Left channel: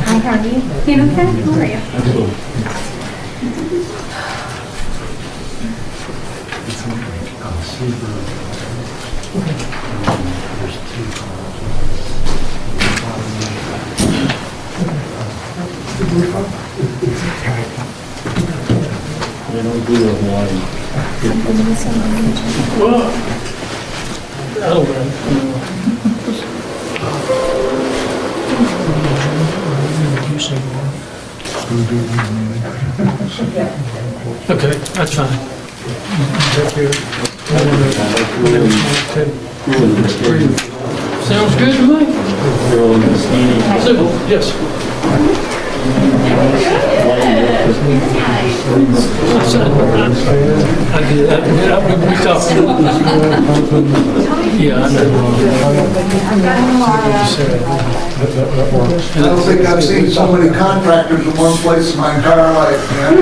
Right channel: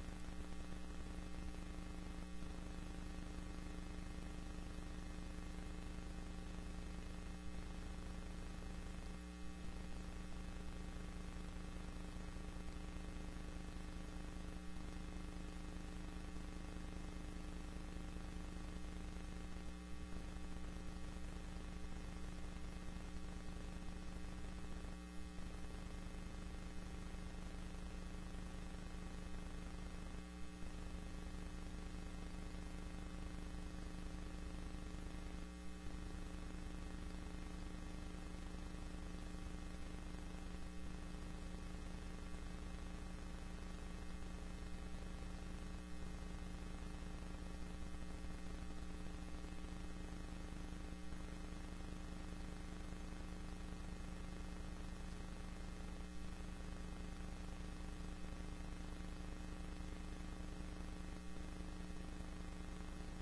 Hi, how are you? You okay? How are you? Well, I don't know. Okay, that's fine. Sounds good to me. So, yes. I did. We talked. Yeah, I know. I don't think I've seen so many contractors in one place in my entire life, man.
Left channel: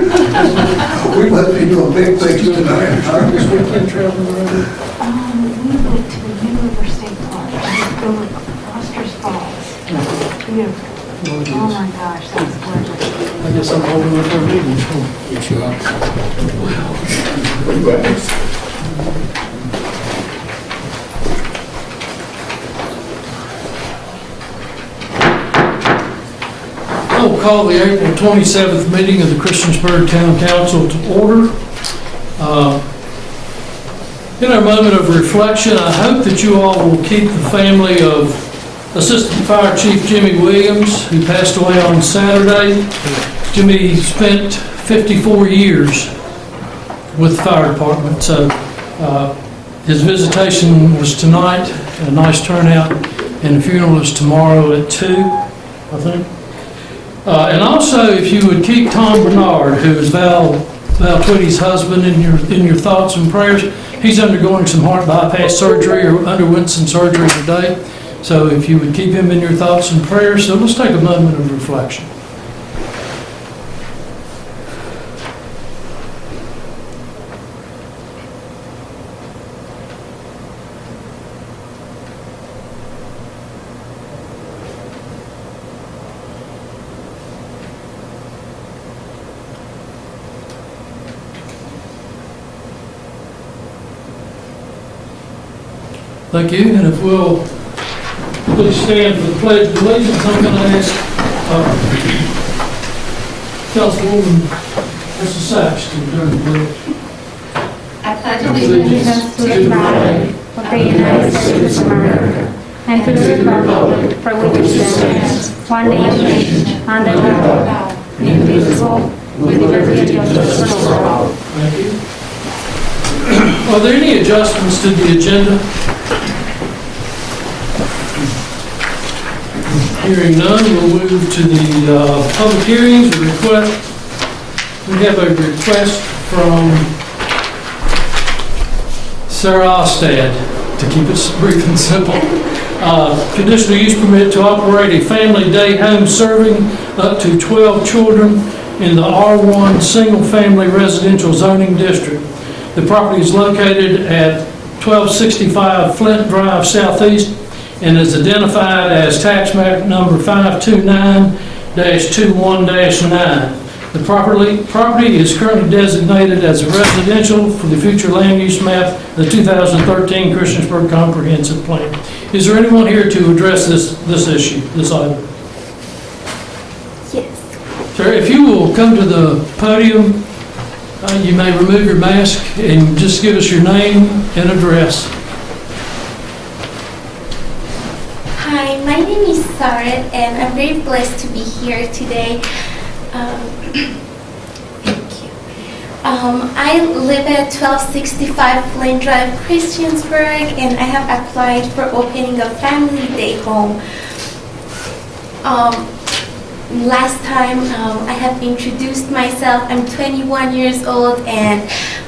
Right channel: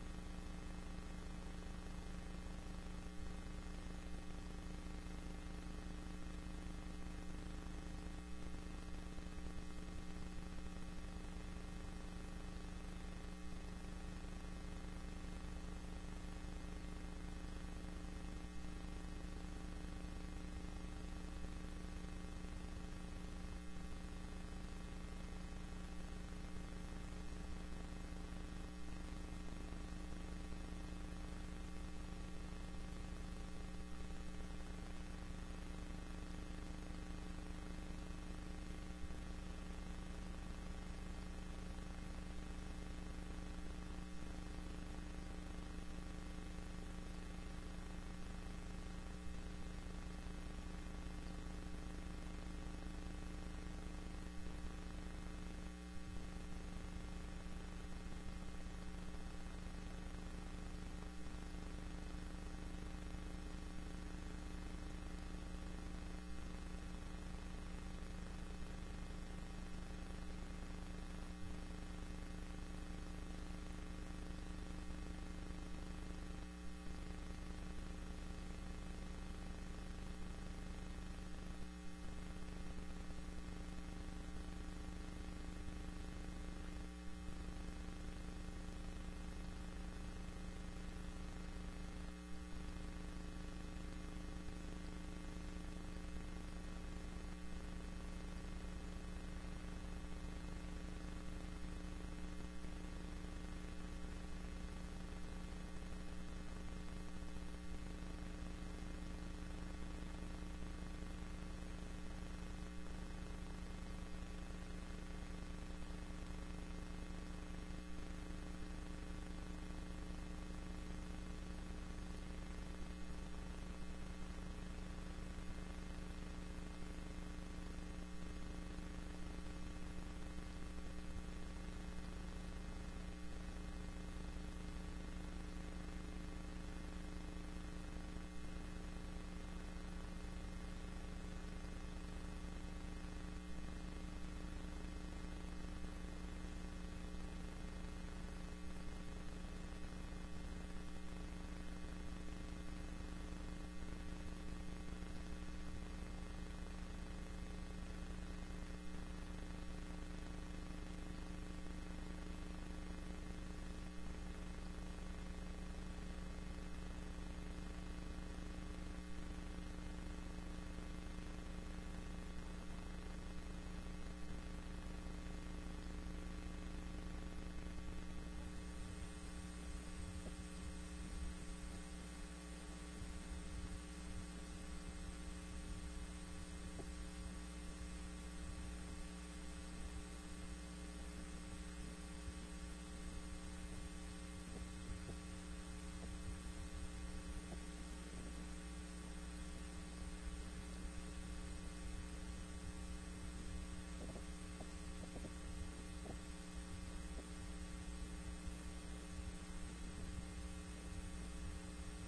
We must be doing big things tonight. This weekend traveling around. We went to the Newcomer State Park. Going to Foster's Falls. Beautiful. Oh my gosh, that's gorgeous. I guess I'm holding up our meeting. Yes, you are. I will call the April 27th meeting of the Christiansburg Town Council to order. In our moment of reflection, I hope that you all will keep the family of Assistant Fire Chief Jimmy Williams, who passed away on Saturday. Jimmy spent 54 years with the fire department, so his visitation was tonight, a nice turnout, and the funeral is tomorrow at 2, I think. And also, if you would keep Tom Bernard, who is Val Twitty's husband, in your thoughts and prayers. He's undergoing some heart bypass surgery, or underwent some surgery today. So if you would keep him in your thoughts and prayers. So let's take a moment of reflection. Thank you. And if we'll please stand for the Pledge of Allegiance, I'm going to ask Councilwoman Mrs. Sachs to return the pledge. I pledge allegiance to the flag of the United States of America and to the republic for which it stands, one nation, under God, indivisible, with liberty and justice for all. Thank you. Are there any adjustments to the agenda? Hearing none, we'll move to the public hearings. We have a request from Sarah Ostad, to keep it brief and simple. Conditional use permit to operate a family day home serving up to 12 children in the R1 single-family residential zoning district. The property is located at 1265 Flint Drive Southeast and is identified as tax map number 529-21-9. The property is currently designated as a residential for the future land use map, the 2013 Christiansburg Comprehensive Plan. Is there anyone here to address this issue, this item? Yes. Sir, if you will come to the podium, you may remove your mask and just give us your name and address. Hi, my name is Sarah, and I'm very blessed to be here today. Thank you. I live at 1265 Flint Drive, Christiansburg, and I have applied for opening a family day home. Last time I have introduced myself. I'm 21 years old, and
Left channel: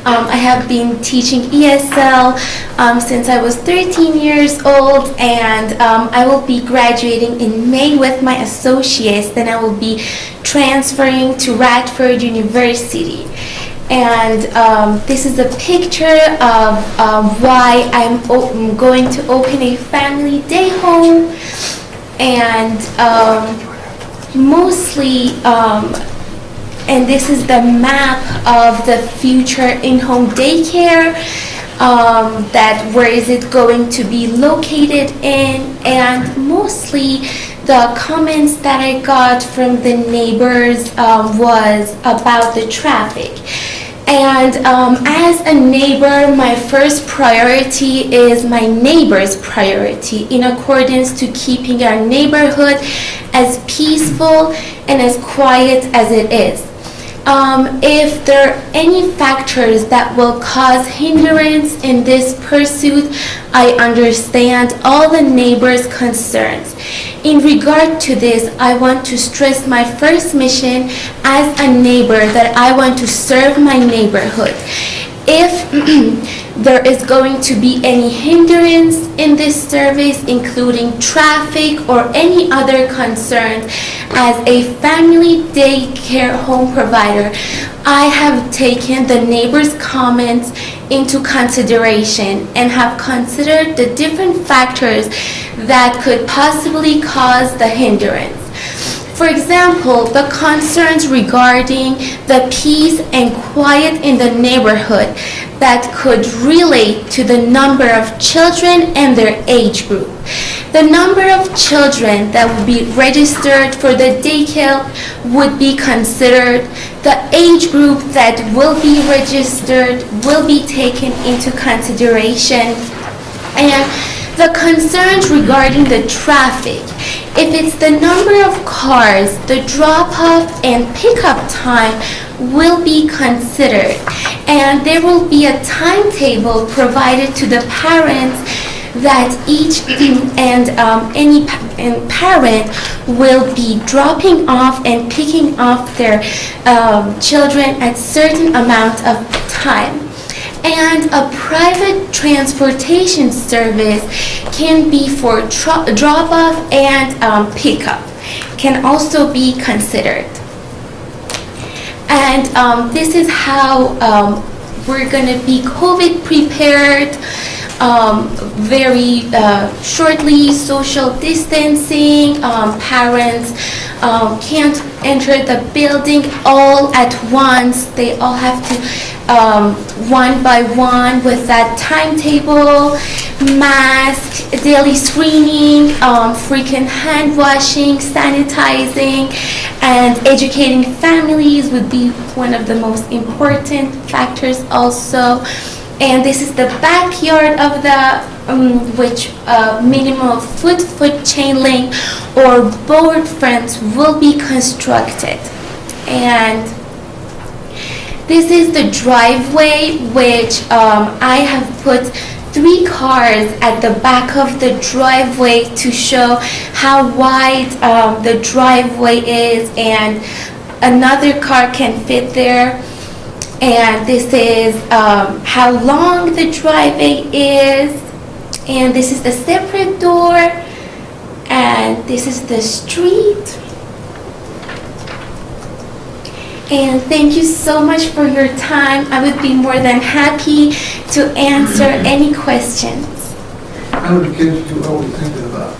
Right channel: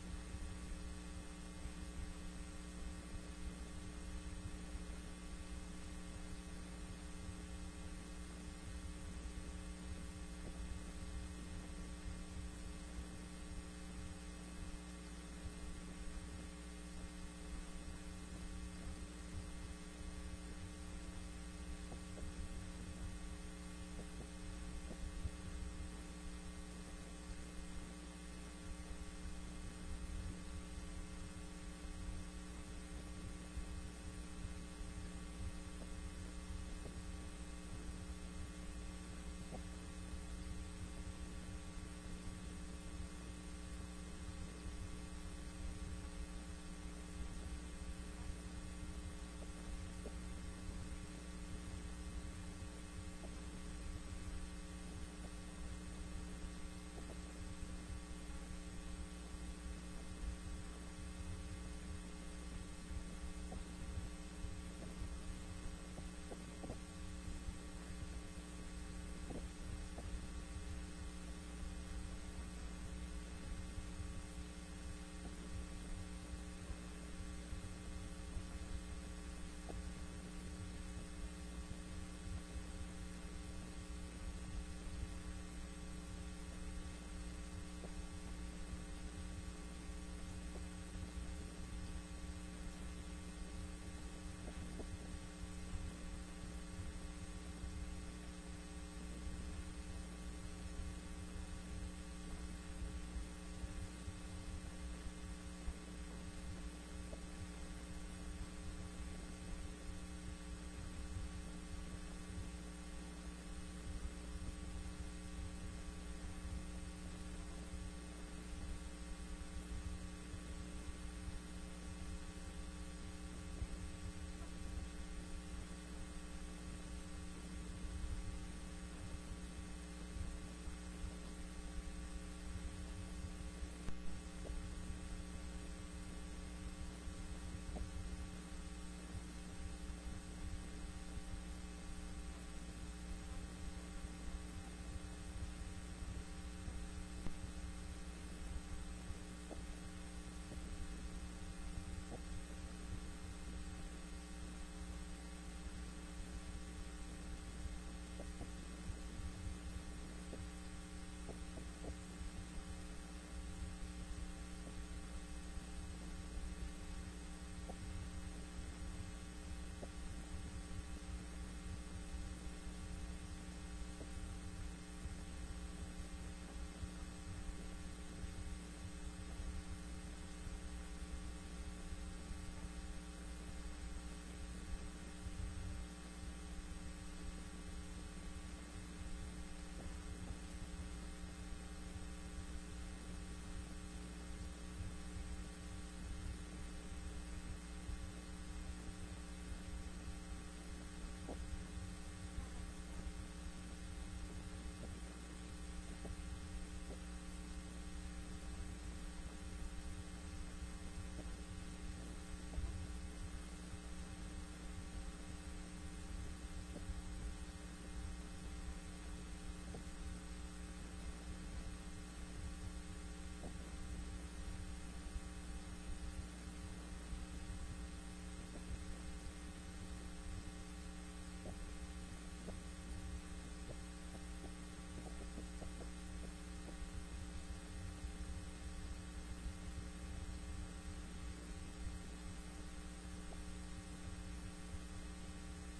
I have been teaching ESL since I was 13 years old, and I will be graduating in May with my associates. Then I will be transferring to Radford University. And this is a picture of why I'm going to open a family day home. And mostly, and this is the map of the future in-home daycare, that where is it going to be located in, and mostly the comments that I got from the neighbors was about the traffic. And as a neighbor, my first priority is my neighbor's priority, in accordance to keeping our neighborhood as peaceful and as quiet as it is. If there are any factors that will cause hindrance in this pursuit, I understand all the neighbors' concerns. In regard to this, I want to stress my first mission as a neighbor, that I want to serve my neighborhood. If there is going to be any hindrance in this service, including traffic or any other concerns, as a family daycare home provider, I have taken the neighbors' comments into consideration and have considered the different factors that could possibly cause the hindrance. For example, the concerns regarding the peace and quiet in the neighborhood that could relate to the number of children and their age group. The number of children that would be registered for the daycare would be considered. The age group that will be registered will be taken into consideration. And the concerns regarding the traffic, if it's the number of cars, the drop-off and pickup time will be considered. And there will be a timetable provided to the parents that each and any parent will be dropping off and picking up their children at certain amount of time. And a private transportation service can be for drop-off and pickup, can also be considered. And this is how we're going to be COVID prepared. Very shortly, social distancing, parents can't enter the building all at once. They all have to one by one with that timetable, mask, daily screening, frequent hand washing, sanitizing, and educating families would be one of the most important factors also. And this is the backyard of the which minimum foot chain link or board fence will be constructed. And this is the driveway, which I have put 3 cars at the back of the driveway to show how wide the driveway is, and another car can fit there. And this is how long the driveway is, and this is the separate door, and this is the street. And thank you so much for your time. I would be more than happy to answer any questions. How many kids do you always thinking about?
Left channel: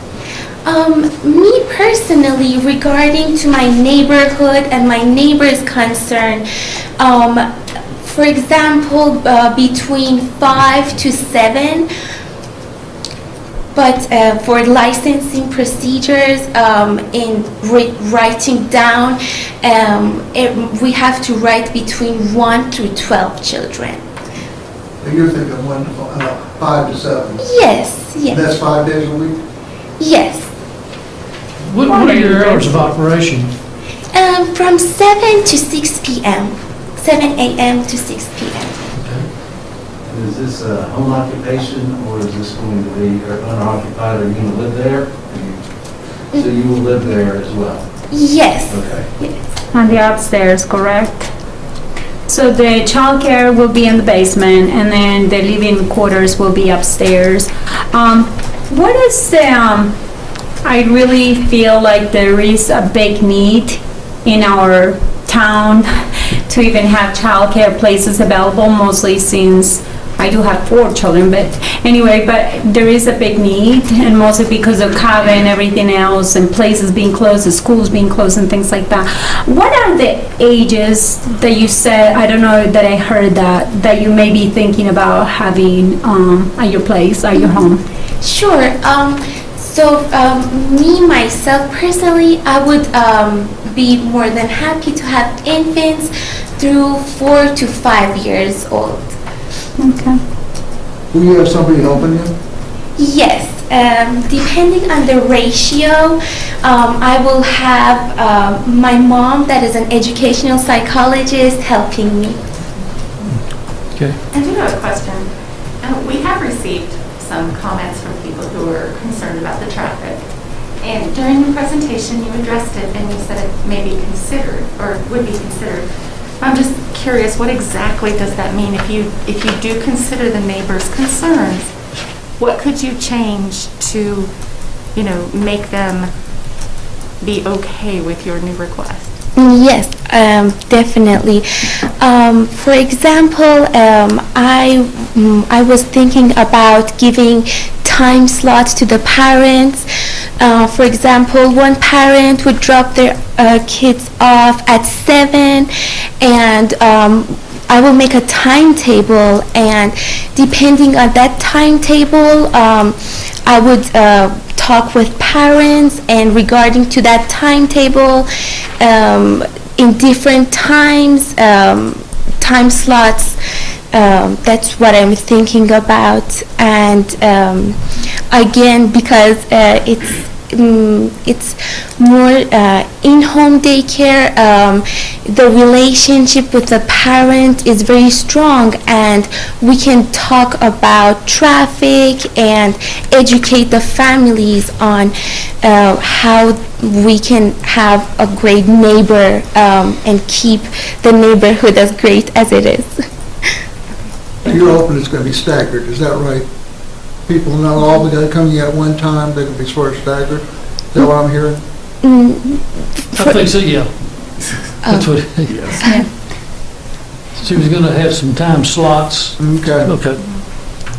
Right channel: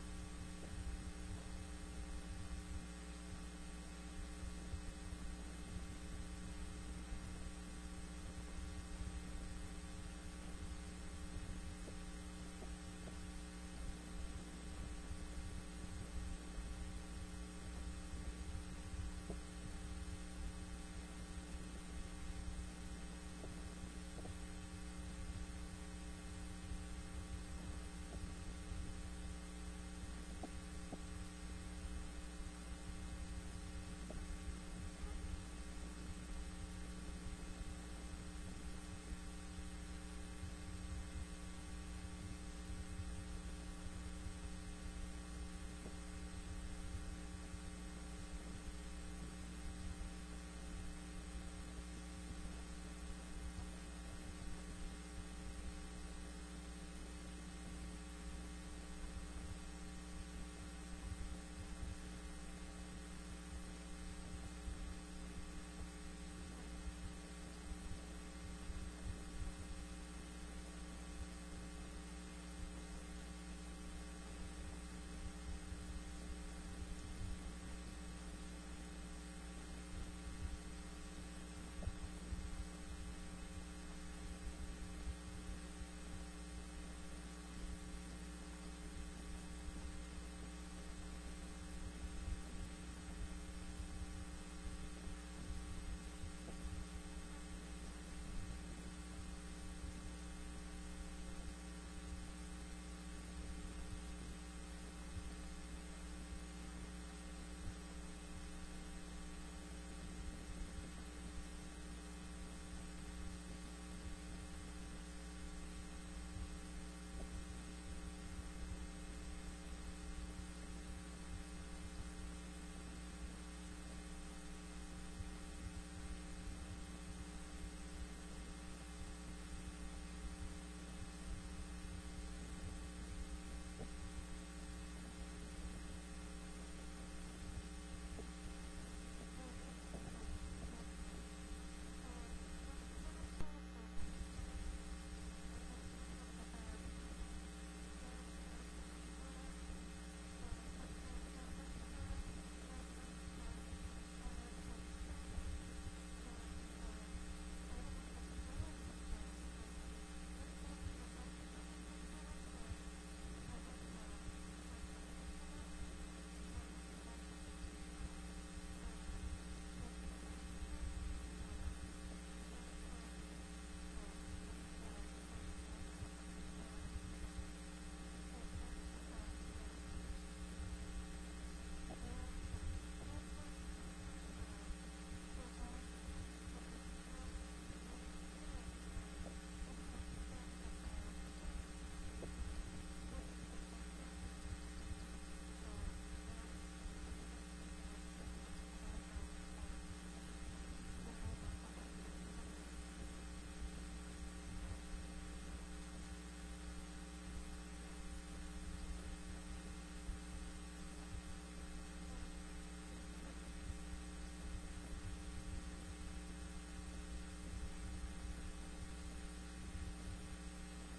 Me personally, regarding to my neighborhood and my neighbor's concern, for example, between 5 to 7. But for licensing procedures, in writing down, we have to write between 1 through 12 children. So you're thinking 5 to 7? Yes, yes. That's 5 days a week? Yes. What are your hours of operation? From 7 to 6 p.m. 7 a.m. to 6 p.m. Is this a home occupation, or is this going to be unoccupied, or are you going to live there? So you will live there as well? Yes. Okay. Yes. On the upstairs, correct? So the childcare will be in the basement, and then the living quarters will be upstairs. What is the, I really feel like there is a big need in our town to even have childcare places available, mostly since I do have 4 children, but anyway, but there is a big need, and mostly because of COVID and everything else, and places being closed, and schools being closed, and things like that. What are the ages that you said, I don't know that I heard that you may be thinking about having at your place, at your home? Sure. So me, myself, personally, I would be more than happy to have infants through 4 to 5 years old. Okay. Will you have somebody helping you? Yes. Depending on the ratio, I will have my mom, that is an educational psychologist, helping me. Okay. I do have a question. We have received some comments from people who are concerned about the traffic. And during the presentation, you addressed it and you said it may be considered, or would be considered. I'm just curious, what exactly does that mean? If you do consider the neighbors' concerns, what could you change to, make them be okay with your new request? Yes, definitely. For example, I was thinking about giving time slots to the parents. For example, one parent would drop their kids off at 7, and I will make a timetable, and depending on that timetable, I would talk with parents, and regarding to that timetable, in different times, time slots, that's what I'm thinking about. And again, because it's more in-home daycare, the relationship with the parent is very strong, and we can talk about traffic and educate the families on how we can have a great neighbor and keep the neighborhood as great as it is. You're hoping it's going to be staggered, is that right? People not all going to come at one time, they're going to be sort of staggered? Is that what I'm hearing? I think so, yeah. That's what, she was going to have some time slots. Okay. Okay.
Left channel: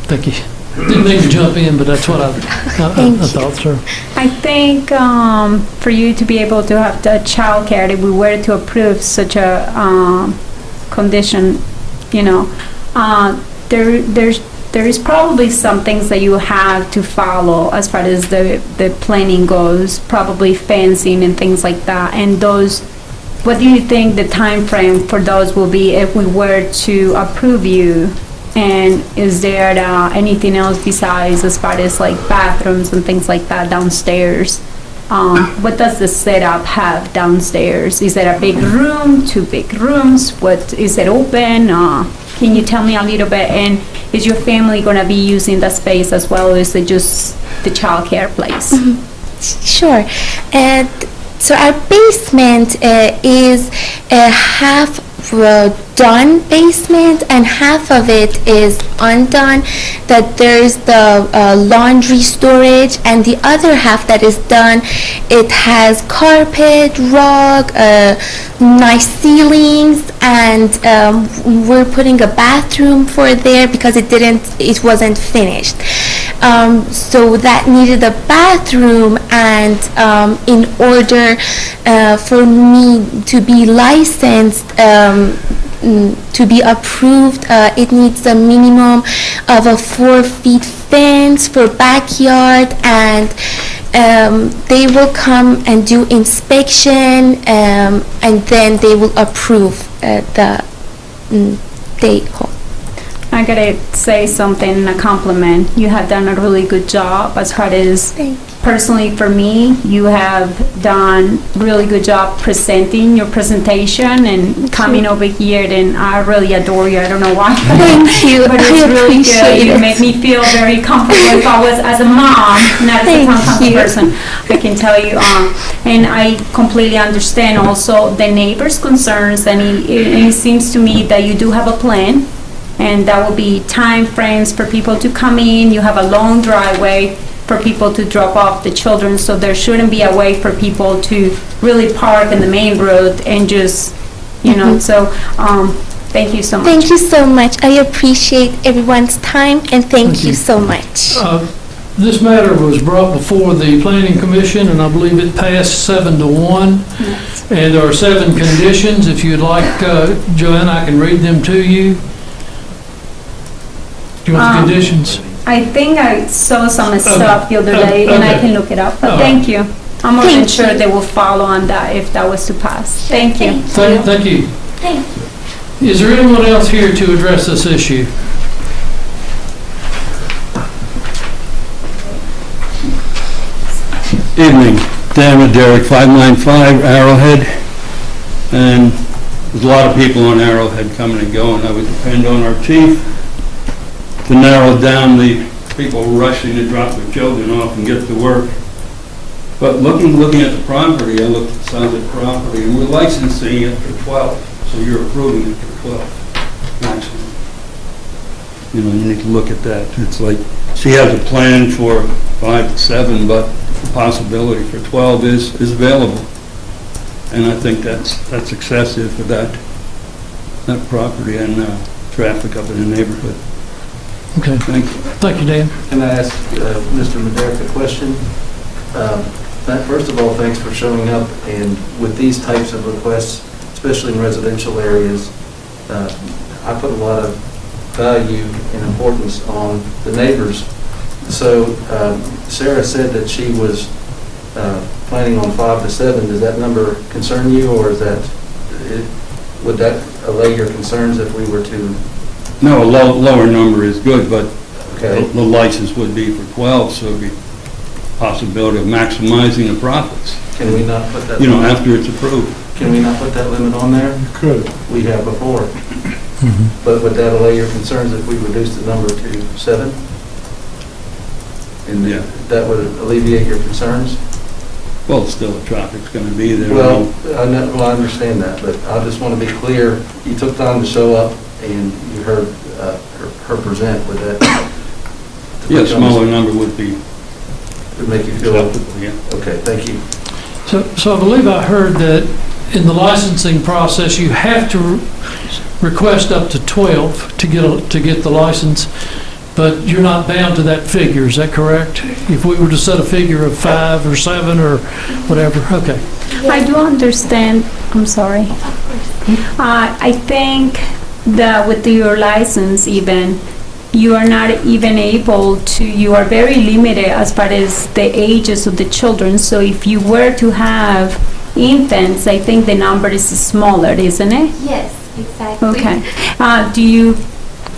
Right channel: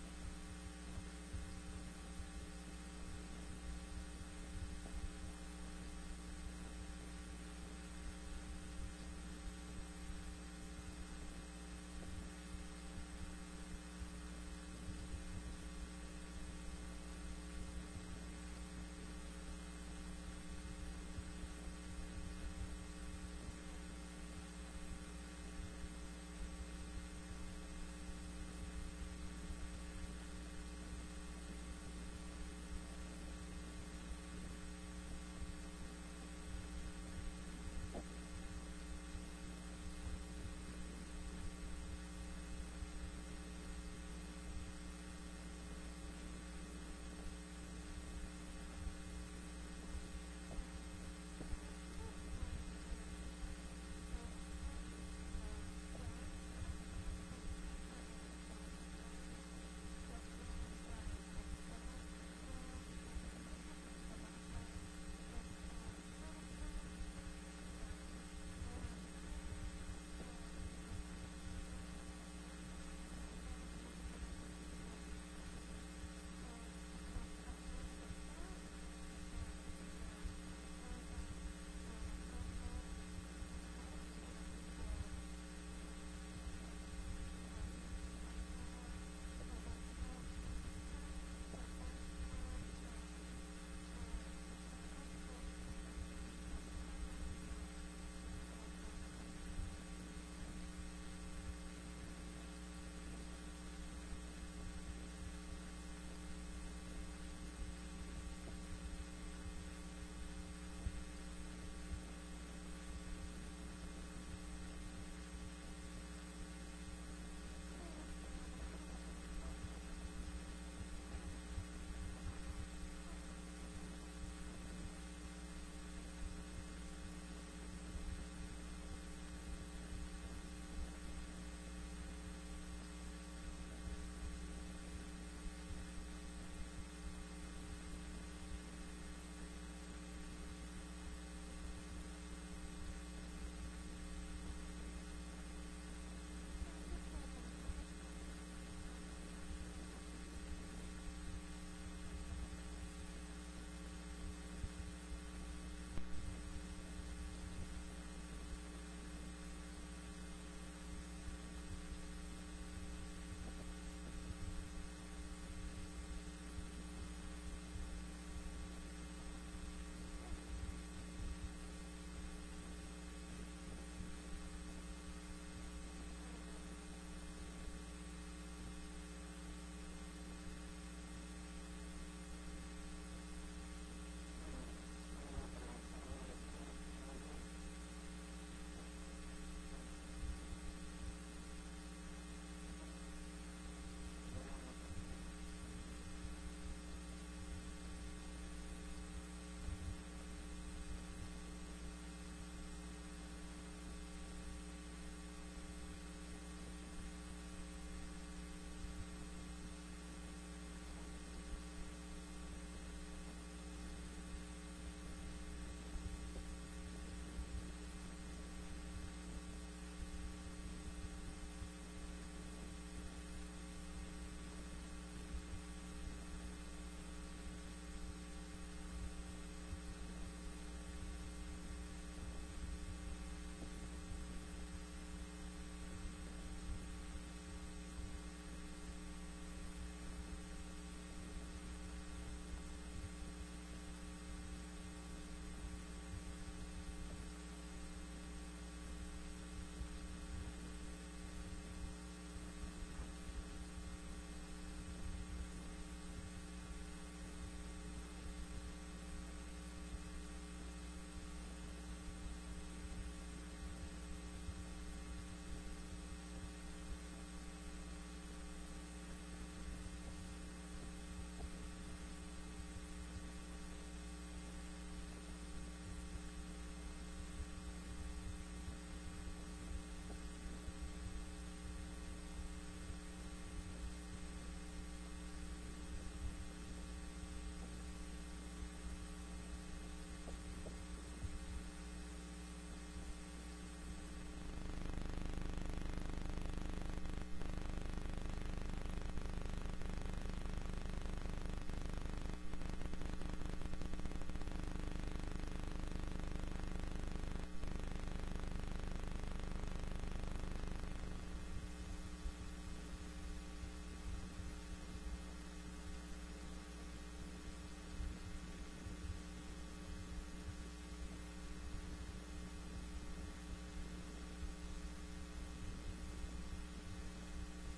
Thank you. Didn't mean to jump in, but that's what I thought, sir. I think for you to be able to have the child care, if we were to approve such a condition, there is probably some things that you have to follow as far as the planning goes, probably fencing and things like that. And those, what do you think the time frame for those will be if we were to approve you? And is there anything else besides as far as like bathrooms and things like that downstairs? What does the setup have downstairs? Is it a big room, 2 big rooms? What is it open? Can you tell me a little bit? And is your family going to be using the space as well, or is it just the child care place? Sure. So our basement is a half done basement, and half of it is undone. That there's the laundry storage, and the other half that is done, it has carpet, rug, nice ceilings, and we're putting a bathroom for there because it wasn't finished. So that needed a bathroom, and in order for me to be licensed, to be approved, it needs a minimum of a 4-foot fence for backyard, and they will come and do inspection, and then they will approve the day home. I gotta say something, a compliment. You have done a really good job as far as Thank you. personally for me, you have done really good job presenting your presentation and coming over here, and I really adore you. I don't know why. Thank you. But it's I really good. appreciate You it. made me feel very comfortable. If I was as a mom, not as a Thank town council you. person, I can tell you. And I completely understand also the neighbors' concerns, and it seems to me that you do have a plan, and that will be time frames for people to come in. You have a long driveway for people to drop off the children, so there shouldn't be a way for people to really park in the main road and just, so, thank you so much. Thank you so much. I appreciate everyone's time, and thank you so much. This matter was brought before the Planning Commission, and I believe it passed 7-1. And there are 7 conditions. If you'd like, Joanne, I can read them to you. Do you want the conditions? I think I saw some stuff the other Okay. day, and I Okay. can look it up, but All thank you. I'm more than Thank sure you. they will follow on that if that was to pass. Thank you. Thank you. Thank you. Is there anyone else here to address this issue? Evening, Dan with Derek, 595 Arrowhead, and there's a lot of people on Arrowhead coming and going. I would depend on our chief to narrow down the people rushing to drop their children off and get to work. But looking at the property, I looked at some of the property, and we're licensing it for 12, so you're approving it for 12 maximum. You need to look at that. It's like, she has a plan for 5 to 7, but the possibility for 12 is available. And I think that's excessive for that property and traffic up in the neighborhood. Okay. Thank you. Thank you, Dan. Can I ask Mr. Maderick a question? First of all, thanks for showing up, and with these types of requests, especially in residential areas, I put a lot of value and importance on the neighbors. So Sarah said that she was planning on 5 to 7. Does that number concern you, or would that allay your concerns if we were to? No, a lower number is good, but Okay. the license would be for 12, so it'd be possibility of maximizing the profits, Can we not put that? limit- after it's approved. Can we not put that limit on there? You could. We have before. But would that allay your concerns if we reduced the number to 7? And Yeah. that would alleviate your concerns? Well, still, the traffic's going to be there. Well, I understand that, but I just want to be clear. You took time to show up, and you heard her present with that. Yeah, a smaller number would be Would make you feel, acceptable, yeah. okay, thank you. So I believe I heard that in the licensing process, you have to request up to 12 to get the license, but you're not bound to that figure, is that correct? If we were to set a figure of 5 or 7 or whatever, okay. I do understand, I'm sorry. I think that with your license even, you are not even able to, you are very limited as far as the ages of the children. So if you were to have infants, I think the number is smaller, isn't it? Yes, exactly. Okay.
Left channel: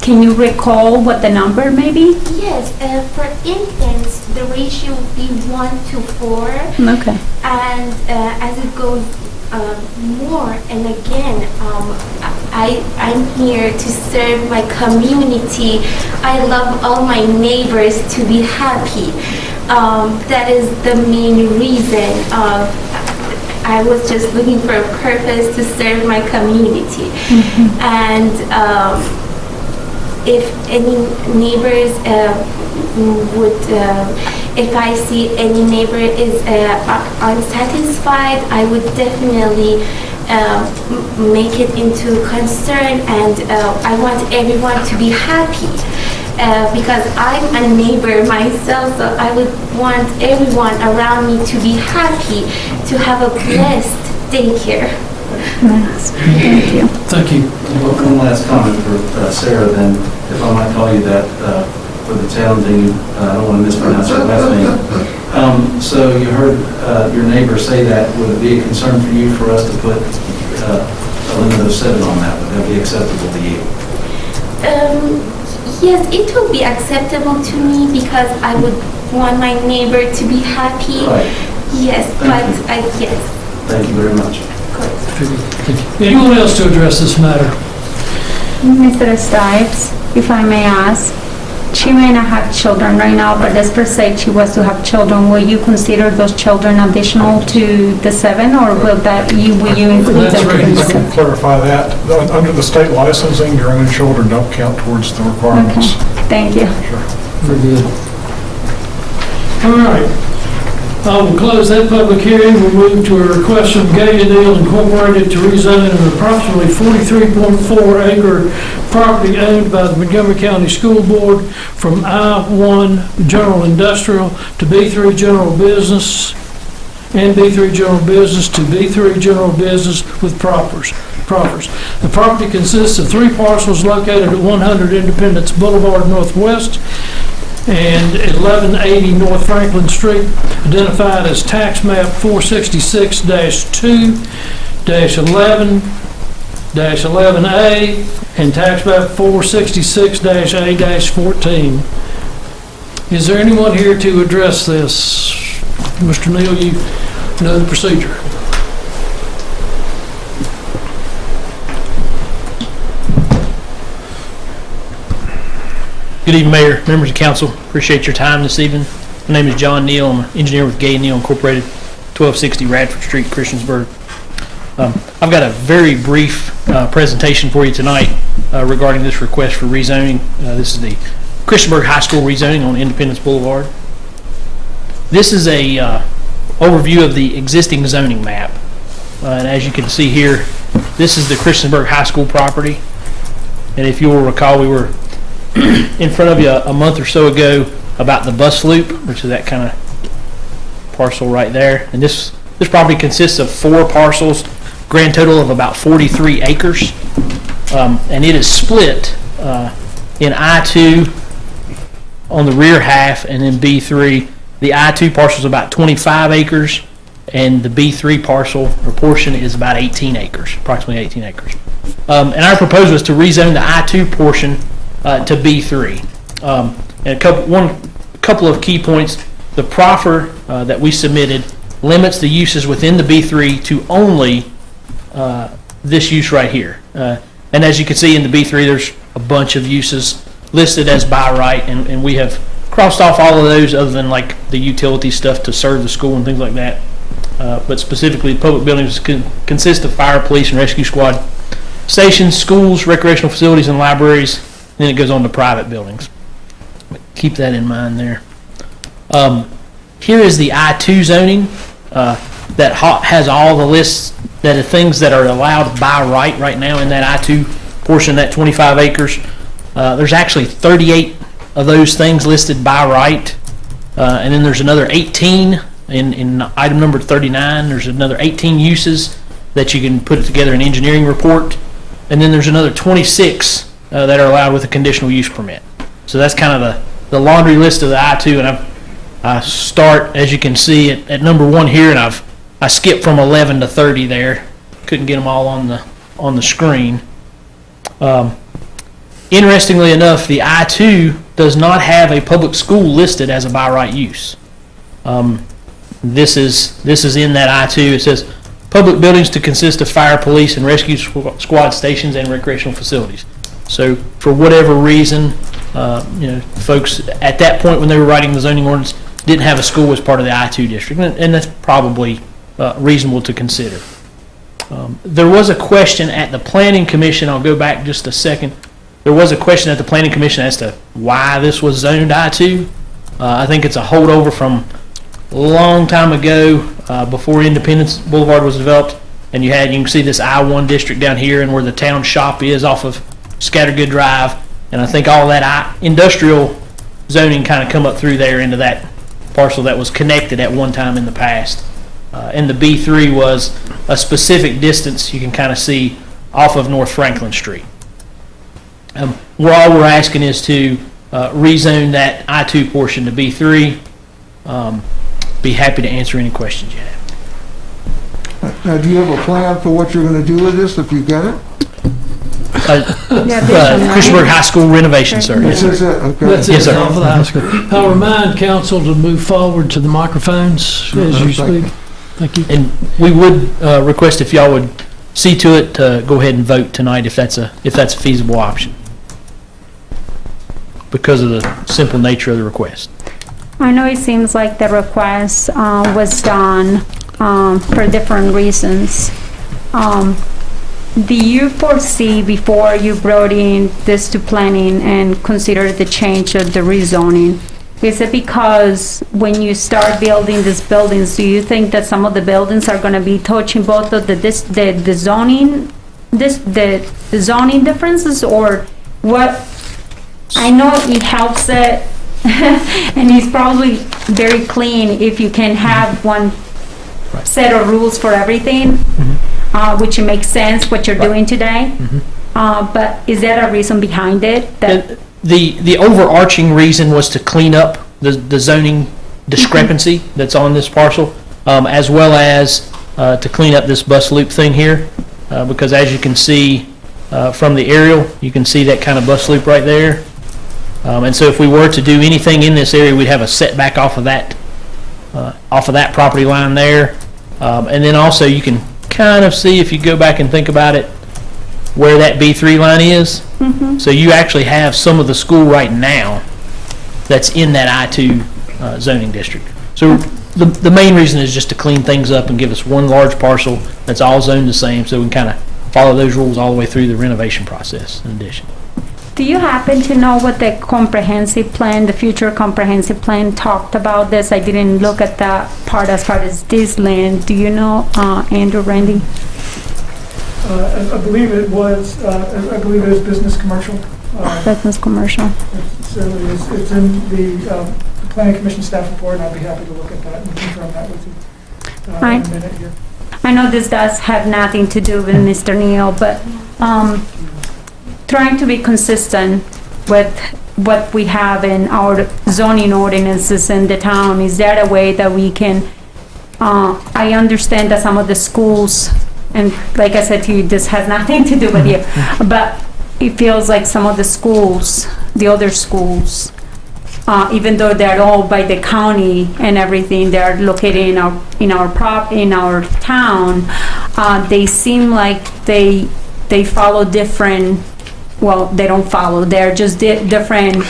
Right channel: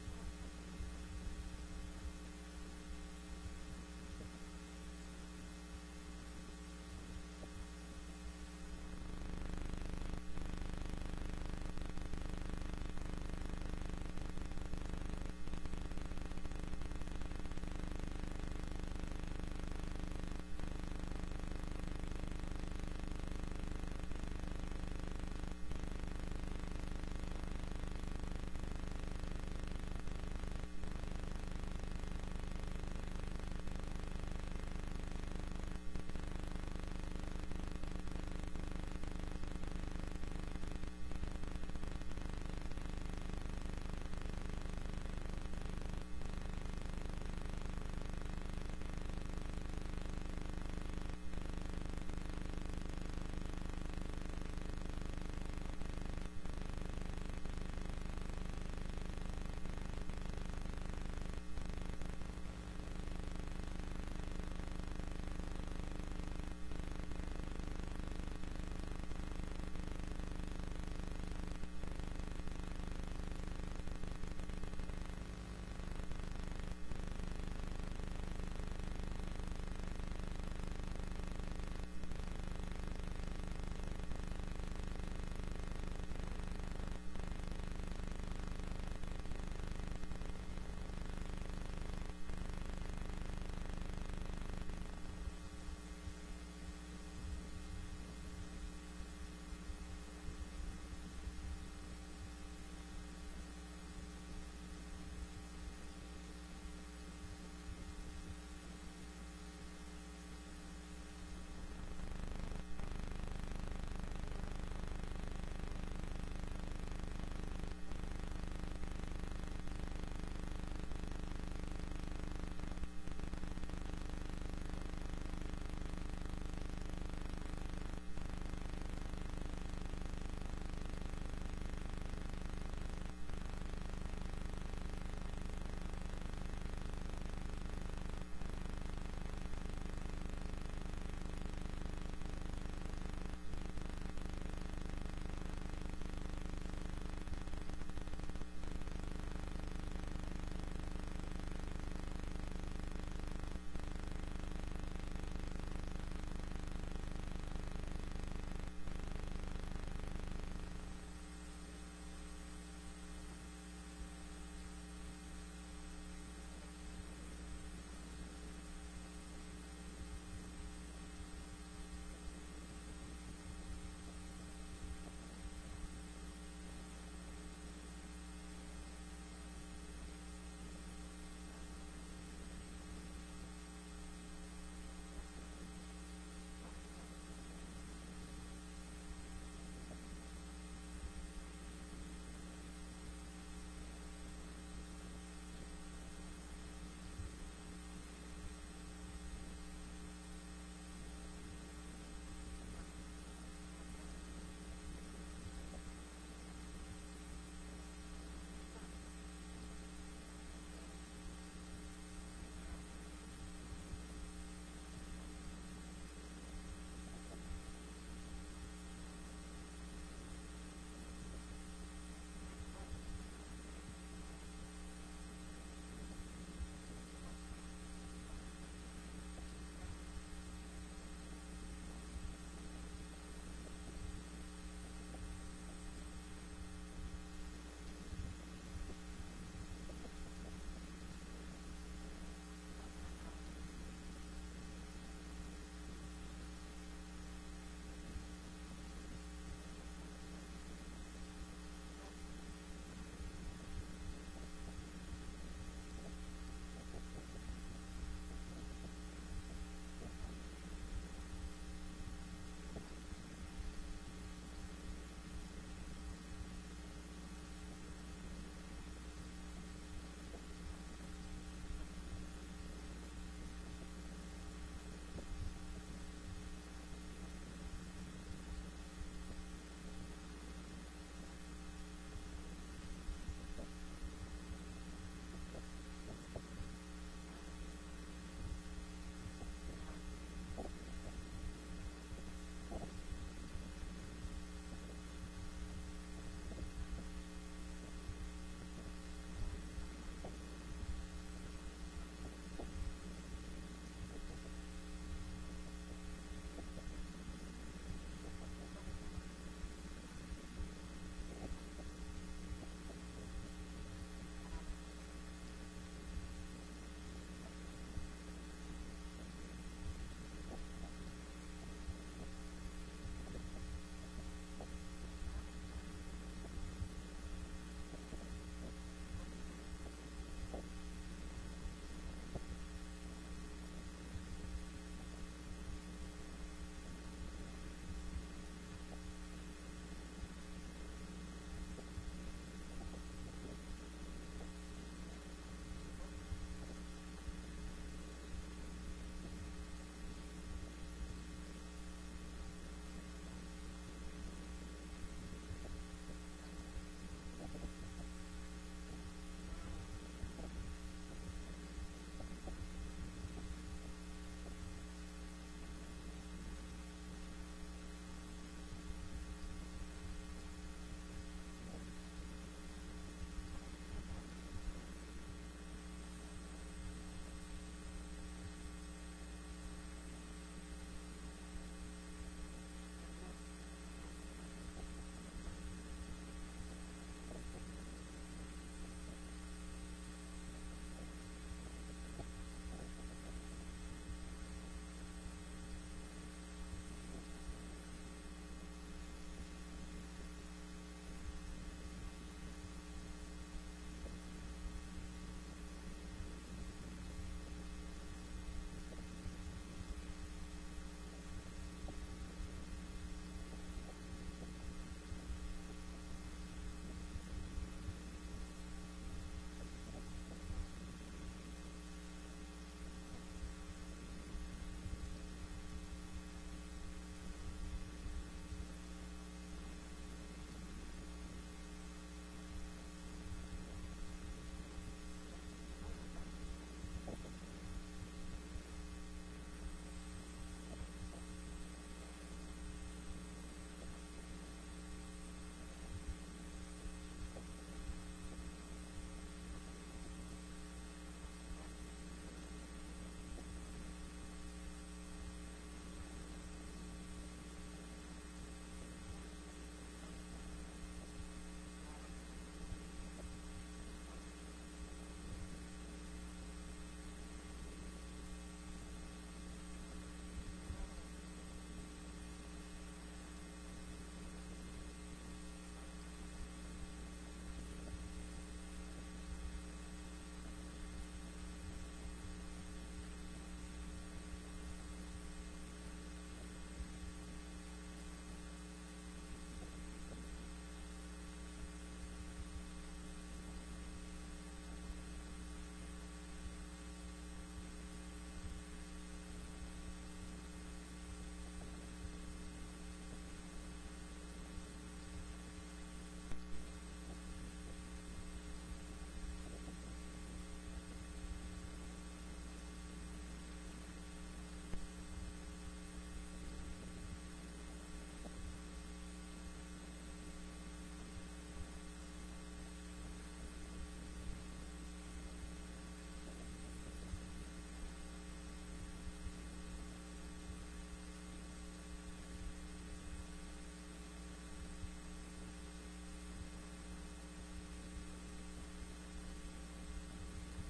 Can you recall what the number may be? Yes, for infants, the ratio would be 1 to 4, Okay. and as it goes more, and again, I'm here to serve my community. I love all my neighbors to be happy. That is the main reason. I was just looking for a purpose to serve my community. And if any neighbors if I see any neighbor is unsatisfied, I would definitely make it into concern, and I want everyone to be happy. Because I'm a neighbor myself, so I would want everyone around me to be happy, to have a blessed daycare. Nice. Thank you. Thank you. One last comment for Sarah, then, if I might call you that, for the challenging, I don't want to mispronounce your last name. So you heard your neighbor say that. Would it be a concern for you for us to put a limit of 7 on that? Would that be acceptable to you? Yes, it will be acceptable to me, because I would want my neighbor to be happy. Right. Yes, Thank but yes, Thank you very much. of course. Anyone else to address this matter? Mr. Stipes, if I may ask, she may not have children right now, but let's per se she was to have children. Will you consider those children additional to the 7, or will you include That's them? right. in the Let me 7? clarify that. Under the state licensing, your own children don't count towards the requirements. Okay, thank you. Very good. All right. I will close that public hearing. We'll move to a request from Deal Incorporated to rezone an approximately 43.4 acre property owned by the Montgomery County School Board from I-1 General Industrial to B3 General Business and B3 General Business to B3 General Business with proffers. The property consists of 3 parcels located at 100 Independence Boulevard Northwest and 1180 North Franklin Street, identified as tax map 466-2-11-11A and tax map 466-A-14. Is there anyone here to address this? Mr. Neal, you know the procedure. Good evening, Mayor, members of council. Appreciate your time this evening. My name is John Neal. I'm an engineer with Gay Neal Incorporated, 1260 Radford Street, Christiansburg. I've got a very brief presentation for you tonight regarding this request for rezoning. This is the Christiansburg High School rezoning on Independence Boulevard. This is a overview of the existing zoning map. And as you can see here, this is the Christiansburg High School property. And if you will recall, we were in front of you a month or so ago about the bus loop, which is that kind of parcel right there. And this property consists of 4 parcels, grand total of about 43 acres. And it is split in I-2 on the rear half and then B3. The I-2 parcel is about 25 acres and the B3 parcel or portion is about 18 acres, approximately 18 acres. And our proposal is to rezone the I-2 portion to B3. And a couple of key points. The proffer that we submitted limits the uses within the B3 to only this use right here. And as you can see in the B3, there's a bunch of uses listed as by right, and we have crossed off all of those other than like the utility stuff to serve the school and things like that. But specifically, public buildings consist of fire, police, and rescue squad stations, schools, recreational facilities, and libraries. Then it goes on to private buildings. Keep that in mind there. Here is the I-2 zoning that has all the lists that are things that are allowed by right now in that I-2 portion, that 25 acres. There's actually 38 of those things listed by right. And then there's another 18 in item number 39. There's another 18 uses that you can put together an engineering report. And then there's another 26 that are allowed with a conditional use permit. So that's kind of the laundry list of the I-2, and I start, as you can see, at number 1 here, and I skipped from 11 to 30 there. Couldn't get them all on the screen. Interestingly enough, the I-2 does not have a public school listed as a by right use. This is in that I-2. It says public buildings to consist of fire, police, and rescue squad stations and recreational facilities. So for whatever reason, folks at that point when they were writing the zoning ordinance didn't have a school as part of the I-2 district, and that's probably reasonable to consider. There was a question at the Planning Commission. I'll go back just a second. There was a question at the Planning Commission as to why this was zoned I-2. I think it's a holdover from a long time ago before Independence Boulevard was developed, and you can see this I-1 district down here and where the town shop is off of Scattergood Drive, and I think all that industrial zoning kind of come up through there into that parcel that was connected at one time in the past. And the B3 was a specific distance you can kind of see off of North Franklin Street. All we're asking is to rezone that I-2 portion to B3. Be happy to answer any questions you have. Now, do you have a plan for what you're going to do with this if you get it? Christiansburg High School renovation, sir. Yes, sir. That's Yes, it, sir. off of the high school. I'll remind council to move forward to the microphones as you speak. Thank you. And we would request if y'all would see to it to go ahead and vote tonight if that's a feasible option, because of the simple nature of the request. I know it seems like the request was done for different reasons. Do you foresee, before you brought in this to planning and consider the change of the rezoning, is it because when you start building these buildings, do you think that some of the buildings are going to be touching both of the zoning differences, or what? I know it helps it, and it's probably very clean if you can have one set of rules for everything, which makes sense what you're doing today. But is there a reason behind it? That The overarching reason was to clean up the zoning discrepancy that's on this parcel, as well as to clean up this bus loop thing here, because as you can see from the aerial, you can see that kind of bus loop right there. And so if we were to do anything in this area, we'd have a setback off of that property line there. And then also you can kind of see, if you go back and think about it, where that B3 line is. So you actually have some of the school right now that's in that I-2 zoning district. So the main reason is just to clean things up and give us one large parcel that's all zoned the same, so we can kind of follow those rules all the way through the renovation process in addition. do you happen to know what the comprehensive plan, the future comprehensive plan talked about this? I didn't look at that part as far as this land. Do you know, Andrew, Randy? I believe it was business commercial. Business commercial. It certainly is. It's in the Planning Commission staff report, and I'd be happy to look at that and confirm that with you in a minute here. I know this does have nothing to do with Mr. Neal, but trying to be consistent with what we have in our zoning ordinances in the town, is there a way that we can, I understand that some of the schools, and like I said to you, this has nothing to do with you, but it feels like some of the schools, the other schools, even though they're all by the county and everything, they're located in our town, they seem like they follow different, well, they don't follow, they're just different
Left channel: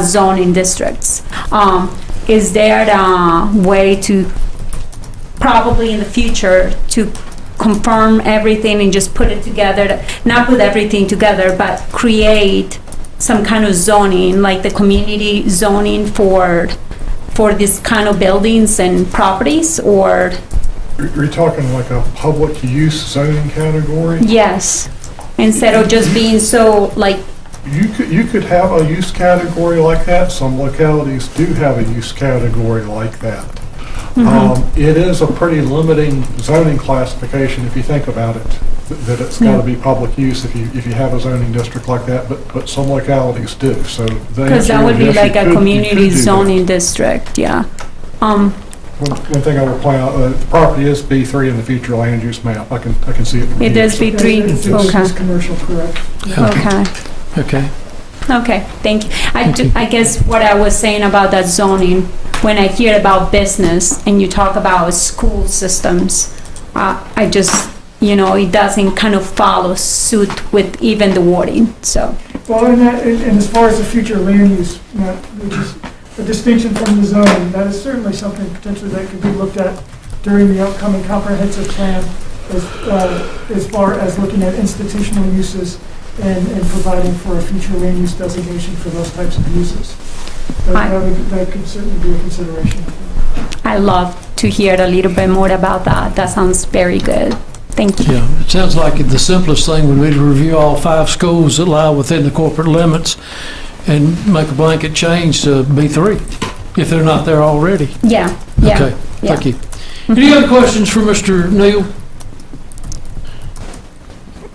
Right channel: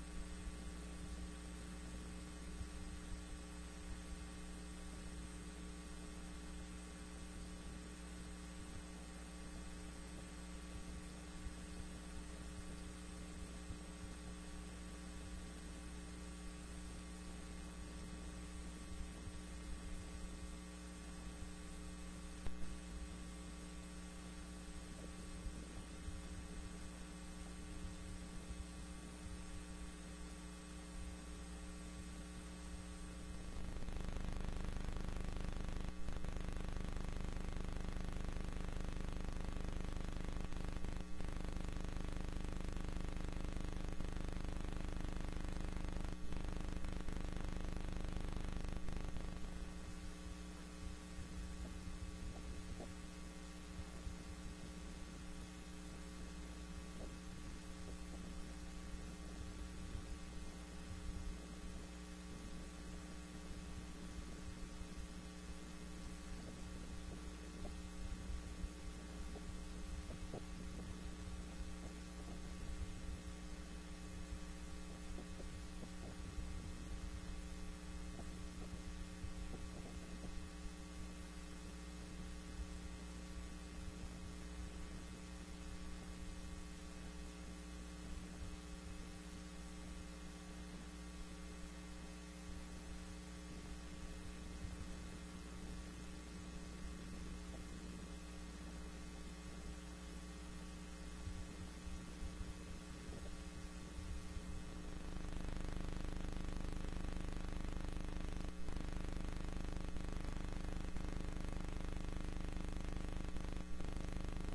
zoning districts. Is there a way to, probably in the future, to confirm everything and just put it together, not put everything together, but create some kind of zoning, like the community zoning for this kind of buildings and properties, or? You're talking like a public use zoning category? Yes, instead of just being so like. You could have a use category like that. Some localities do have a use category like that. It is a pretty limiting zoning classification if you think about it, that it's got to be public use if you have a zoning district like that, but some localities do. So because that would be like a community zoning district, yeah. One thing I will point out, the property is B3 in the future land use map. I can see it. It is B3. It's Okay. commercial, correct? Okay, thank you. I guess what I was saying about that zoning, when I hear about business and you talk about school systems, I just, it doesn't kind of follow suit with even the wording, so. Well, and as far as the future land use map, which is a distinction from the zoning, that is certainly something potentially that could be looked at during the upcoming comprehensive plan, as far as looking at institutional uses and providing for a future land use designation for those types of uses. That could certainly be a consideration. I love to hear a little bit more about that. That sounds very good. Thank you. Yeah, it sounds like the simplest thing would be to review all 5 schools that lie within the corporate limits and make a blanket change to B3, if they're not there already. Yeah. Okay, thank you. Any other questions for Mr. Neal?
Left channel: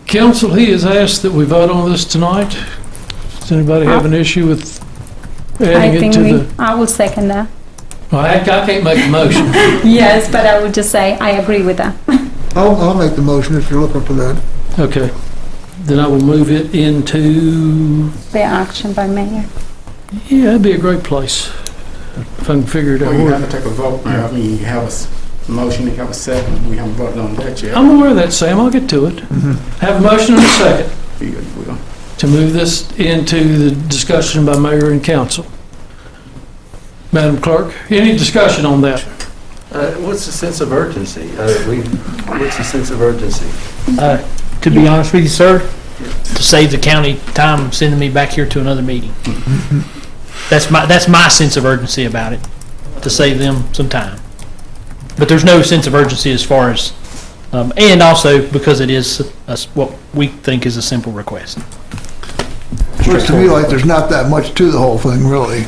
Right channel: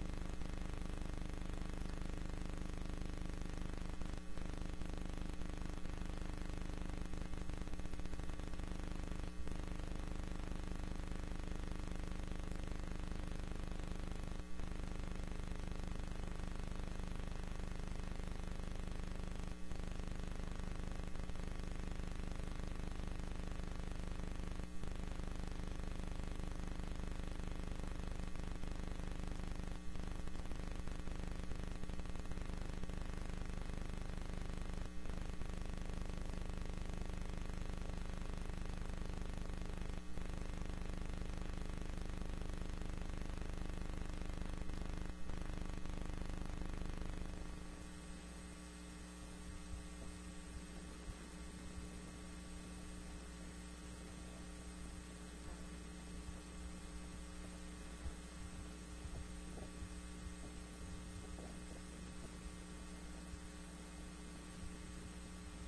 Council, he has asked that we vote on this tonight. Does anybody have an issue with adding it to the? I will second that. Well, I can't make a motion. Yes, but I would just say I agree with that. I'll make the motion if you're looking for that. Okay. Then I will move it into, The action by mayor. yeah, that'd be a great place, if I can figure it out. Well, you have to take a vote. I mean, you have a motion, you have a second. We haven't voted on that yet. I'm aware of that, Sam, I'll get to it. Have a motion and a second You will. to move this into the discussion by mayor and council. Madam Clerk, any discussion on that? What's the sense of urgency? What's the sense of urgency? To be honest with you, sir, to save the county time sending me back here to another meeting. That's my sense of urgency about it, to save them some time. But there's no sense of urgency as far as, and also because it is what we think is a simple request. Looks to me like there's not that much to the whole thing, really.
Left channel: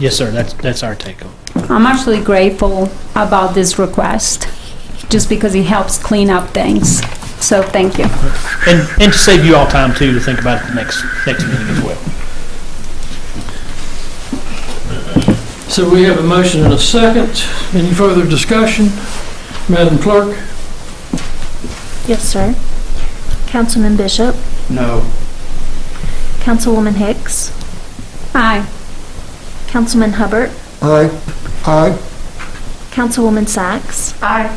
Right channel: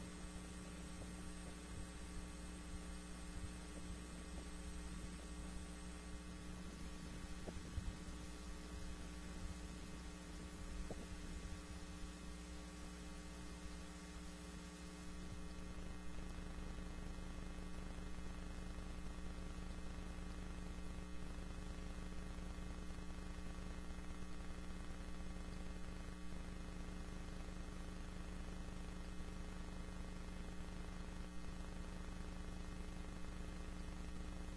Yes, sir, that's our take on it. I'm actually grateful about this request, just because it helps clean up things. So thank you. And to save you all time too, to think about it the next meeting as well. So we have a motion and a second. Any further discussion? Madam Clerk? Yes, sir. Councilman Bishop, No. Councilwoman Hicks, Aye. Councilman Hubbard, Aye. Aye. Councilwoman Sachs, Aye.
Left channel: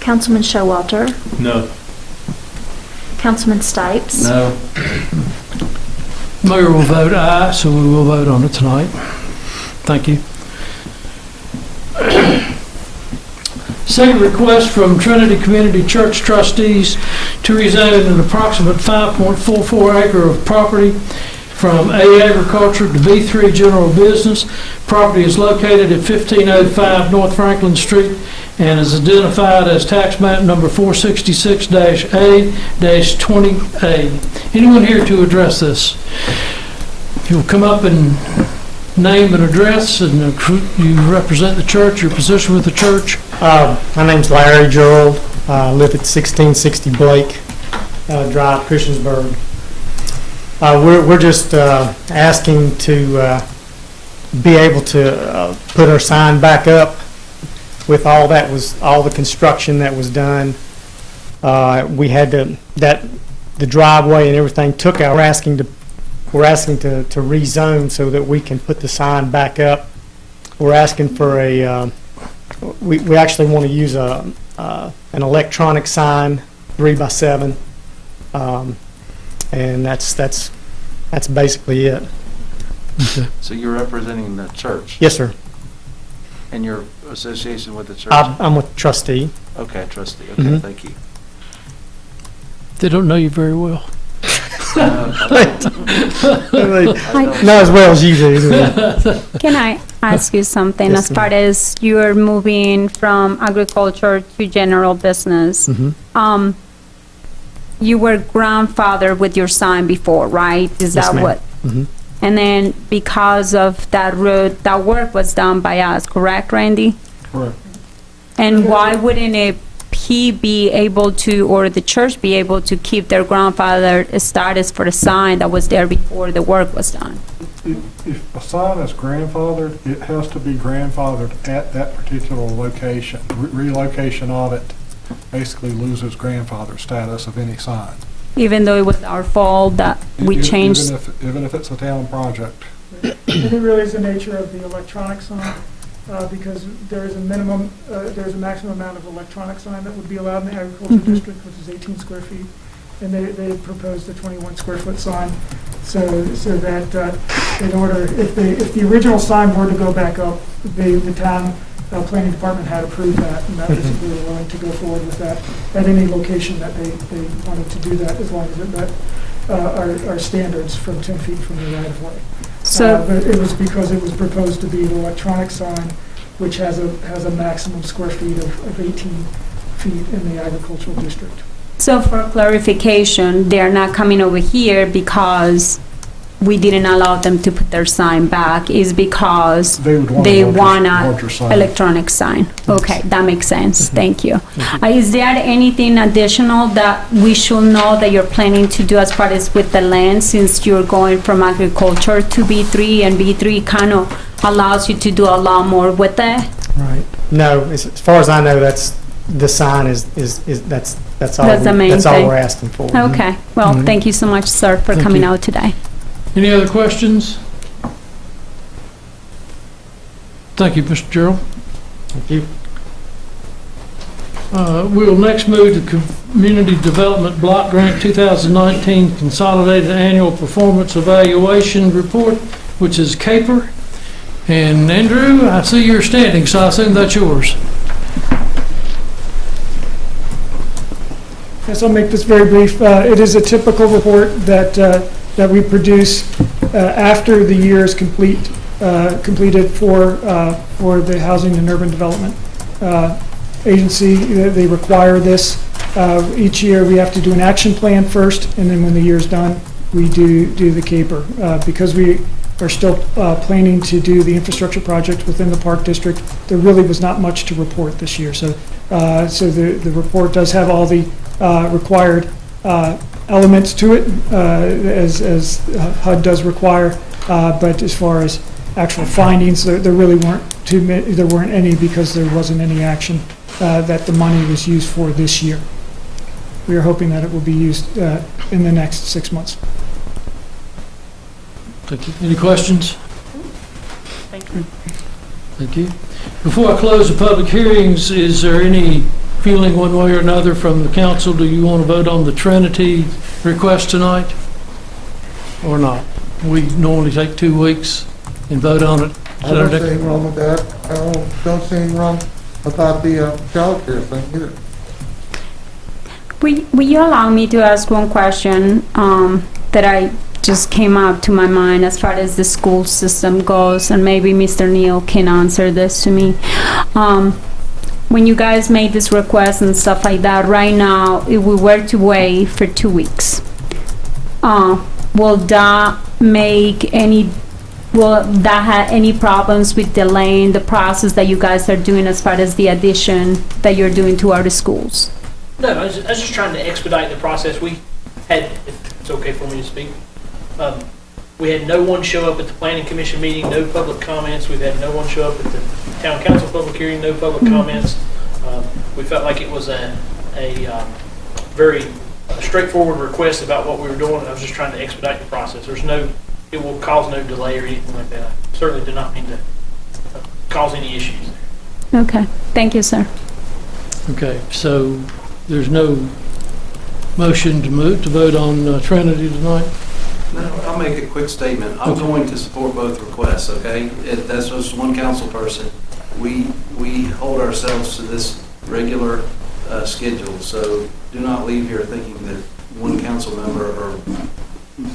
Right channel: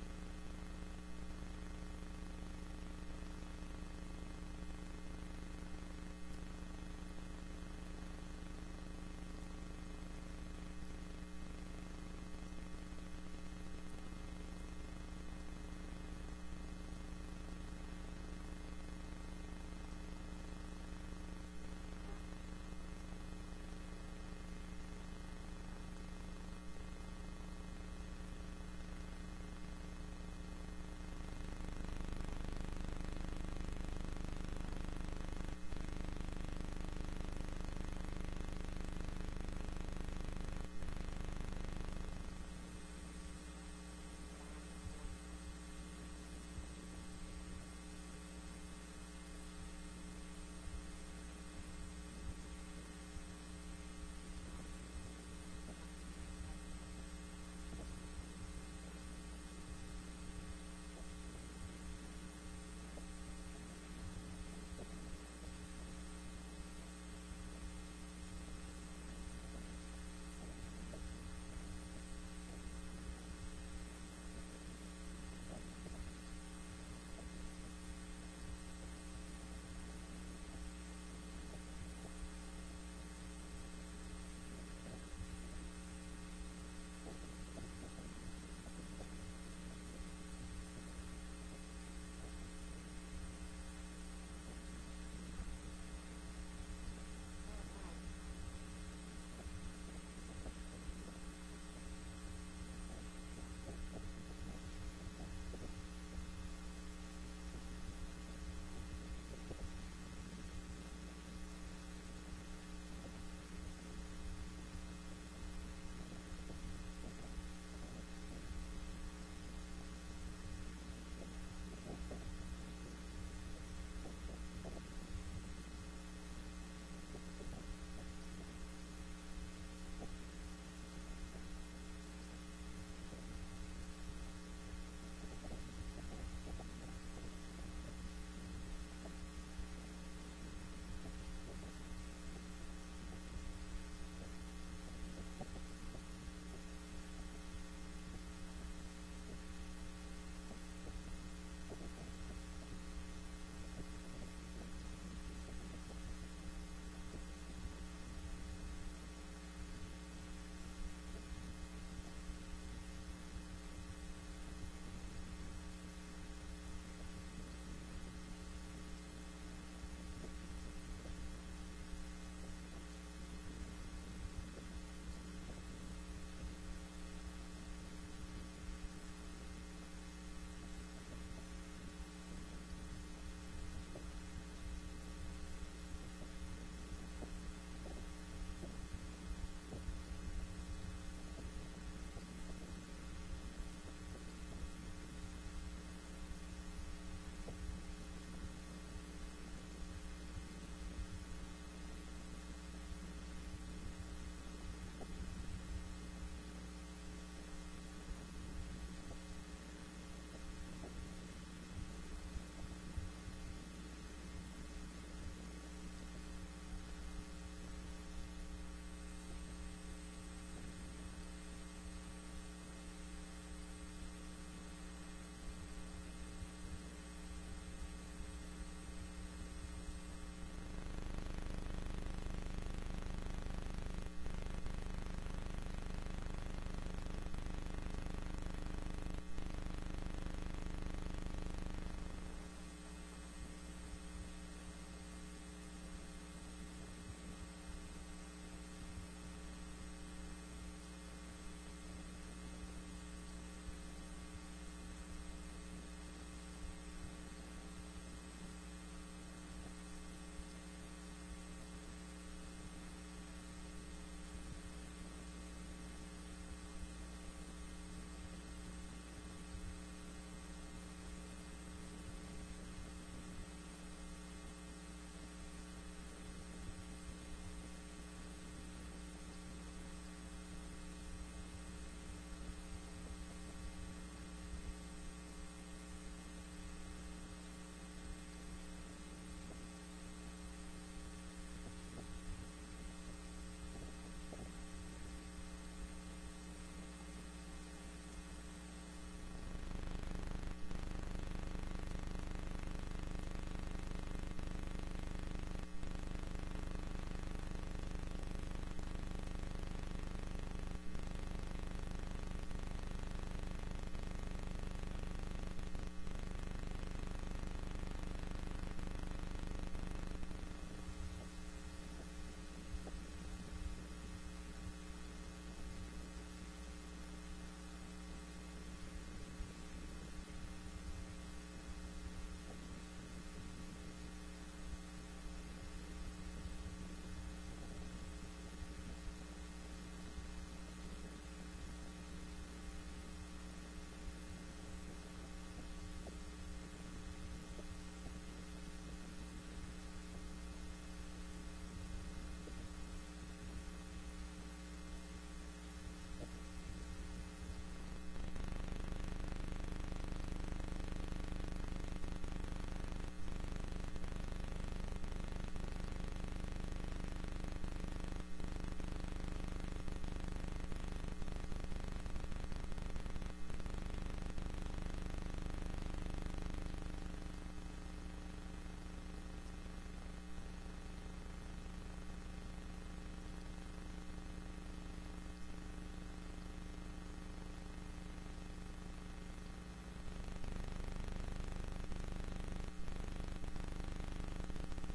Councilman Showalter, No. Councilman Stipes. No. Mayor will vote aye, so we will vote on it tonight. Thank you. Second request from Trinity Community Church trustees to rezone an approximate 5.44 acre of property from A agriculture to B3 general business. Property is located at 1505 North Franklin Street and is identified as tax map number 466-A-20A. Anyone here to address this? If you'll come up and name and address, and you represent the church, your position with the church. My name's Larry Gerald. I live at 1660 Blake Drive, Christiansburg. We're just asking to be able to put our sign back up with all the construction that was done. We had the driveway and everything took out. We're asking to rezone so that we can put the sign back up. We're asking for we actually want to use an electronic sign, 3x7, and that's basically it. So you're representing the church Yes, sir. and your association with the church? I'm with trustee. Okay, trustee. Okay, Mhm. thank you. They don't know you very well. Not as well as you do. Can I ask you something? Yes, As far as you're moving from agriculture to general business, Mhm. You were grandfathered with your sign before, right? Is Yes, that ma'am. what? Mhm. And then because of that road, that work was done by us, correct, Randy? Correct. And why wouldn't he be able to, or the church be able to keep their grandfather status for the sign that was there before the work was done? If a sign is grandfathered, it has to be grandfathered at that particular location. Relocation of it basically loses grandfather status of any sign. Even though it was our fault that we changed? Even if it's a town project. I think it really is the nature of the electronic sign, because there is a minimum, there's a maximum amount of electronic sign that would be allowed in the agricultural Mhm. district, which is 18 square feet. And they proposed a 21 square foot sign, so that in order, if the original sign were to go back up, the town planning department had approved that, and that was, we were willing to go forward with that at any location that they wanted to do that, as long as it met our standards from 10 feet from the right of way. So, But it was because it was proposed to be an electronic sign, which has a maximum square feet of 18 feet in the agricultural district. so for clarification, they're not coming over here because we didn't allow them to put their sign back, is because They would want they a want larger a sign. electronic sign. Okay, that makes sense. Thank you. Is there anything additional that we should know that you're planning to do as far as with the land, since you're going from agriculture to B3, and B3 kind of allows you to do a lot more with that? Right. No, as far as I know, that's the sign is that's That's all. That's the main That's all thing. we're asking for. Okay, well, Mhm. thank you so much, sir, for Thank coming you. out today. Any other questions? Thank you, Mr. Gerald. Thank you. We'll next move to Community Development Block Grant 2019 Consolidated Annual Performance Evaluation Report, which is CAPER. And Andrew, I see you're standing, so I assume that's yours. Yes, I'll make this very brief. It is a typical report that we produce after the year is completed for the Housing and Urban Development Agency. They require this. Each year, we have to do an action plan first, and then when the year's done, we do the CAPER. Because we are still planning to do the infrastructure project within the Park District, there really was not much to report this year. So the report does have all the required elements to it, as HUD does require, but as far as actual findings, there really weren't there weren't any, because there wasn't any action that the money was used for this year. We are hoping that it will be used in the next 6 months. Thank you. Any questions? Thank you. Thank you. Before I close the public hearings, is there any feeling one way or another from the council? Do you want to vote on the Trinity request tonight or not? We normally take 2 weeks and vote on it. I don't see anything wrong with that. I don't see anything wrong about the childcare thing either. Will you allow me to ask one question that I just came up to my mind as far as the school system goes, and maybe Mr. Neal can answer this to me. When you guys made this request and stuff like that, right now, if we were to wait for 2 weeks, will that have any problems with delaying the process that you guys are doing as far as the addition that you're doing to our schools? No, I was just trying to expedite the process. We had, if it's okay for me to speak, we had no one show up at the planning commission meeting, no public comments. We've had no one show up at the town council public hearing, no public comments. We felt like it was a very straightforward request about what we were doing. I was just trying to expedite the process. It will cause no delay or anything like that. I certainly did not mean to cause any issues. Okay, thank you, sir. Okay, so there's no motion to vote on Trinity tonight? No, I'll make a quick statement. I'm going to support both requests, okay? That's just one council person. We hold ourselves to this regular schedule, so do not leave here thinking that one council member or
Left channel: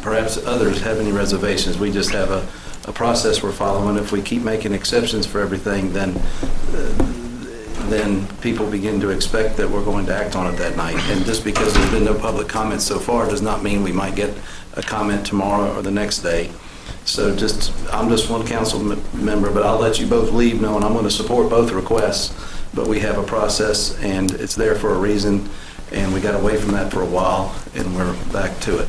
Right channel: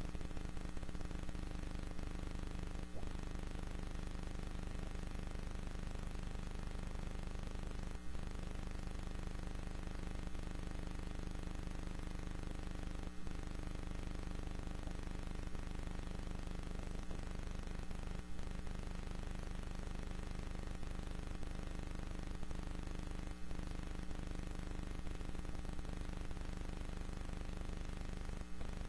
perhaps others have any reservations. We just have a process we're following. If we keep making exceptions for everything, then people begin to expect that we're going to act on it that night. And just because there's been no public comments so far does not mean we might get a comment tomorrow or the next day. So I'm just one council member, but I'll let you both leave knowing I'm going to support both requests. But we have a process, and it's there for a reason, and we got away from that for a while, and we're back to it.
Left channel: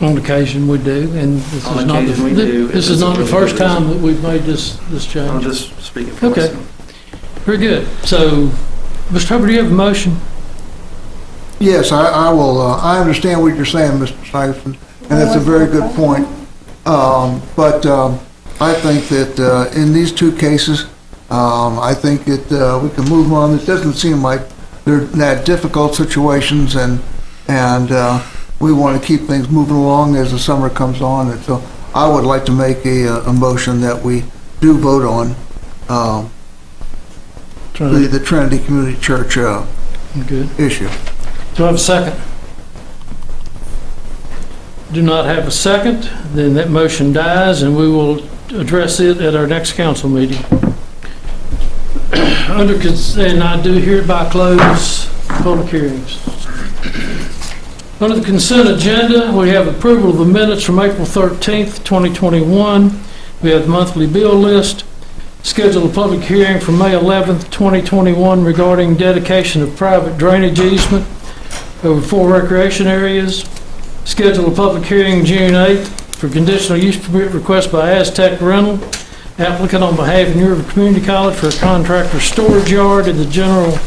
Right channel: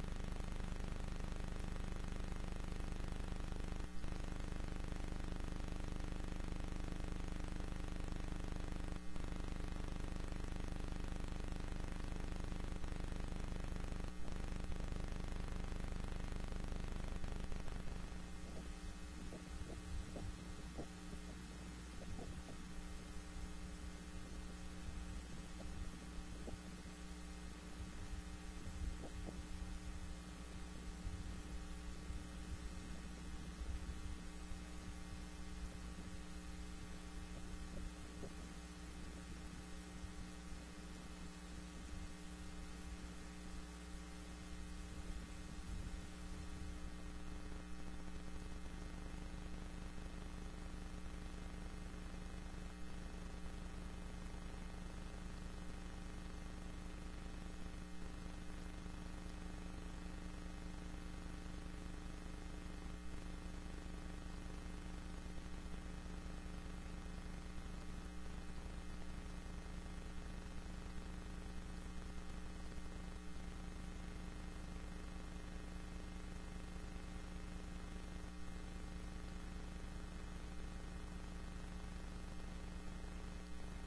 On occasion we do, and this On is not occasion we do, this and is not it's a the really first good time reason. that we've made this change. I'm just speaking for Okay. myself. Very good. So, Mr. Hubbard, do you have a motion? Yes, I will, I understand what you're saying, Mr. Sipes, and that's a very good point. But I think that in these two cases, I think that we can move on. It doesn't seem like they're that difficult situations, and we want to keep things moving along as the summer comes on. And so I would like to make a motion that we do vote on the Trinity Community Church Good. issue. Do I have a second? Do not have a second, then that motion dies, and we will address it at our next council meeting. And I do hereby close public hearings. Under the consent agenda, we have approval of the minutes from April 13th, 2021. We have the monthly bill list. Schedule a public hearing for May 11th, 2021 regarding dedication of private drainage easement over 4 recreation areas. Schedule a public hearing June 8th for conditional use permit request by Aztec Rental, applicant on behalf of New River Community College for a contractor storage yard in the general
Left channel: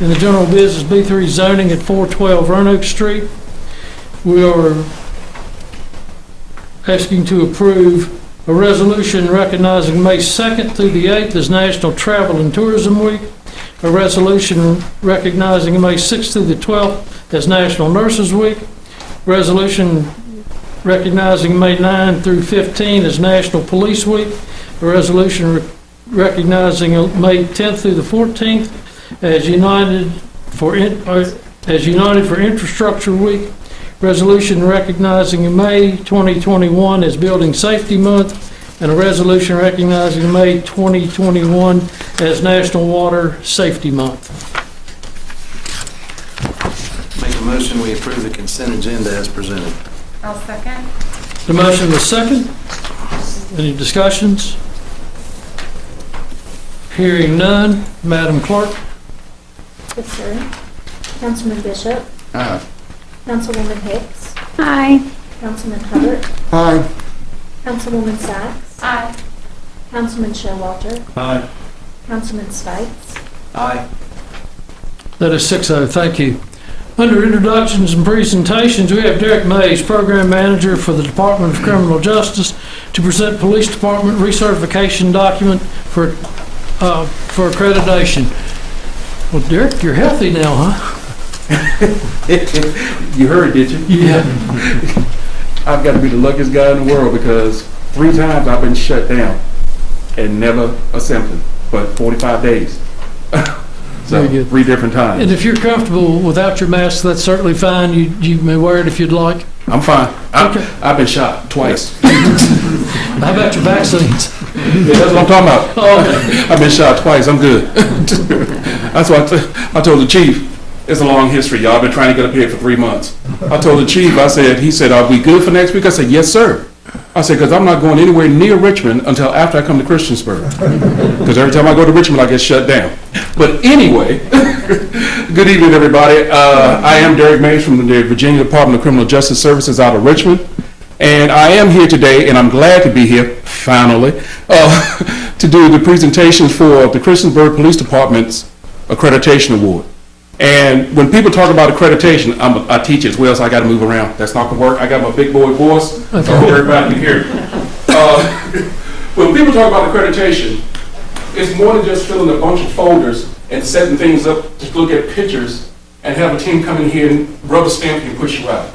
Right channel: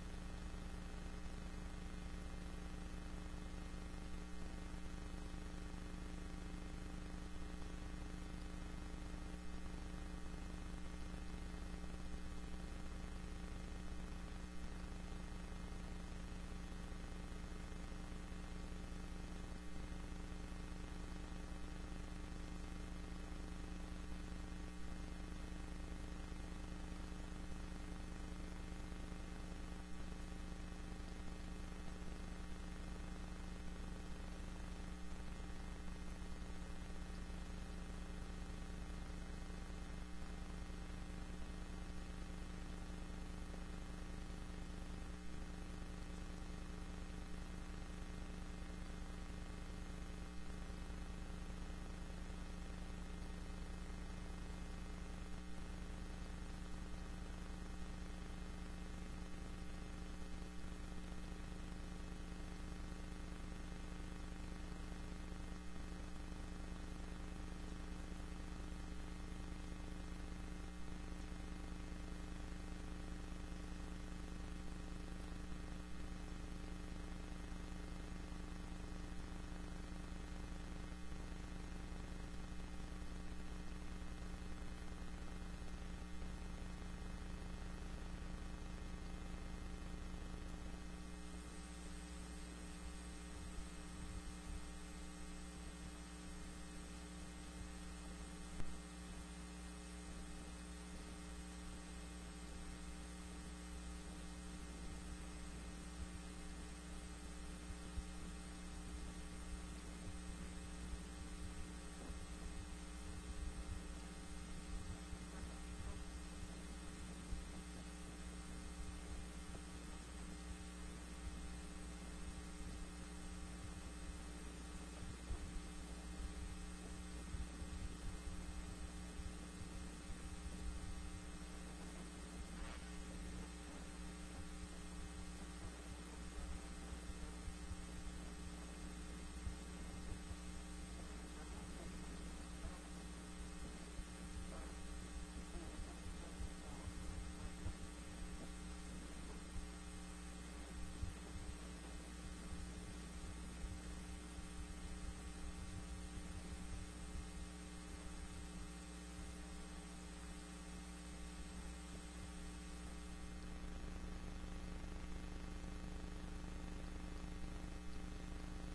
in the general business B3 zoning at 412 Roanoke Street. We are asking to approve a resolution recognizing May 2nd through the 8th as National Travel and Tourism Week, a resolution recognizing May 6th through the 12th as National Nurses Week, resolution recognizing May 9 through 15 as National Police Week, a resolution recognizing May 10th through the 14th as United for Infrastructure Week, resolution recognizing May 2021 as Building Safety Month, and a resolution recognizing May 2021 as National Water Safety Month. Make a motion, we approve the consent agenda as presented. I'll second. The motion is second. Any discussions? Hearing none. Madam Clerk? Yes, sir. Councilman Bishop. Aye. Councilwoman Hicks. Aye. Councilman Hubbard. Aye. Councilwoman Sacks. Aye. Councilman Showalter. Aye. Councilman Stipes. Aye. That is 6-0. Thank you. Under introductions and presentations, we have Derek Mays, Program Manager for the Department of Criminal Justice, to present Police Department recertification document for accreditation. Well, Derek, you're healthy now, huh? You heard, did you? Yeah. I've got to be the luckiest guy in the world because 3 times I've been shut down and never a symptom, but 45 days. So Very good. 3 different times. And if you're comfortable without your mask, that's certainly fine. You may wear it if you'd like. I'm fine. Okay. I've been shot twice. How about your vaccines? Yeah, that's what I'm talking about. Oh, okay. I've been shot twice. I'm good. That's what I told the chief. It's a long history, y'all. I've been trying to get up here for 3 months. I told the chief, he said, are we good for next week? I said, yes, sir. I said, because I'm not going anywhere near Richmond until after I come to Christiansburg. Because every time I go to Richmond, I get shut down. But anyway, good evening, everybody. I am Derek Mays from the Virginia Department of Criminal Justice Services out of Richmond. And I am here today, and I'm glad to be here, finally, to do the presentation for the Christiansburg Police Department's Accreditation Award. And when people talk about accreditation, I teach as well, so I got to move around. That's not going to work. I got my big boy voice, so I hope everybody can hear. When people talk about accreditation, it's more than just filling a bunch of folders and setting things up to look at pictures and have a team come in here and rubber stamp you and push you out.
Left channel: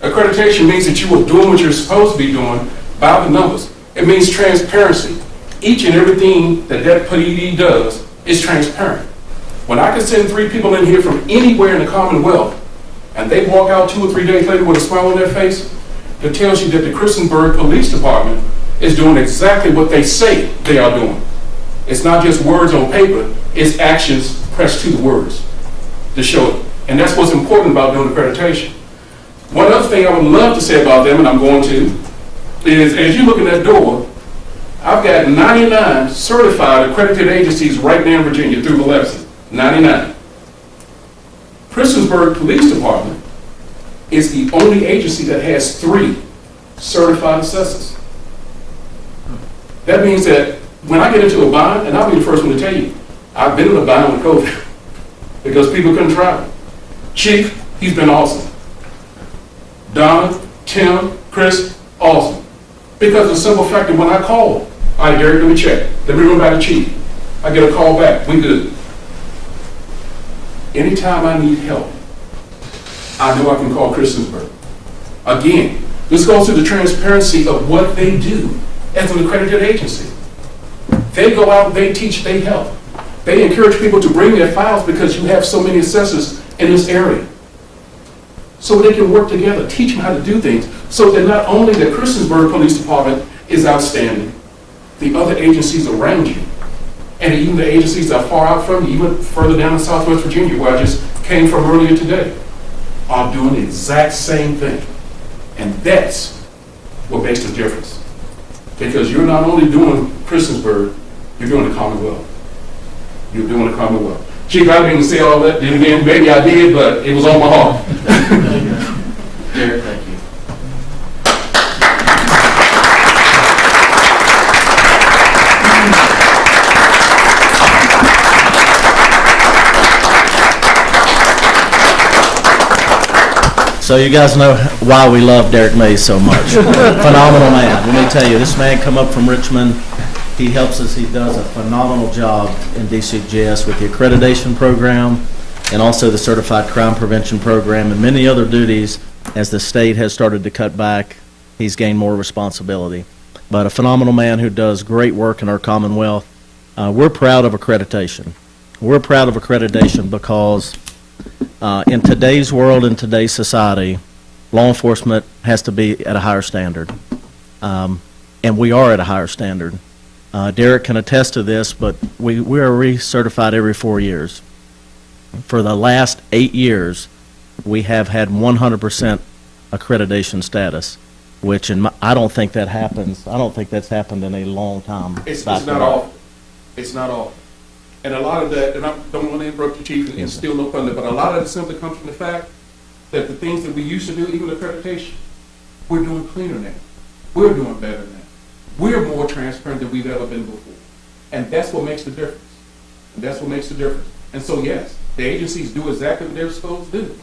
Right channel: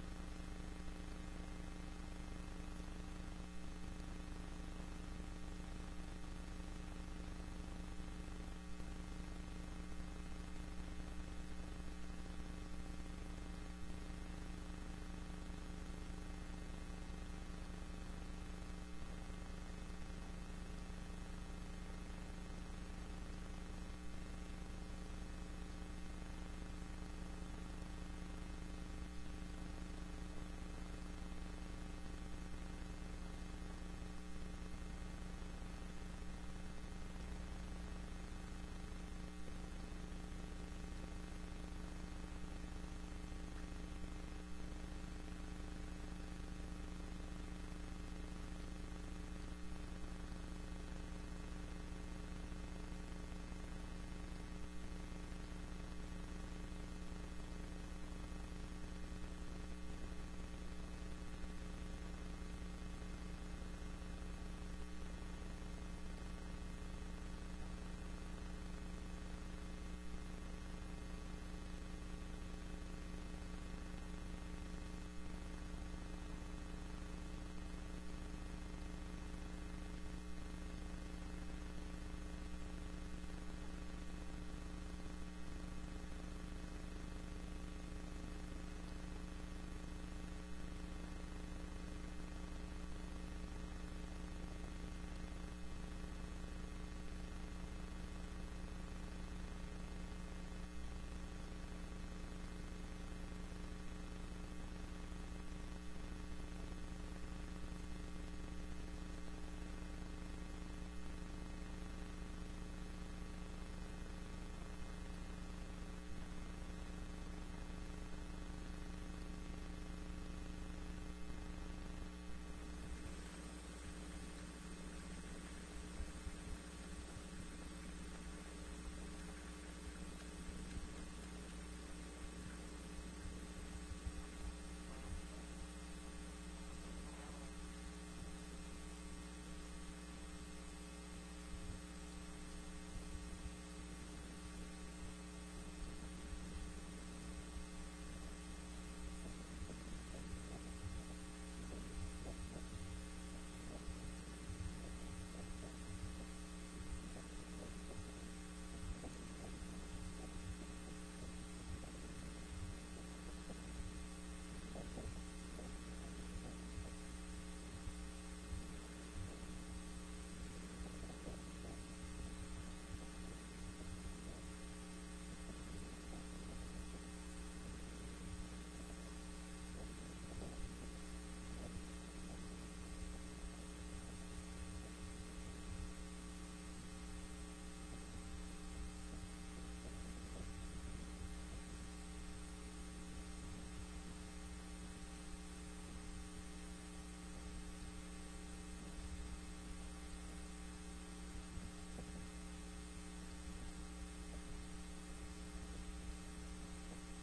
Accreditation means that you are doing what you're supposed to be doing by the numbers. It means transparency. Each and everything that PD does is transparent. When I can send 3 people in here from anywhere in the Commonwealth, and they walk out 2 or 3 days later with a smile on their face, that tells you that the Christiansburg Police Department is doing exactly what they say they are doing. It's not just words on paper, it's actions pressed to the words to show it. And that's what's important about doing accreditation. One other thing I would love to say about them, and I'm going to, is as you look in that door, I've got 99 certified accredited agencies right now in Virginia through Biloxi. 99. Christiansburg Police Department is the only agency that has 3 certified assessors. That means that when I get into a bind, and I'll be the first one to tell you, I've been in a bind with COVID because people couldn't travel. Chief, he's been awesome. Donna, Tim, Chris, awesome. Because of the simple fact that when I call, all right, Derek, let me check. Let me run by the chief. I get a call back. We good. Anytime I need help, I know I can call Christiansburg. Again, this goes to the transparency of what they do as an accredited agency. They go out, they teach, they help. They encourage people to bring their files because you have so many assessors in this area. So they can work together, teach them how to do things, so that not only the Christiansburg Police Department is outstanding, the other agencies around you, and even the agencies that are far out from you, even further down in Southwest Virginia, where I just came from earlier today, are doing the exact same thing. And that's what makes the difference. Because you're not only doing Christiansburg, you're doing the Commonwealth. You're doing the Commonwealth. Chief, I didn't say all that, then again, maybe I did, but it was on my heart. Derek, thank you. So you guys know why we love Derek Mays so much. Phenomenal man. Let me tell you, this man come up from Richmond. He helps us. He does a phenomenal job in DCGS with the accreditation program and also the Certified Crime Prevention Program and many other duties. As the state has started to cut back, he's gained more responsibility. But a phenomenal man who does great work in our Commonwealth. We're proud of accreditation. We're proud of accreditation because in today's world, in today's society, law enforcement has to be at a higher standard. And we are at a higher standard. Derek can attest to this, but we are recertified every 4 years. For the last 8 years, we have had 100% accreditation status, which I don't think that happens. I don't think that's happened in a long time. It's not all. It's not all. And a lot of that, and I don't want to interrupt you, Chief, and steal no thunder, but a lot of it simply comes from the fact that the things that we used to do, even accreditation, we're doing cleaner now. We're doing better now. We're more transparent than we've ever been before. And that's what makes the difference. And that's what makes the difference. And so, yes, the agencies do exactly what they're supposed to do.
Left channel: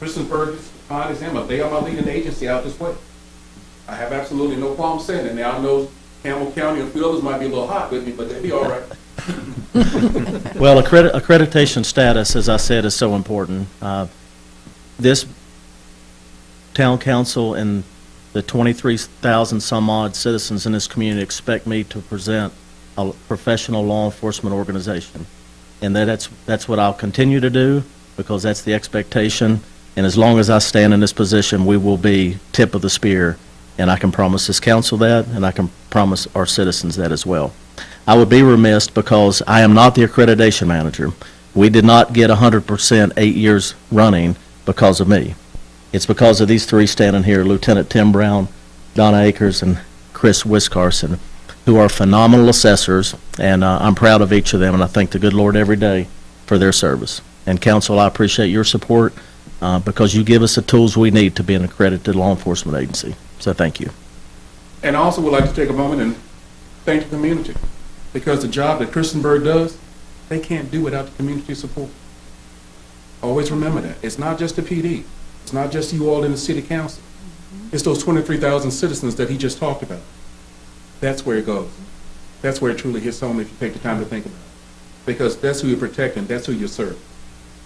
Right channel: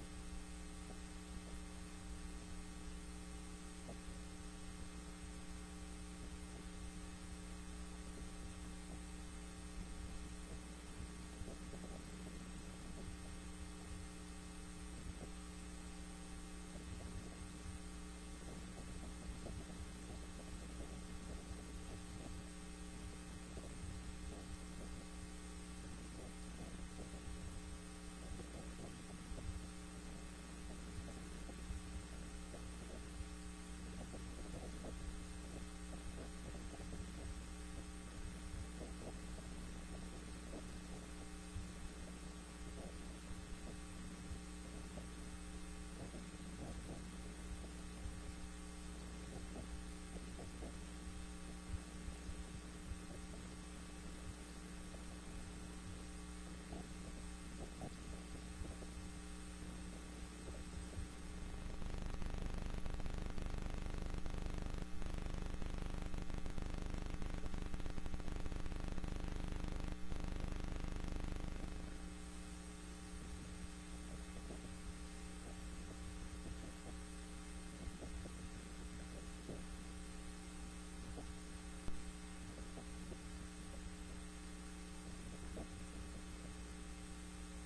Christiansburg is a fine example. They are my leading agency out this way. I have absolutely no problem saying that. Now, I know Campbell County and a few others might be a little hot with me, but they'll be all right. Well, accreditation status, as I said, is so important. This town council and the 23,000 some odd citizens in this community expect me to present a professional law enforcement organization. And that's what I'll continue to do, because that's the expectation. And as long as I stand in this position, we will be tip of the spear. And I can promise this council that, and I can promise our citizens that as well. I would be remiss because I am not the accreditation manager. We did not get 100% 8 years running because of me. It's because of these three standing here, Lieutenant Tim Brown, Donna Akers, and Chris Wiscarson, who are phenomenal assessors, and I'm proud of each of them, and I thank the good Lord every day for their service. And council, I appreciate your support because you give us the tools we need to be an accredited law enforcement agency. So thank you. And I also would like to take a moment and thank the community, because the job that Christiansburg does, they can't do without the community support. Always remember that. It's not just the PD. It's not just you all in the city council. It's those 23,000 citizens that he just talked about. That's where it goes. That's where it truly hits home if you take the time to think about it. Because that's who you're protecting. That's who you're serving.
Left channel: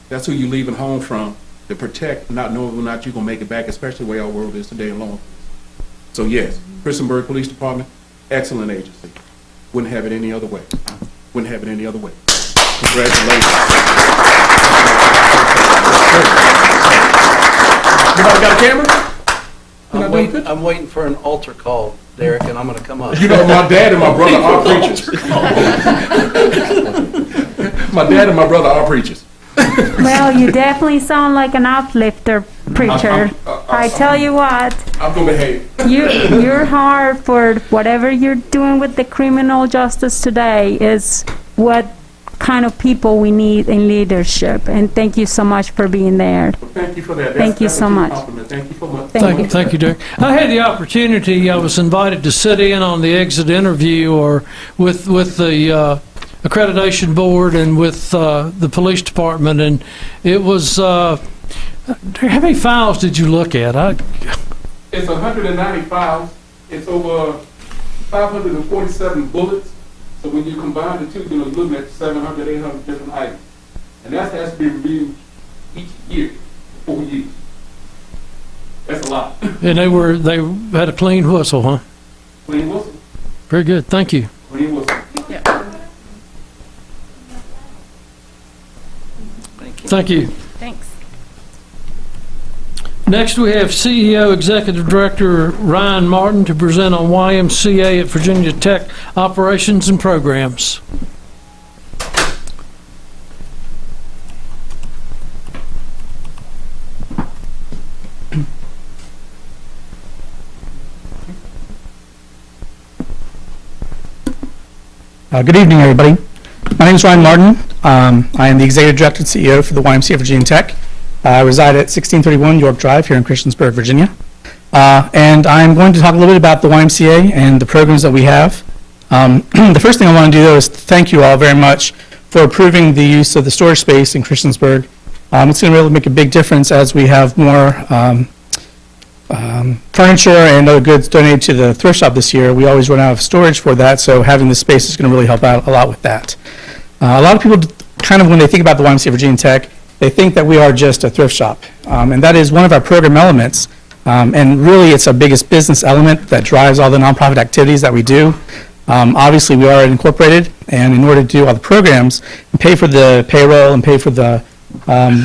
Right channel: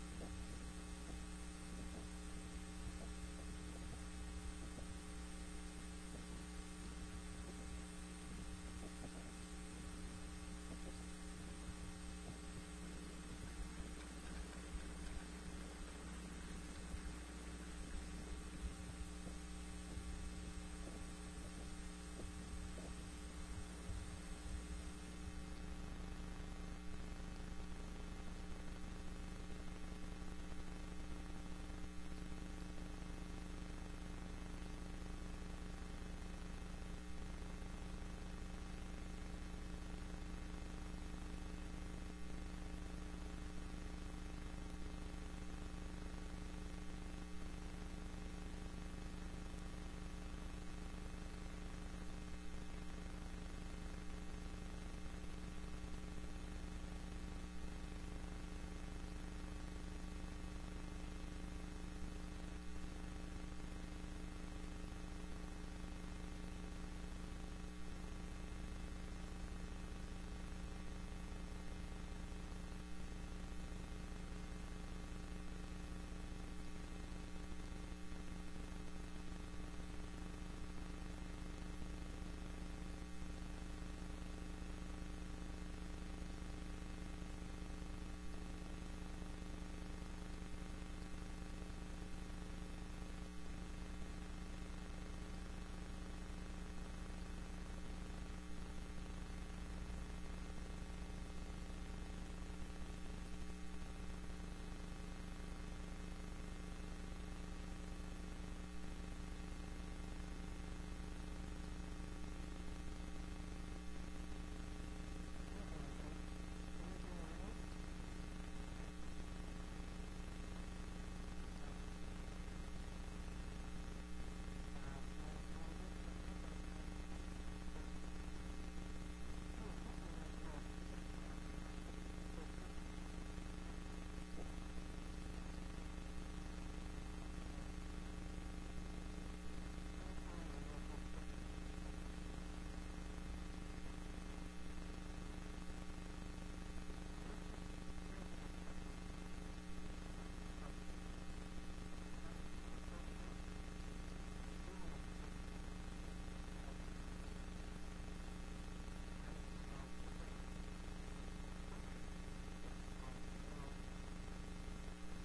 That's who you're leaving home from to protect, not knowing whether or not you're going to make it back, especially the way our world is today in law enforcement. So yes, Christiansburg Police Department, excellent agency. Wouldn't have it any other way. Wouldn't have it any other way. Congratulations. Anybody got a camera? I'm waiting for an altar call, Derek, and I'm going to come up. You know, my dad and my brother are preachers. My dad and my brother are preachers. Well, you definitely sound like an uplifter preacher. I tell you what. I'm going to behave. Your heart for whatever you're doing with the criminal justice today is what kind of people we need in leadership. And thank you so much for being there. Well, thank you for that. Thank you so much. Thank you so much. Thank you, Derek. I had the opportunity, I was invited to sit in on the exit interview or with the accreditation board and with the police department, and it was, how many files did you look at? It's 190 files. It's over 547 bullets. So when you combine the two, you're looking at 700, 800 different items. And that has to be reviewed each year, 4 years. That's a lot. And they had a clean whistle, huh? Clean whistle. Very good. Thank you. Clean whistle. Yeah. Thank you. Thanks. Next, we have CEO Executive Director Ryan Martin to present on YMCA at Virginia Tech Operations and Programs. Good evening, everybody. My name is Ryan Martin. I am the Executive Director and CEO for the YMCA Virginia Tech. I reside at 1631 York Drive here in Christiansburg, Virginia. And I'm going to talk a little bit about the YMCA and the programs that we have. The first thing I want to do, though, is thank you all very much for approving the use of the storage space in Christiansburg It's going to really make a big difference as we have more furniture and other goods donated to the thrift shop this year. We always run out of storage for that, so having this space is going to really help out a lot with that. A lot of people kind of, when they think about the YMCA Virginia Tech, they think that we are just a thrift shop, and that is one of our program elements, and really it's our biggest business element that drives all the nonprofit activities that we do. Obviously, we are incorporated, and in order to do all the programs and pay for the payroll and pay for the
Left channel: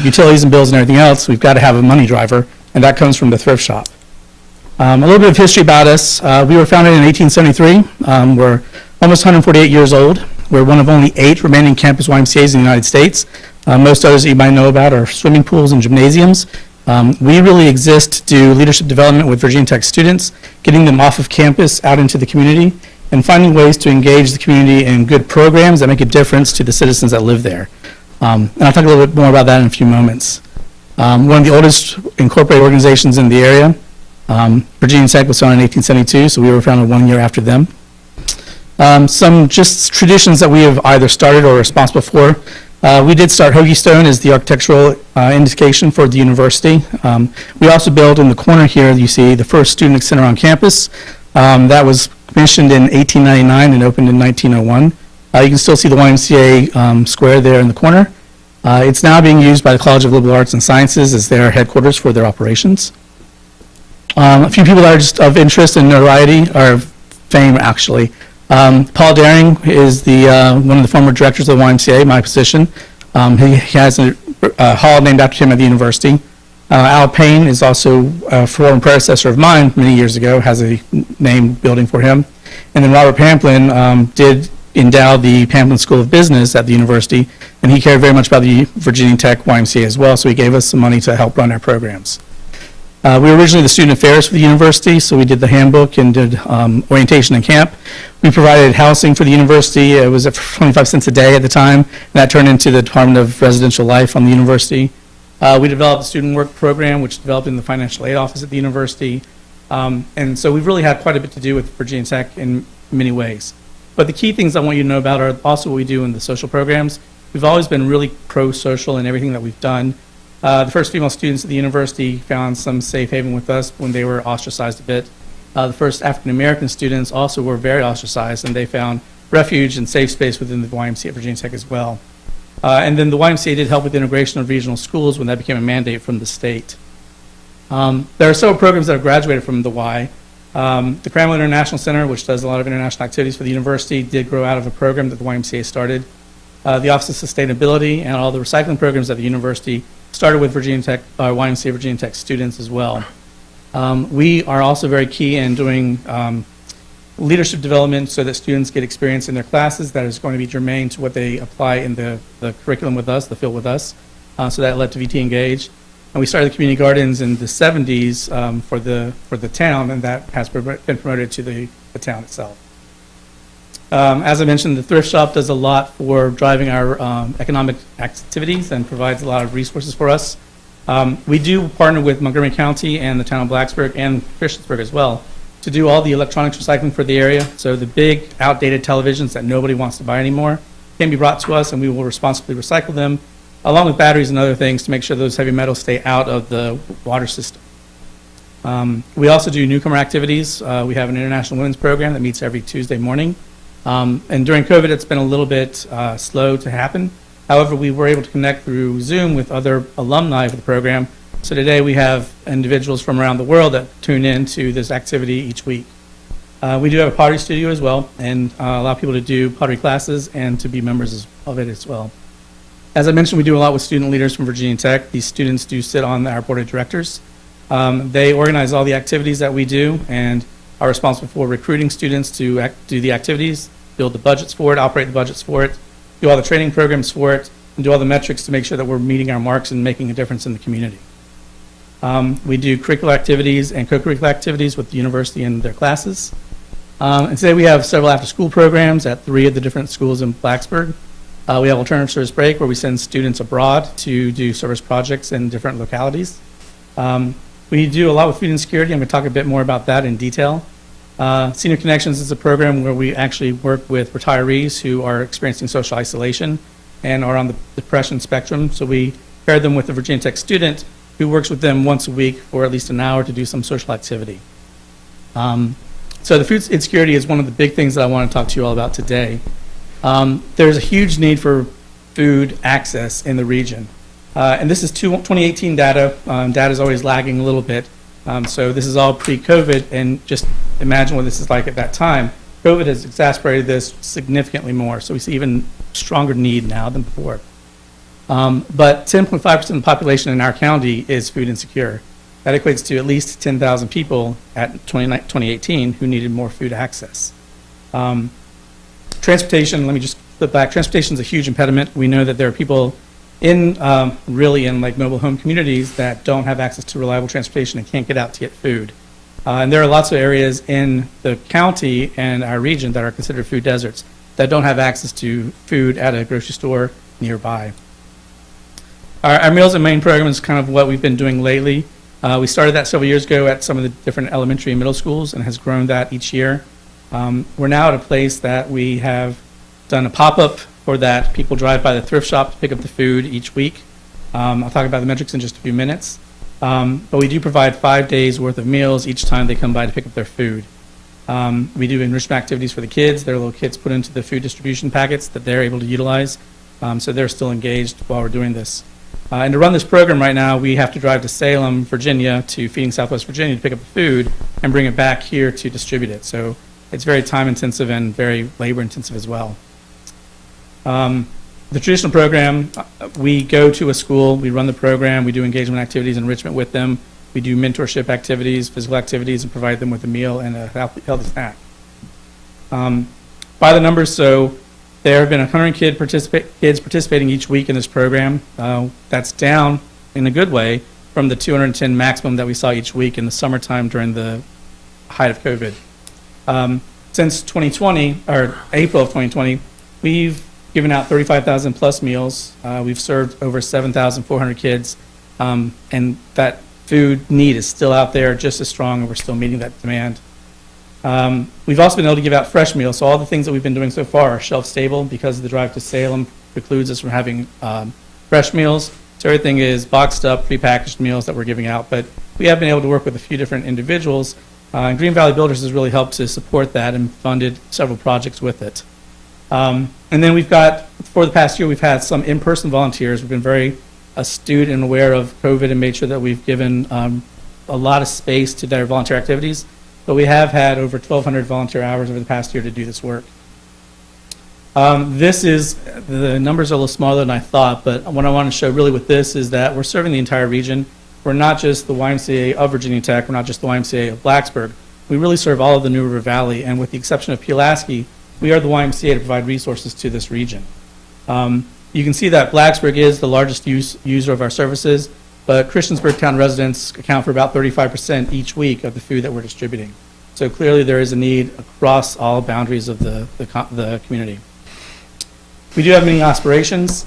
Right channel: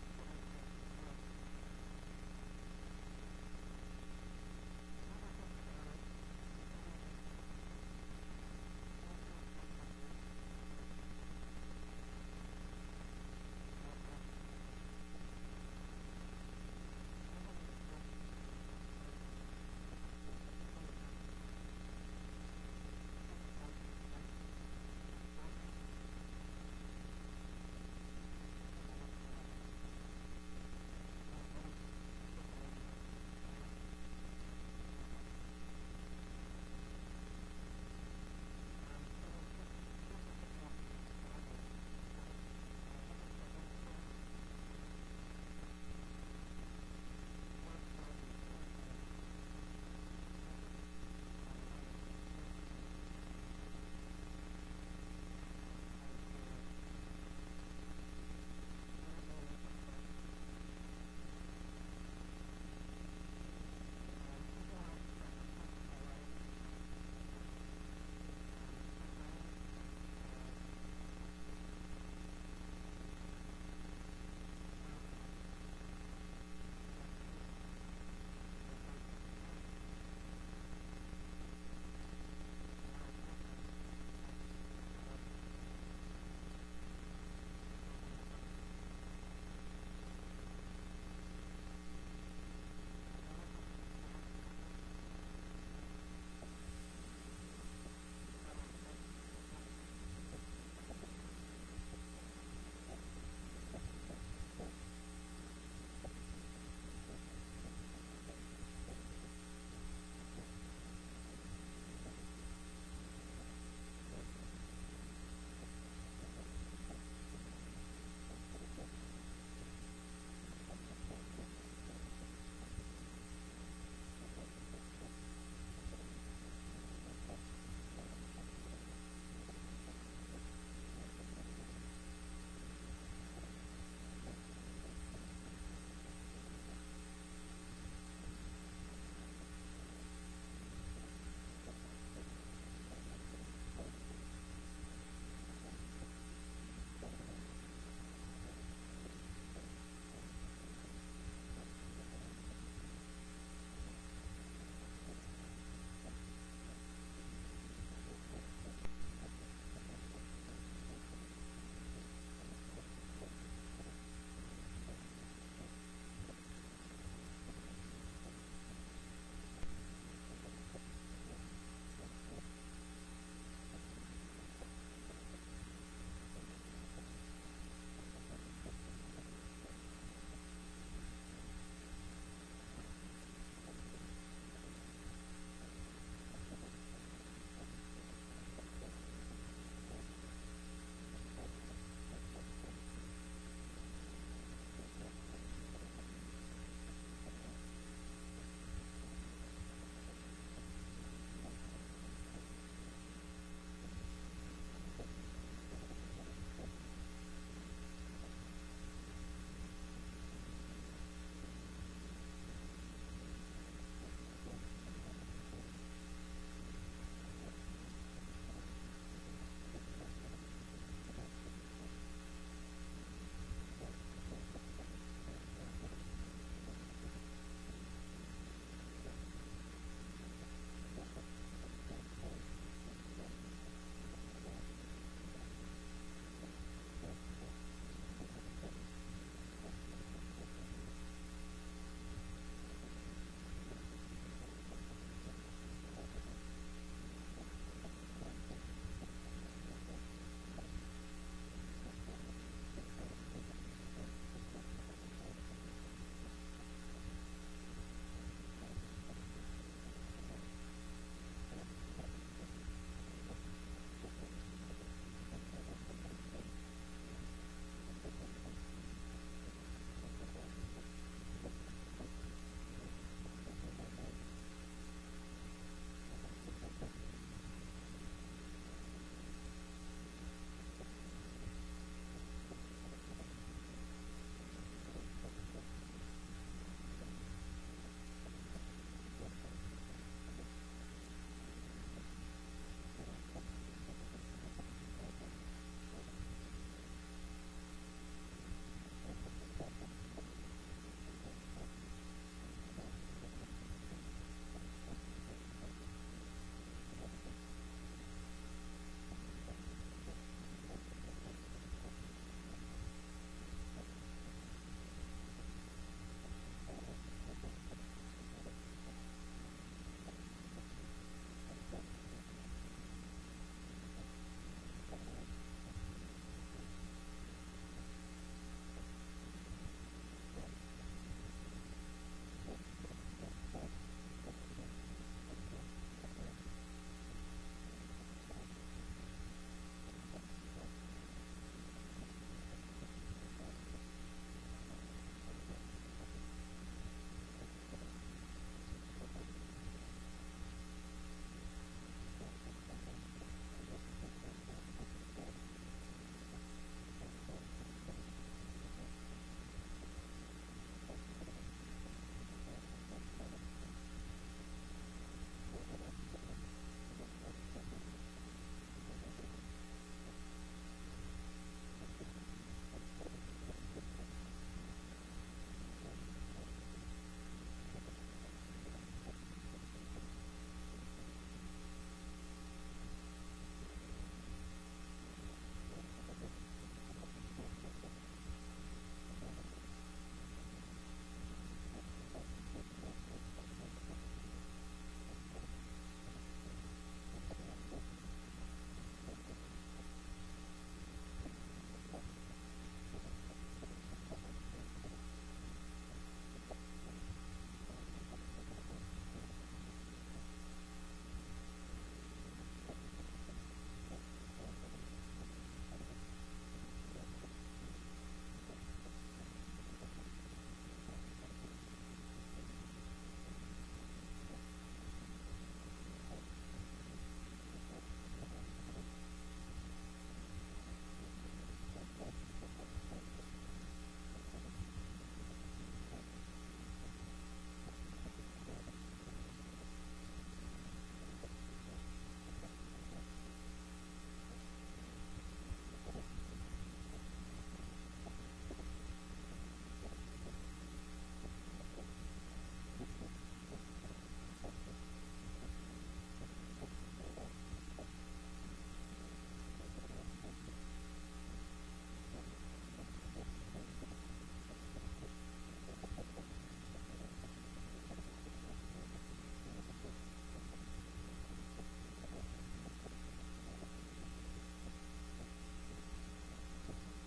utilities and bills and everything else, we've got to have a money driver, and that comes from the thrift shop. A little bit of history about us. We were founded in 1873. We're almost 148 years old. We're one of only 8 remaining campus YMCAs in the United States. Most others that you might know about are swimming pools and gymnasiums. We really exist to do leadership development with Virginia Tech students, getting them off of campus out into the community, and finding ways to engage the community in good programs that make a difference to the citizens that live there. And I'll talk a little bit more about that in a few moments. One of the oldest incorporated organizations in the area. Virginia Tech was founded in 1872, so we were founded 1 year after them. Some just traditions that we have either started or are responsible for. We did start Hoagie Stone as the architectural indication for the university. We also built in the corner here, you see, the first student center on campus. That was commissioned in 1899 and opened in 1901. You can still see the YMCA square there in the corner. It's now being used by the College of Liberal Arts and Sciences as their headquarters for their operations. A few people that are just of interest and notoriety, or fame actually. Paul Daring is one of the former directors of the YMCA, my position. He has a hall named after him at the university. Al Payne is also a former predecessor of mine many years ago, has a name building for him. And then Robert Pamplin did endow the Pamplin School of Business at the university, and he cared very much about the Virginia Tech YMCA as well, so he gave us some money to help run our programs. We were originally the student affairs for the university, so we did the handbook and did orientation and camp. We provided housing for the university. It was at 25 cents a day at the time, and that turned into the Department of Residential Life on the university. We developed a student work program, which developed in the financial aid office at the university. And so we've really had quite a bit to do with Virginia Tech in many ways. But the key things I want you to know about are also what we do in the social programs. We've always been really pro-social in everything that we've done. The first female students at the university found some safe haven with us when they were ostracized a bit. The first African-American students also were very ostracized, and they found refuge and safe space within the YMCA at Virginia Tech as well. And then the YMCA did help with integration of regional schools when that became a mandate from the state. There are several programs that have graduated from the Y. The Cranwell International Center, which does a lot of international activities for the university, did grow out of a program that the YMCA started. The Office of Sustainability and all the recycling programs at the university started with Virginia Tech, YMCA Virginia Tech students as well. We are also very key in doing leadership development so that students get experience in their classes that is going to be germane to what they apply in the curriculum with us, the field with us. So that led to VT Engage. And we started the community gardens in the 70s for the town, and that has been promoted to the town itself. As I mentioned, the thrift shop does a lot for driving our economic activities and provides a lot of resources for us. We do partner with Montgomery County and the town of Blacksburg and Christiansburg as well to do all the electronics recycling for the area. So the big outdated televisions that nobody wants to buy anymore can be brought to us, and we will responsibly recycle them, along with batteries and other things to make sure those heavy metals stay out of the water system. We also do Newcomer Activities. We have an international women's program that meets every Tuesday morning. And during COVID, it's been a little bit slow to happen. However, we were able to connect through Zoom with other alumni of the program. So today we have individuals from around the world that tune in to this activity each week. We do have a pottery studio as well, and allow people to do pottery classes and to be members of it as well. As I mentioned, we do a lot with student leaders from Virginia Tech. These students do sit on our board of directors. They organize all the activities that we do and are responsible for recruiting students to do the activities, build the budgets for it, operate the budgets for it, do all the training programs for it, and do all the metrics to make sure that we're meeting our marks and making a difference in the community. We do curricular activities and co-curricular activities with the university and their classes. And today we have several after-school programs at 3 of the different schools in Blacksburg. We have Alternative Service Break, where we send students abroad to do service projects in different localities. We do a lot with food insecurity. I'm going to talk a bit more about that in detail. Senior Connections is a program where we actually work with retirees who are experiencing social isolation and are on the depression spectrum. So we pair them with a Virginia Tech student who works with them once a week for at least an hour to do some social activity. So the food insecurity is one of the big things that I want to talk to you all about today. There's a huge need for food access in the region. And this is 2018 data. Data is always lagging a little bit. So this is all pre-COVID, and just imagine what this is like at that time. COVID has exacerbated this significantly more, so we see even stronger need now than before. But 10.5% of the population in our county is food insecure. That equates to at least 10,000 people at 2018 who needed more food access. Transportation, let me just flip back. Transportation is a huge impediment. We know that there are people really in like mobile home communities that don't have access to reliable transportation and can't get out to get food. And there are lots of areas in the county and our region that are considered food deserts that don't have access to food at a grocery store nearby. Our Meals and Main program is kind of what we've been doing lately. We started that several years ago at some of the different elementary and middle schools and has grown that each year. We're now at a place that we have done a pop-up for that. People drive by the thrift shop to pick up the food each week. I'll talk about the metrics in just a few minutes. But we do provide 5 days worth of meals each time they come by to pick up their food. We do enrichment activities for the kids. Their little kits put into the food distribution packets that they're able to utilize. So they're still engaged while we're doing this. And to run this program right now, we have to drive to Salem, Virginia, to Feeding Southwest Virginia to pick up the food and bring it back here to distribute it. So it's very time intensive and very labor intensive as well. The traditional program, we go to a school, we run the program, we do engagement activities, enrichment with them, we do mentorship activities, physical activities, and provide them with a meal and a healthy snack. By the numbers, so there have been 100 kids participating each week in this program. That's down in a good way from the 210 maximum that we saw each week in the summertime during the height of COVID. Since 2020, or April of 2020, we've given out 35,000 plus meals. We've served over 7,400 kids, and that food need is still out there just as strong, and we're still meeting that demand. We've also been able to give out fresh meals, so all the things that we've been doing so far are shelf stable because the drive to Salem precludes us from having fresh meals. So everything is boxed up, prepackaged meals that we're giving out, but we have been able to work with a few different individuals, and Green Valley Builders has really helped to support that and funded several projects with it. And then we've got, for the past year, we've had some in-person volunteers. We've been very astute and aware of COVID and made sure that we've given a lot of space to their volunteer activities. But we have had over 1,200 volunteer hours over the past year to do this work. The numbers are a little smaller than I thought, but what I want to show really with this is that we're serving the entire region. We're not just the YMCA of Virginia Tech, we're not just the YMCA of Blacksburg. We really serve all of the New River Valley, and with the exception of Pulaski, we are the YMCA to provide resources to this region. You can see that Blacksburg is the largest user of our services, but Christiansburg town residents account for about 35% each week of the food that we're distributing. So clearly there is a need across all boundaries of the community. We do have many aspirations.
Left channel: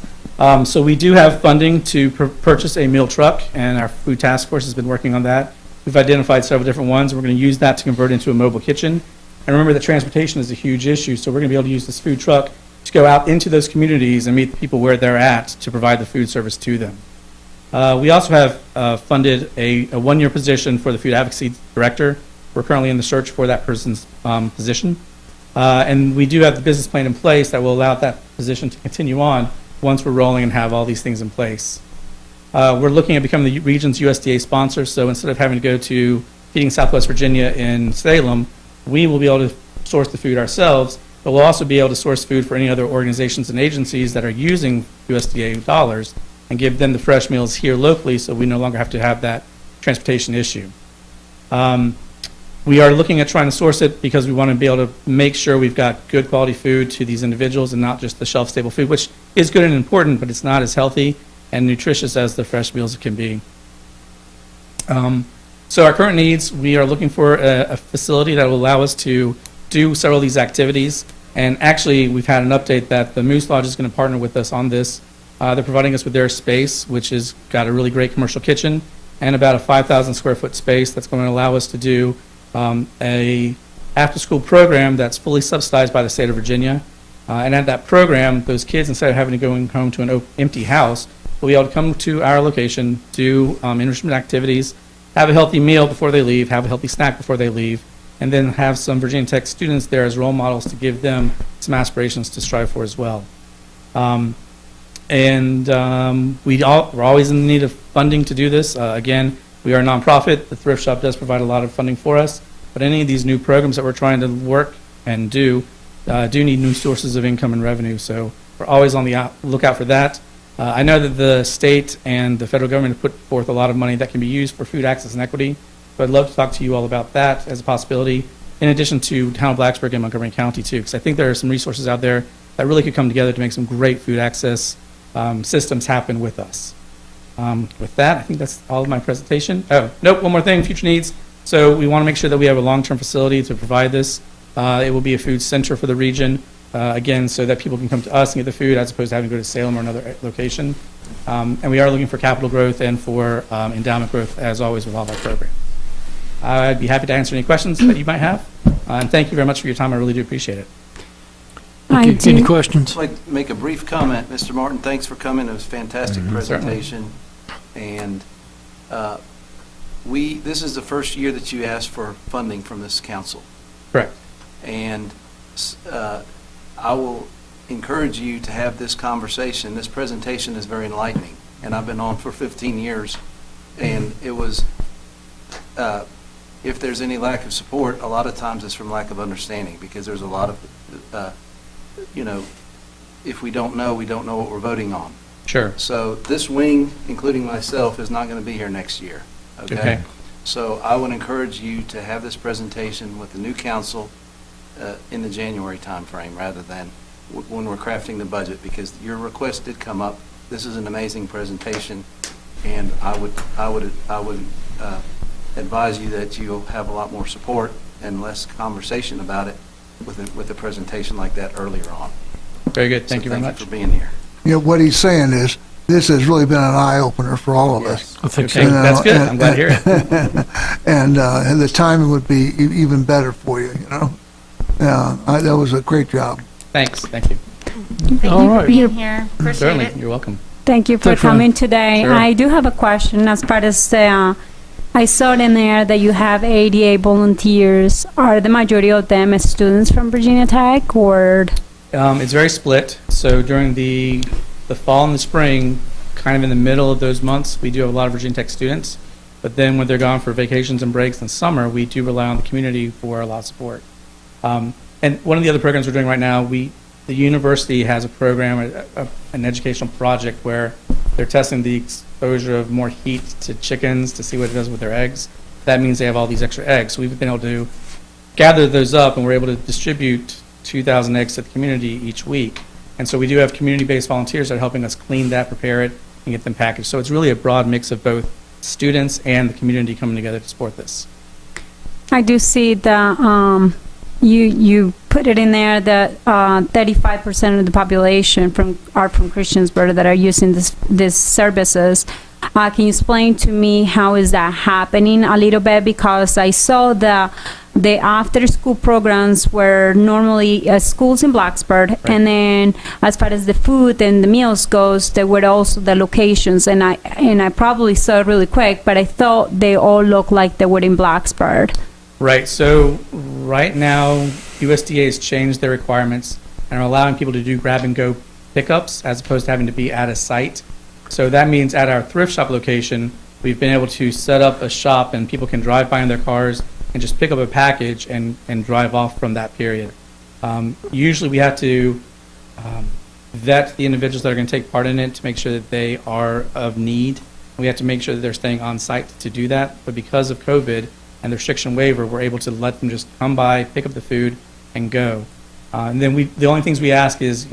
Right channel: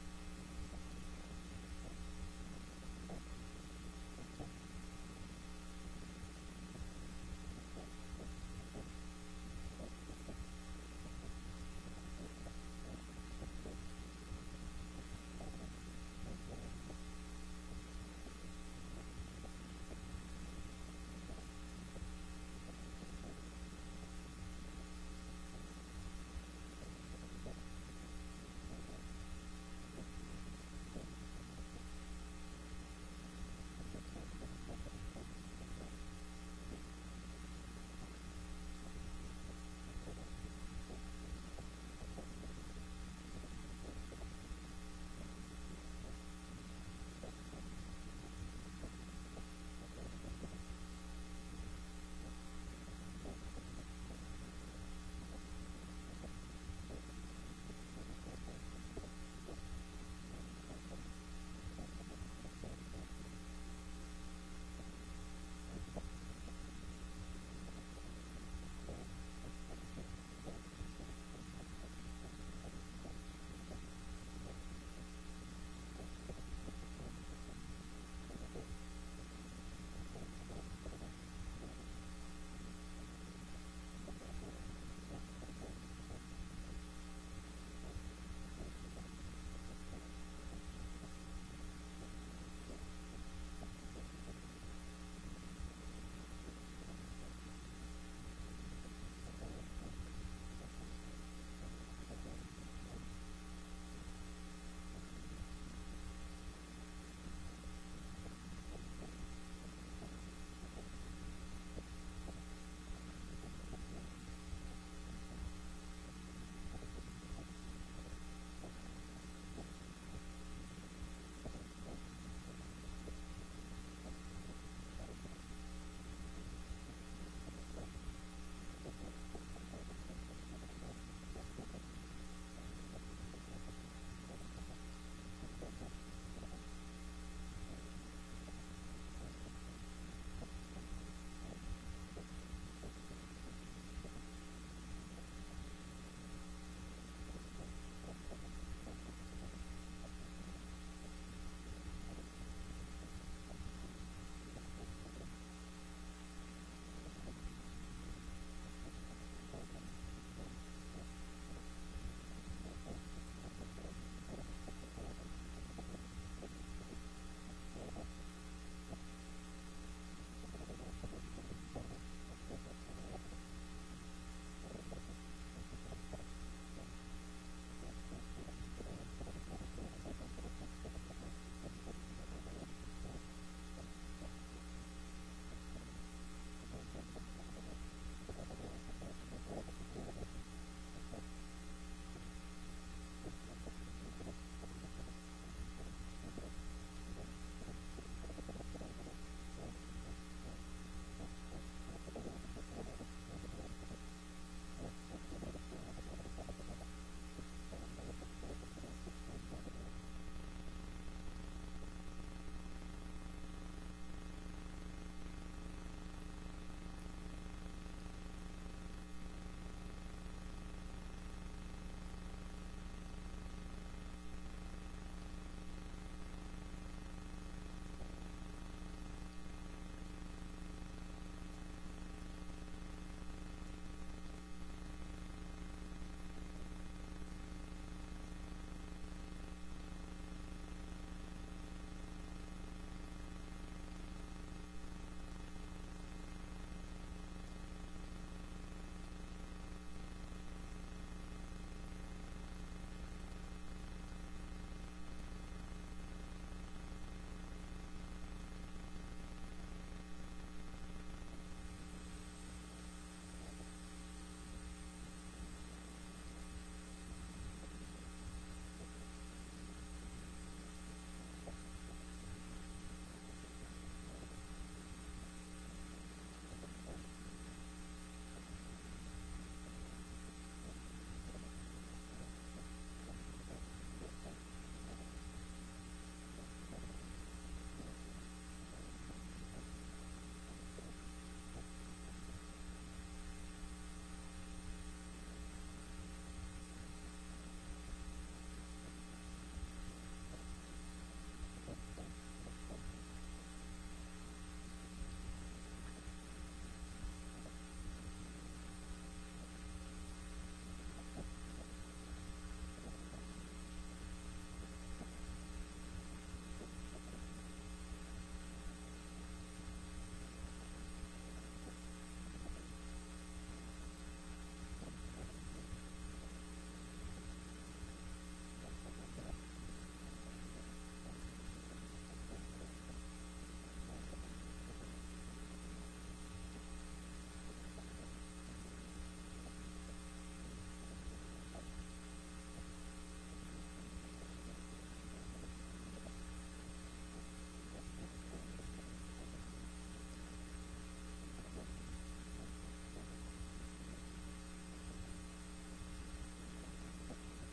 So we do have funding to purchase a meal truck, and our food task force has been working on that. We've identified several different ones. We're going to use that to convert into a mobile kitchen. And remember that transportation is a huge issue, so we're going to be able to use this food truck to go out into those communities and meet the people where they're at to provide the food service to them. We also have funded a one-year position for the food advocacy director. We're currently in the search for that person's position. And we do have the business plan in place that will allow that position to continue on once we're rolling and have all these things in place. We're looking at becoming the region's USDA sponsor, so instead of having to go to Feeding Southwest Virginia in Salem, we will be able to source the food ourselves, but we'll also be able to source food for any other organizations and agencies that are using USDA dollars and give them the fresh meals here locally so we no longer have to have that transportation issue. We are looking at trying to source it because we want to be able to make sure we've got good quality food to these individuals and not just the shelf-stable food, which is good and important, but it's not as healthy and nutritious as the fresh meals can be. So our current needs, we are looking for a facility that will allow us to do several of these activities. And actually, we've had an update that the Moose Lodge is going to partner with us on this. They're providing us with their space, which has got a really great commercial kitchen and about a 5,000 square foot space that's going to allow us to do a after-school program that's fully subsidized by the state of Virginia. And at that program, those kids, instead of having to go home to an empty house, will be able to come to our location, do enrichment activities, have a healthy meal before they leave, have a healthy snack before they leave, and then have some Virginia Tech students there as role models to give them some aspirations to strive for as well. We're always in need of funding to do this. Again, we are a nonprofit. The thrift shop does provide a lot of funding for us, but any of these new programs that we're trying to work and do need new sources of income and revenue. So we're always on the lookout for that. I know that the state and the federal government have put forth a lot of money that can be used for food access and equity. So I'd love to talk to you all about that as a possibility, in addition to town of Blacksburg and Montgomery County too, because I think there are some resources out there that really could come together to make some great food access systems happen with us. With that, I think that's all of my presentation. Oh, nope, one more thing, future needs. So we want to make sure that we have a long-term facility to provide this. It will be a food center for the region, again, so that people can come to us and get the food as opposed to having to go to Salem or another location. And we are looking for capital growth and for endowment growth, as always, with all of our programs. I'd be happy to answer any questions that you might have. And thank you very much for your time. I really do appreciate it. Any questions? I'd like to make a brief comment. Mr. Martin, thanks for coming. It was a fantastic presentation. And this is the first year that you asked for funding from this council. Correct. And I will encourage you to have this conversation. This presentation is very enlightening, and I've been on for 15 years, and it was, if there's any lack of support, a lot of times it's from lack of understanding, because there's a lot of, if we don't know what we're voting on. Sure. So this wing, including myself, is not going to be here next year. Okay. So I would encourage you to have this presentation with the new council in the January timeframe rather than when we're crafting the budget, because your request did come up. This is an amazing presentation, and I would advise you that you'll have a lot more support and less conversation about it with a presentation like that earlier on. Very good. Thank you very much for being here. What he's saying is, this has really been an eye-opener for all of us. I think Okay, that's good. I'm glad to hear it. And the timing would be even better for you, that was a great job. Thanks. Thank you. Thank you All for right. being here. Appreciate Certainly. it. You're welcome. Thank you for Thanks, Ryan. coming today. Sure. I do have a question as part of the, I saw in there that you have 88 volunteers. Are the majority of them students from Virginia Tech, or? It's very split. So during the fall and the spring, kind of in the middle of those months, we do have a lot of Virginia Tech students. But then when they're gone for vacations and breaks in summer, we do rely on the community for a lot of support. And one of the other programs we're doing right now, the university has a program, an educational project where they're testing the exposure of more heat to chickens to see what it does with their eggs. That means they have all these extra eggs. So we've been able to gather those up, and we're able to distribute 2,000 eggs to the community each week. And so we do have community-based volunteers that are helping us clean that, prepare it, and get them packaged. So it's really a broad mix of both students and the community coming together to support this. I do see the, you put it in there that 35% of the population are from Christiansburg that are using these services. Can you explain to me how is that happening a little bit? Because I saw the after-school programs were normally schools in Blacksburg, right. And then as far as the food and the meals goes, there were also the locations, and I probably saw it really quick, but I thought they all looked like they were in Blacksburg. Right. So right now, USDA has changed their requirements and are allowing people to do grab-and-go pickups as opposed to having to be at a site. So that means at our thrift shop location, we've been able to set up a shop and people can drive by in their cars and just pick up a package and drive off from that period. Usually we have to vet the individuals that are going to take part in it to make sure that they are of need. We have to make sure that they're staying on site to do that. But because of COVID and the restriction waiver, we're able to let them just come by, pick up the food, and go. And then the only things we ask is,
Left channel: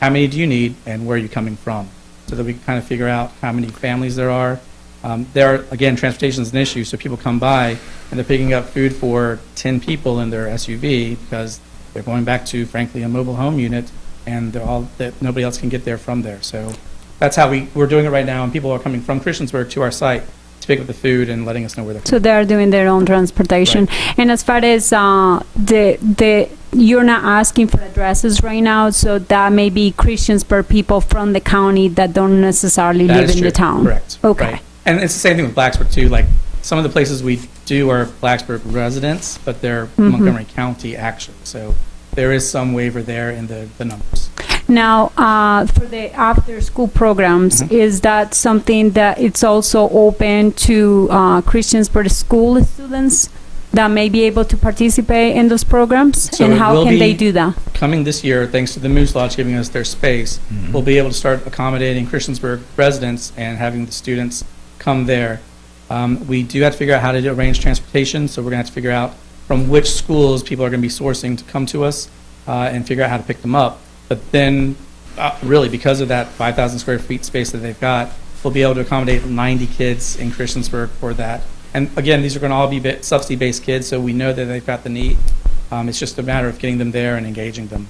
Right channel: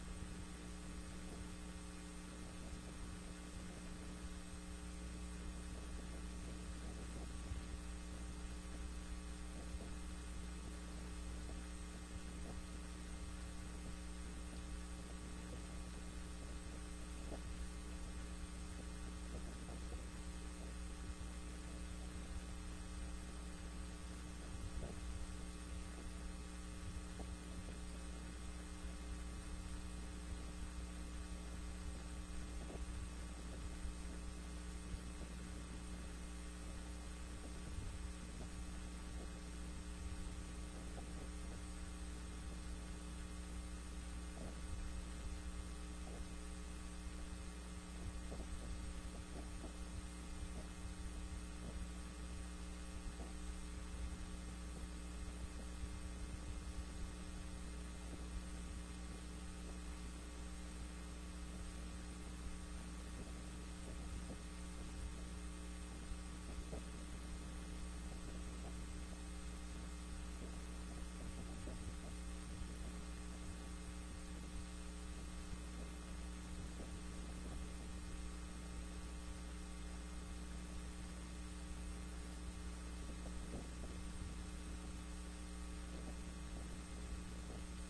how many do you need and where are you coming from? So that we can kind of figure out how many families there are. Again, transportation is an issue, so people come by and they're picking up food for 10 people in their SUV because they're going back to, frankly, a mobile home unit, and that nobody else can get there from there. So that's how we're doing it right now, and people are coming from Christiansburg to our site to pick up the food and letting us know where they're So they are doing their own transportation. And as far as you're not asking for addresses right now, so that may be Christiansburg people from the county that don't necessarily That live is in the true. town. Correct. Okay. Right. And it's the same thing with Blacksburg too. Like some of the places we do are Blacksburg residents, but they're Montgomery County actually. So there is some waiver there in the numbers. Now, for the after-school programs, is that something that it's also open to Christiansburg school students that may be able to participate in those programs? So and it how will can they be do that? Coming this year, thanks to the Moose Lodge giving us their space, we'll be able to start accommodating Christiansburg residents and having the students come there. We do have to figure out how to arrange transportation, so we're going to have to figure out from which schools people are going to be sourcing to come to us and figure out how to pick them up. But then, really, because of that 5,000 square feet space that they've got, we'll be able to accommodate 90 kids in Christiansburg for that. And again, these are going to all be subsidy-based kids, so we know that they've got the need. It's just a matter of getting them there and engaging them.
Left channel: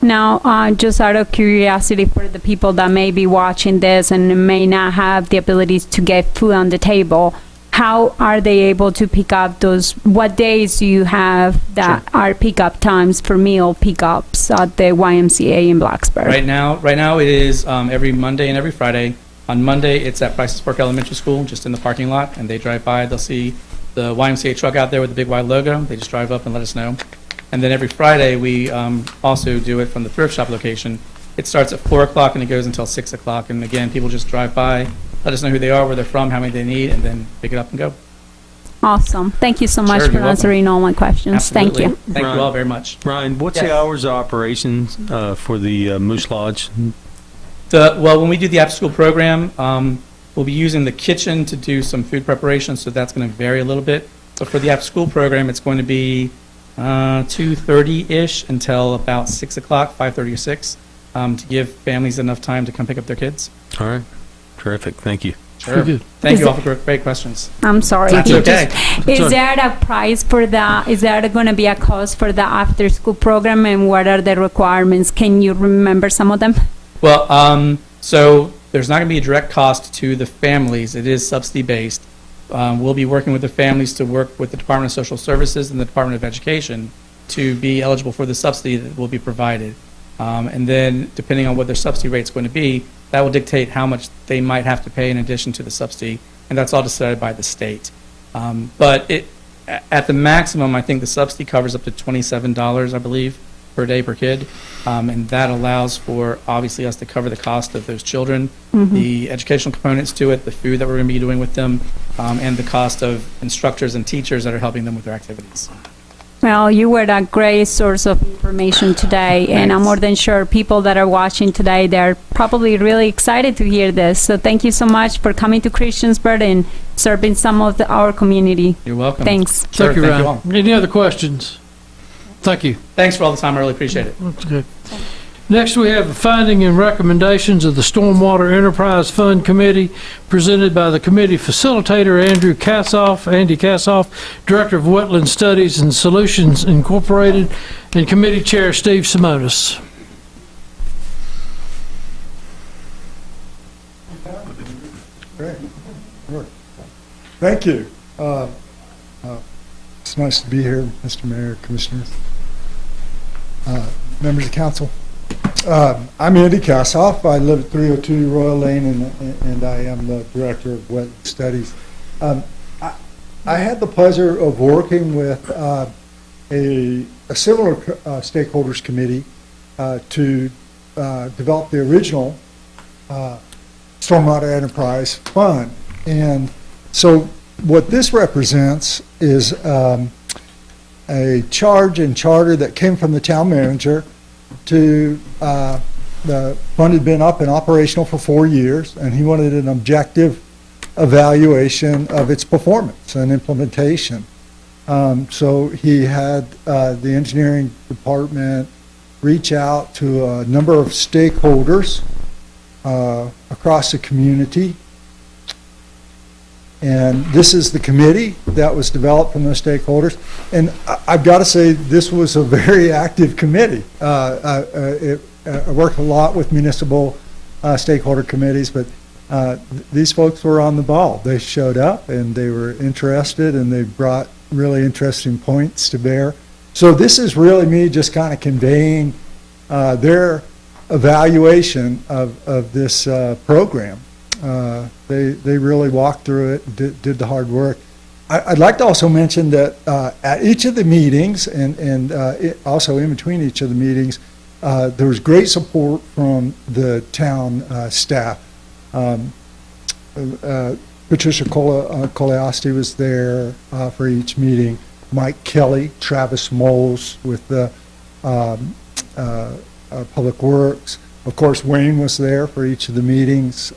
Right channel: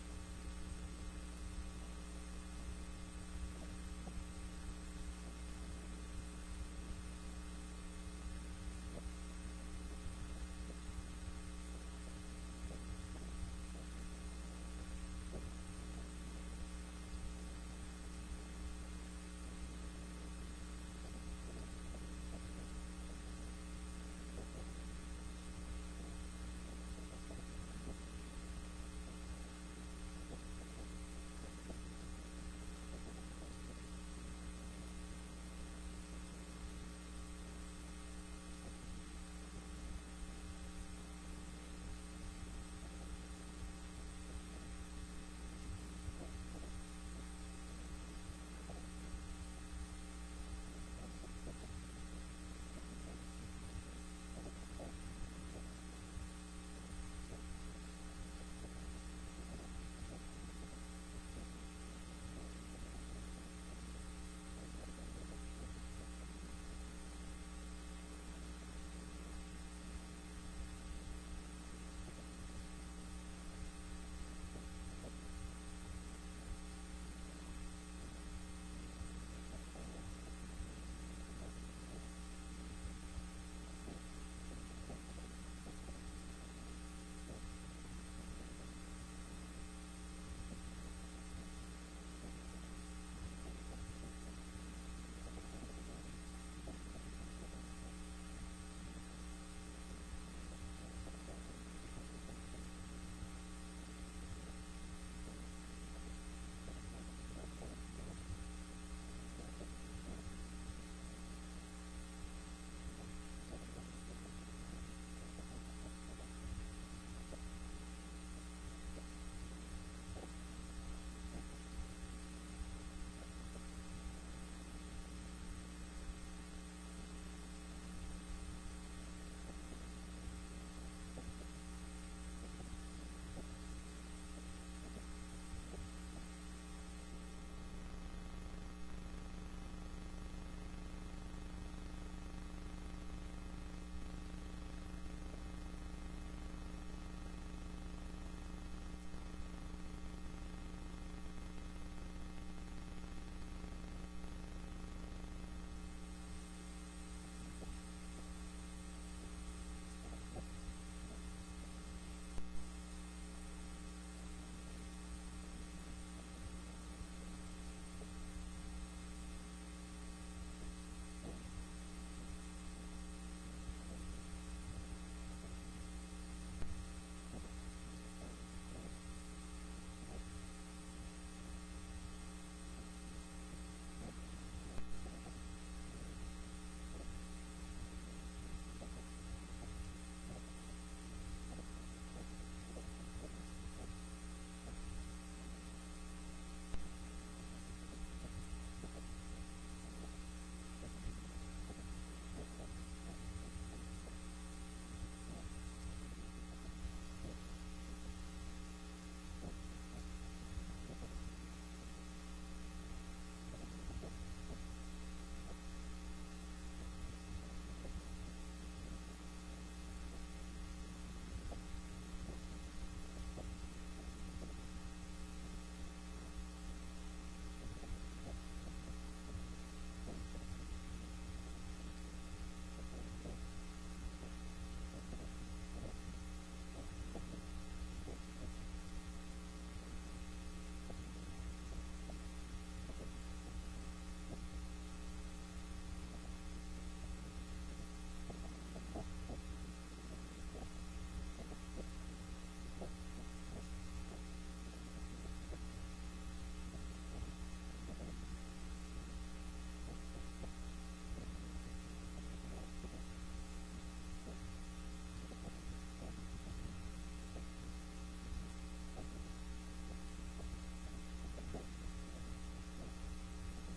Now, just out of curiosity for the people that may be watching this and may not have the abilities to get food on the table, how are they able to pick up those? What days do you have that are pickup times for meal pickups at the YMCA in Blacksburg? Right now it is every Monday and every Friday. On Monday, it's at Prices Park Elementary School, just in the parking lot, and they drive by. They'll see the YMCA truck out there with the big Y logo. They just drive up and let us know. And then every Friday, we also do it from the thrift shop location. It starts at 4 o'clock and it goes until 6 o'clock. And again, people just drive by, let us know who they are, where they're from, how many they need, and then pick it up and go. Awesome. Thank you so much Sure, for you're welcome. answering all my questions. Absolutely. Thank you. Thank you all very much. Ryan, what's Yes. the hours of operations for the Moose Lodge? Well, when we do the after-school program, we'll be using the kitchen to do some food preparation, so that's going to vary a little bit. But for the after-school program, it's going to be 2:30-ish until about 6 o'clock, 5:30 or 6, to give families enough time to come pick up their kids. All right. Terrific. Thank you. Sure. Thank you all for great questions. I'm sorry. That's He okay. Is there a price for that? Is there going to be a cost for the after-school program, and what are the requirements? Can you remember some of them? Well, so there's not going to be a direct cost to the families. It is subsidy-based. We'll be working with the families to work with the Department of Social Services and the Department of Education to be eligible for the subsidy that will be provided. And then, depending on what their subsidy rate is going to be, that will dictate how much they might have to pay in addition to the subsidy, and that's all decided by the state. But at the maximum, I think the subsidy covers up to $27, I believe, per day per kid, and that allows for, obviously, us to cover the cost of those children, the educational components to it, the food that we're going to be doing with them, and the cost of instructors and teachers that are helping them with their activities. Well, you were a great source of information today, and I'm more than sure people that are watching today, they're probably really excited to hear this. So thank you so much for coming to Christiansburg and serving some of our community. You're welcome. Thanks. Sure, Thank you, Ryan. all. Any other questions? Thank you. Thanks for all the time. I really appreciate it. That's good. Next, we have the finding and recommendations of the Stormwater Enterprise Fund Committee, presented by the committee facilitator, Andy Kassoff, Director of Wetland Studies and Solutions Incorporated, and Committee Chair Steve Simonis. Great. Thank you. It's nice to be here, Mr. Mayor, Commissioners, members of council. I'm Andy Kassoff. I live at 302 Royal Lane, and I am the Director of Wetland Studies. I had the pleasure of working with a similar stakeholders committee to develop the original Stormwater Enterprise Fund. And so what this represents is a charge and charter that came from the town manager to the fund had been up and operational for 4 years, and he wanted an objective evaluation of its performance and implementation. So he had the engineering department reach out to a number of stakeholders across the community. And this is the committee that was developed from those stakeholders. And I've got to say, this was a very active committee. I worked a lot with municipal stakeholder committees, but these folks were on the ball. They showed up and they were interested and they brought really interesting points to bear. So this is really me just kind of conveying their evaluation of this program. They really walked through it, did the hard work. I'd like to also mention that at each of the meetings and also in between each of the meetings, there was great support from the town staff. Patricia Coleosti was there for each meeting. Mike Kelly, Travis Moles with the Public Works. Of course, Wayne was there for each of the meetings.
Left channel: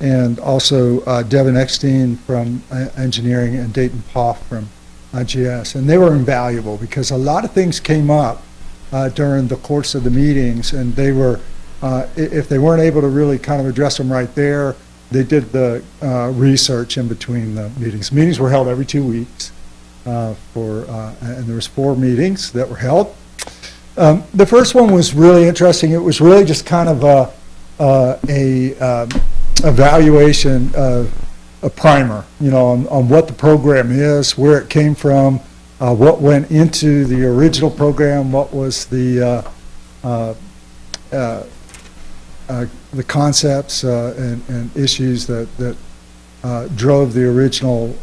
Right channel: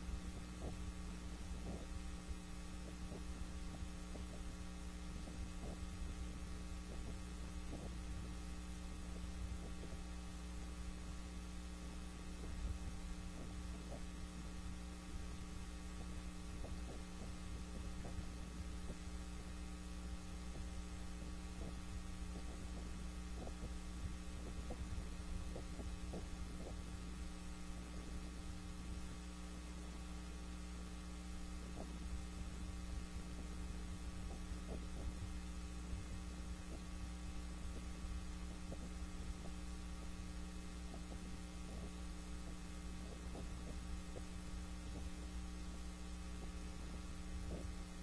And also Devin Eckstein from Engineering and Dayton Poff from GS. And they were invaluable because a lot of things came up during the course of the meetings, and they were, if they weren't able to really kind of address them right there, they did the research in between the meetings. Meetings were held every 2 weeks, and there was 4 meetings that were held. The first one was really interesting. It was really just kind of a evaluation of a primer, on what the program is, where it came from, what went into the original program, what was the concepts and issues that drove the original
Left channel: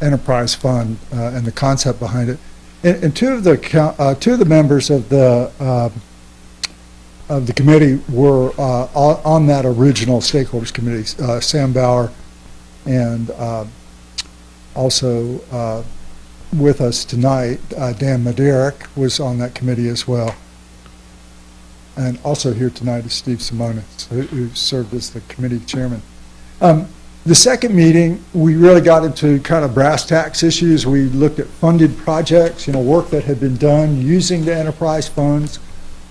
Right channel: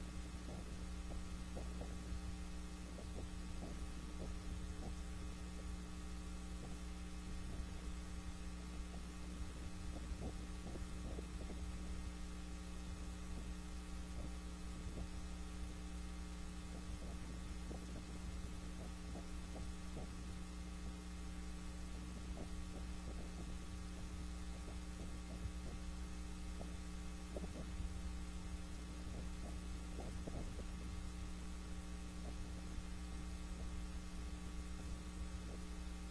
enterprise fund and the concept behind it. And two of the members of the committee were on that original stakeholders committee, Sam Bauer, and also with us tonight, Dan Maderick was on that committee as well. And also here tonight is Steve Simonis, who served as the committee chairman. The second meeting, we really got into kind of brass tacks issues. We looked at funded projects, work that had been done using the enterprise funds,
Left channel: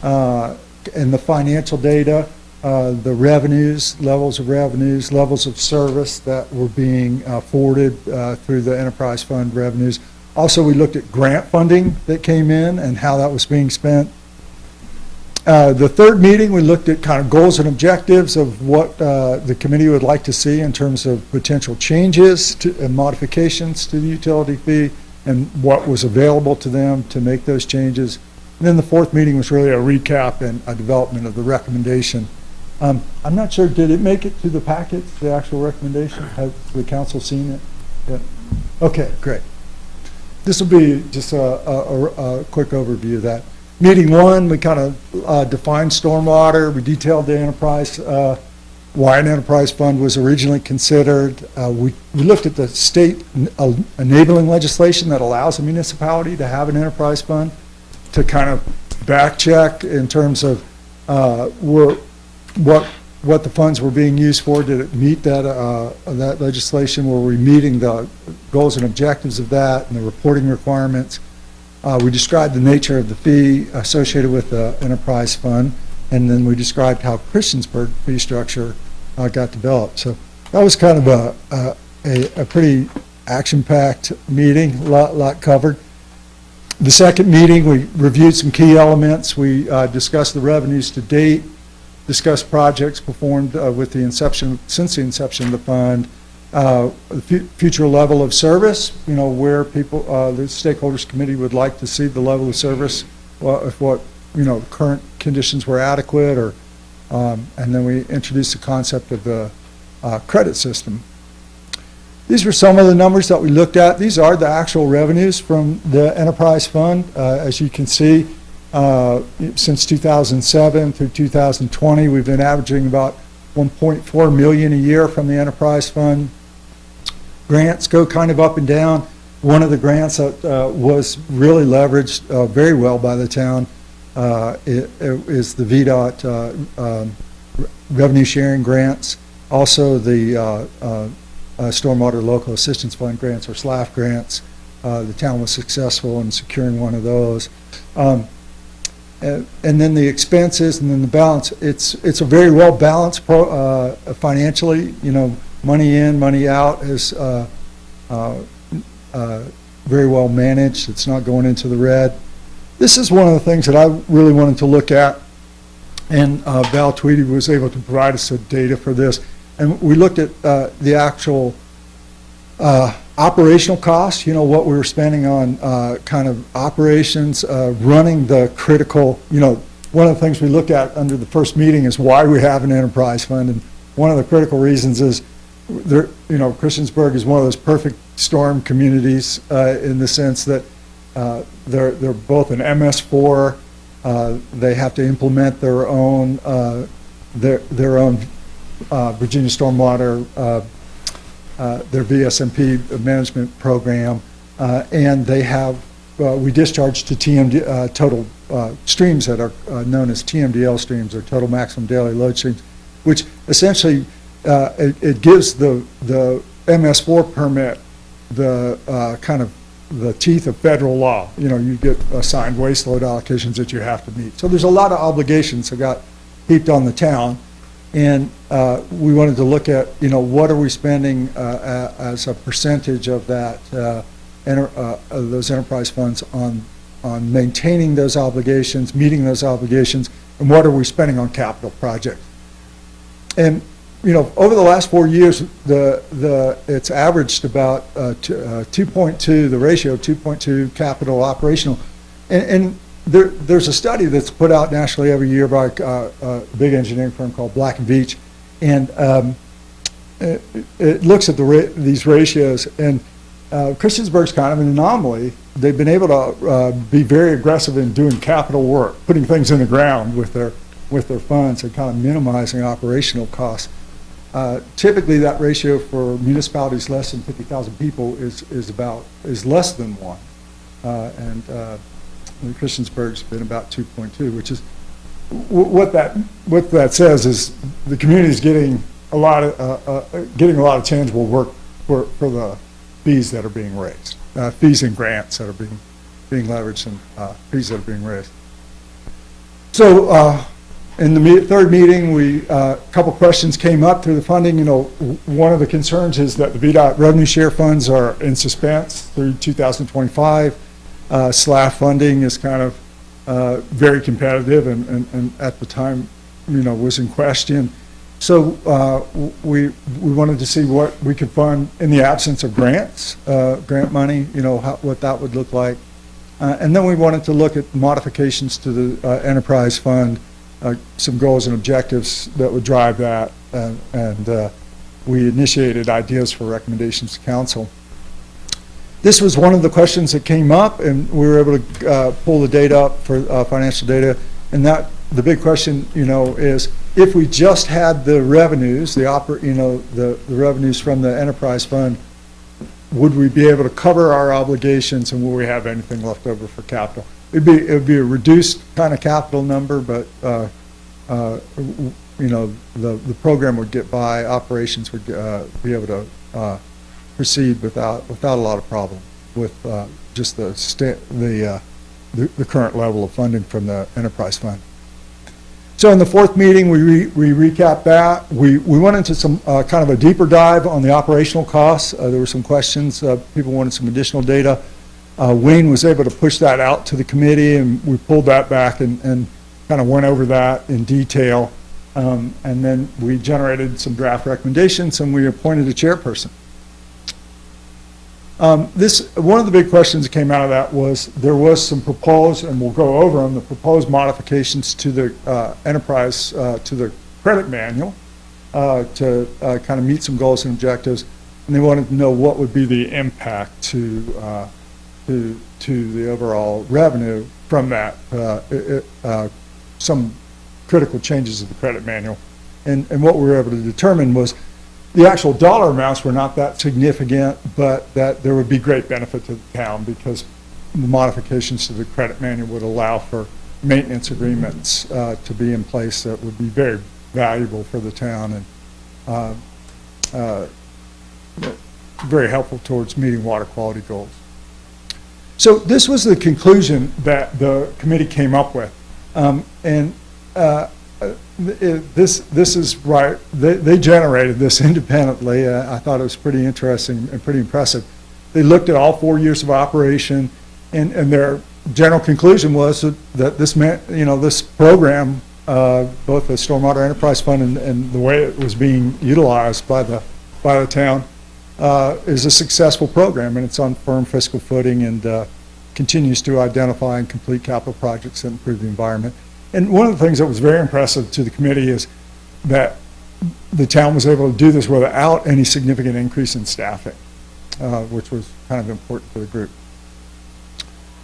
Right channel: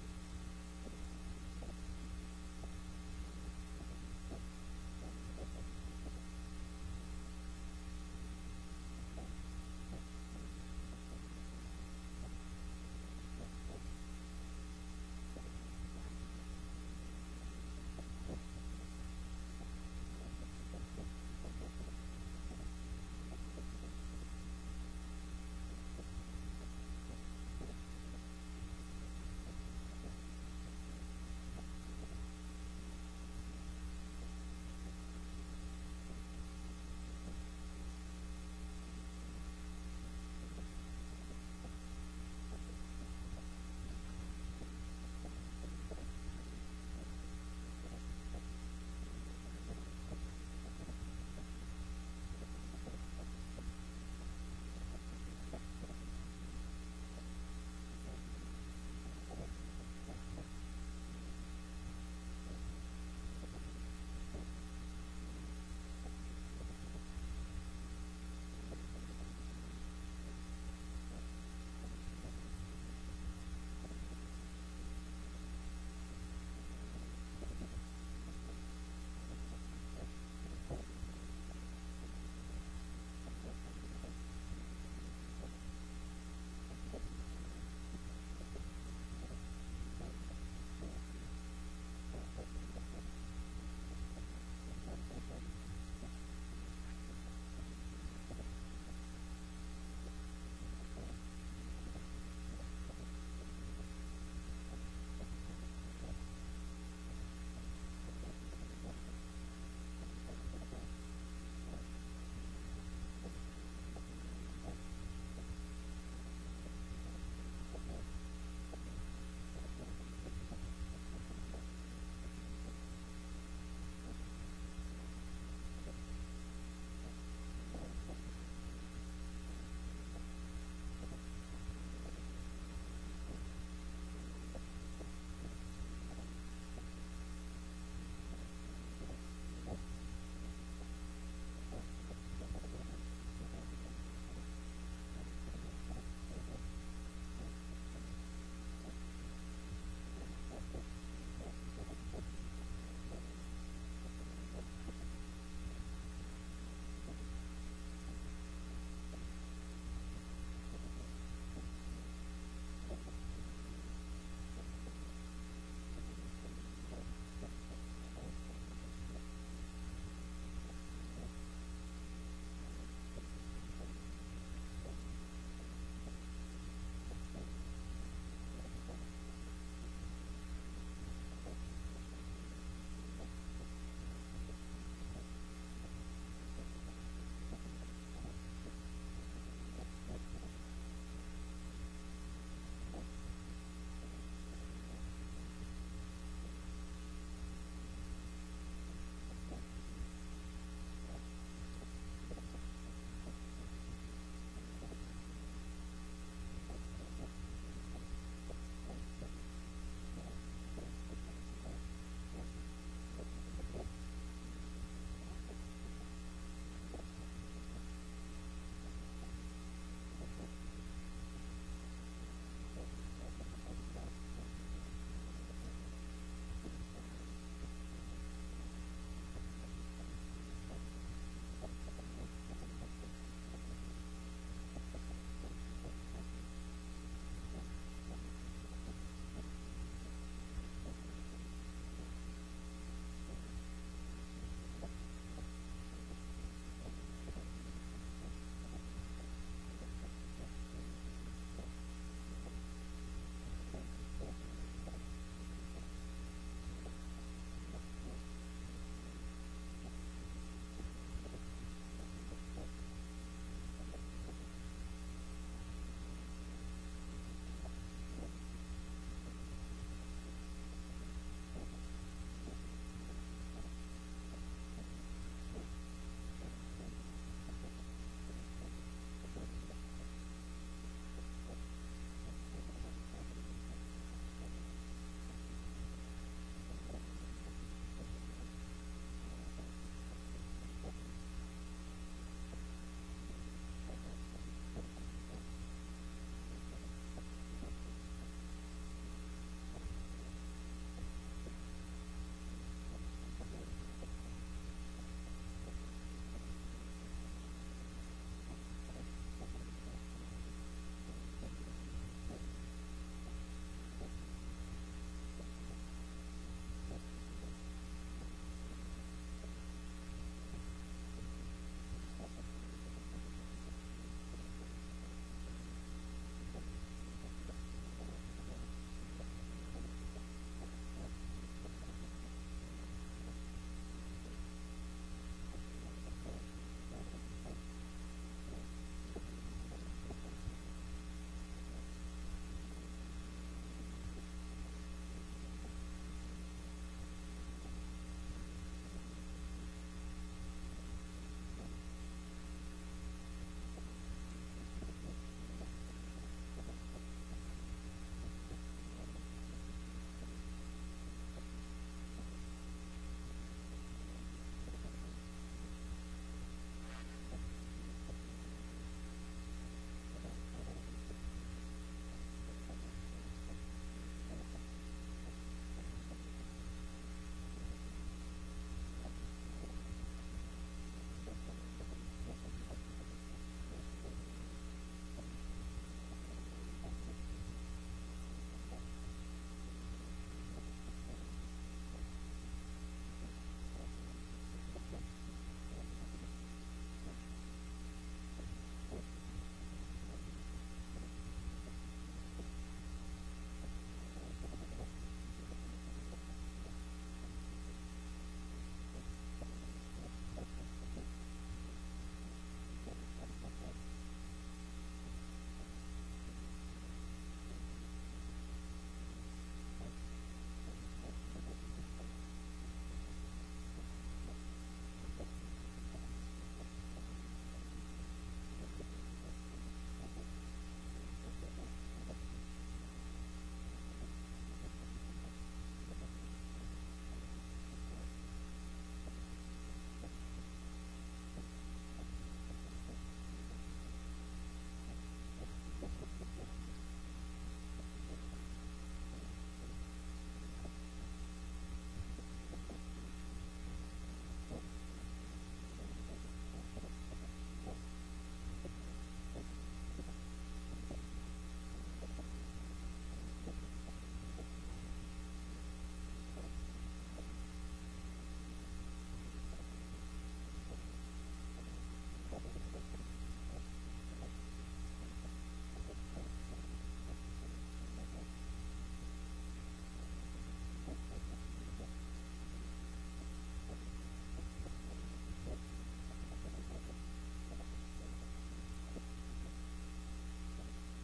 and the financial data, the revenues, levels of service that were being forwarded through the enterprise fund revenues. Also, we looked at grant funding that came in and how that was being spent. The third meeting, we looked at kind of goals and objectives of what the committee would like to see in terms of potential changes and modifications to the utility fee and what was available to them to make those changes. And then the fourth meeting was really a recap and a development of the recommendation. I'm not sure, did it make it to the packets, the actual recommendation? Has the council seen it? Yeah. Okay, great. This will be just a quick overview of that. Meeting one, we kind of defined stormwater. We detailed the enterprise, why an enterprise fund was originally considered. We looked at the state enabling legislation that allows a municipality to have an enterprise fund, to kind of back check in terms of what the funds were being used for. Did it meet that legislation? Were we meeting the goals and objectives of that and the reporting requirements? We described the nature of the fee associated with the enterprise fund, and then we described how Christiansburg fee structure got developed. So that was kind of a pretty action-packed meeting, a lot covered. The second meeting, we reviewed some key elements. We discussed the revenues to date, discussed projects performed since the inception of the fund, the future level of service, where people, the stakeholders committee would like to see the level of service, if what, current conditions were adequate, or, and then we introduced the concept of the credit system. These were some of the numbers that we looked at. These are the actual revenues from the enterprise fund. As you can see, since 2007 through 2020, we've been averaging about $1.4 million a year from the enterprise fund. Grants go kind of up and down. One of the grants that was really leveraged very well by the town is the VDOT revenue sharing grants. Also the Stormwater Local Assistance Fund grants, or SLAF grants. The town was successful in securing one of those. And then the expenses, and then the balance. It's a very well balanced financially. Money in, money out is very well managed. It's not going into the red. This is one of the things that I really wanted to look at And Val Tweedy was able to provide us some data for this. And we looked at the actual operational costs, you know, what we were spending on kind of operations, running the critical, you know, one of the things we looked at under the first meeting is why we have an enterprise fund. And one of the critical reasons is, there, you know, Christiansburg is one of those perfect storm communities in the sense that they're both an MS4. They have to implement their own Virginia Stormwater, their VSMP management program, and they have we discharge to TMD total streams that are known as TMDL streams, or total maximum daily load streams, which essentially it gives the MS4 permit the kind of the teeth of federal law. You know, you get assigned waste load allocations that you have to meet. So there's a lot of obligations that got heaped on the town, and we wanted to look at, you know, what are we spending as a percentage of that those enterprise funds on maintaining those obligations, meeting those obligations, and what are we spending on capital projects. And you know, over the last 4 years, it's averaged about 2.2, the ratio of 2.2 capital operational. And there's a study that's put out nationally every year by a big engineering firm called Black & Veatch, and it looks at these ratios. And Christiansburg's kind of an anomaly. They've been able to be very aggressive in doing capital work, putting things in the ground with their funds and kind of minimizing operational costs. Typically, that ratio for municipalities less than 50,000 people is less than 1, and Christiansburg's been about 2.2, which is what that says is the community is getting a lot of tangible work for the fees that are being raised, fees and grants that are being leveraged, and fees that are being raised. So. In the third meeting, a couple questions came up through the funding. You know, one of the concerns is that the VDOT revenue share funds are in suspense through 2025. SLAF funding is kind of very competitive, and at the time, you know, was in question. So we wanted to see what we could fund in the absence of grants, grant money. You know, what that would look like, and then we wanted to look at modifications to the enterprise fund. Some goals and objectives that would drive that, and we initiated ideas for recommendations to council. This was one of the questions that came up, and we were able to pull the data up for financial data. And the big question, you know, is if we just had the revenues, the revenues from the enterprise fund, would we be able to cover our obligations, and will we have anything left over for capital? It would be a reduced kind of capital number, but you know, the program would get by. Operations would be able to proceed without a lot of problem with just the current level of funding from the enterprise fund. So in the fourth meeting, we recapped that. We went into some kind of a deeper dive on the operational costs. There were some questions. People wanted some additional data. Wayne was able to push that out to the committee, and we pulled that back and kind of went over that in detail. And then we generated some draft recommendations, and we appointed a chairperson. One of the big questions that came out of that was there was some proposed, and we'll go over them, the proposed modifications to the enterprise, to the credit manual to kind of meet some goals and objectives. And they wanted to know what would be the impact to the overall revenue from that, some critical changes of the credit manual. And what we were able to determine was the actual dollar amounts were not that significant, but that there would be great benefit to the town because the modifications to the credit manual would allow for maintenance agreements to be in place that would be very valuable for the town and very helpful towards meeting water quality goals. So this was the conclusion that the committee came up with. This is right. They generated this independently. I thought it was pretty interesting and pretty impressive. They looked at all 4 years of operation, and their general conclusion was that this program both the Stormwater Enterprise Fund and the way it was being utilized by the town, is a successful program, and it's on firm fiscal footing and continues to identify and complete capital projects that improve the environment. And one of the things that was very impressive to the committee is that the town was able to do this without any significant increase in staffing, which was kind of important for the group.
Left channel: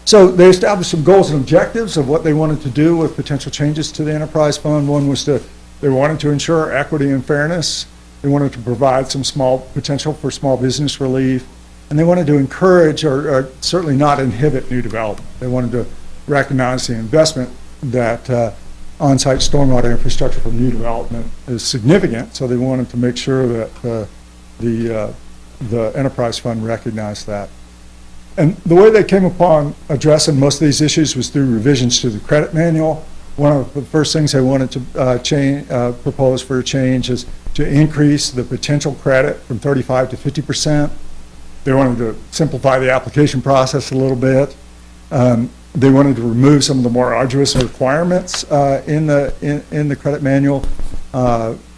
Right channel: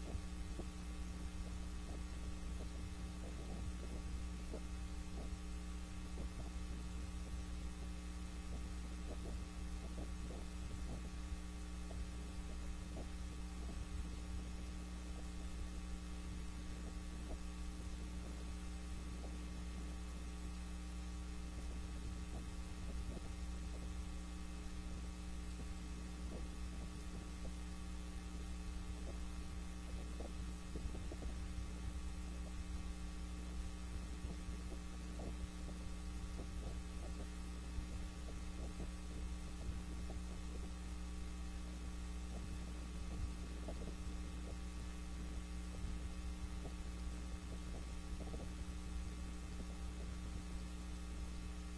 So they established some goals and objectives of what they wanted to do with potential changes to the enterprise fund. One was they wanted to ensure equity and fairness. They wanted to provide some small potential for small business relief. And they wanted to encourage or certainly not inhibit new development. They wanted to recognize the investment that on-site stormwater infrastructure for new development is significant. So they wanted to make sure that the enterprise fund recognized that. And the way they came upon addressing most of these issues was through revisions to the credit manual. One of the first things they wanted to propose for a change is to increase the potential credit from 35 to 50%. They wanted to simplify the application process a little bit. They wanted to remove some of the more arduous requirements in the credit manual,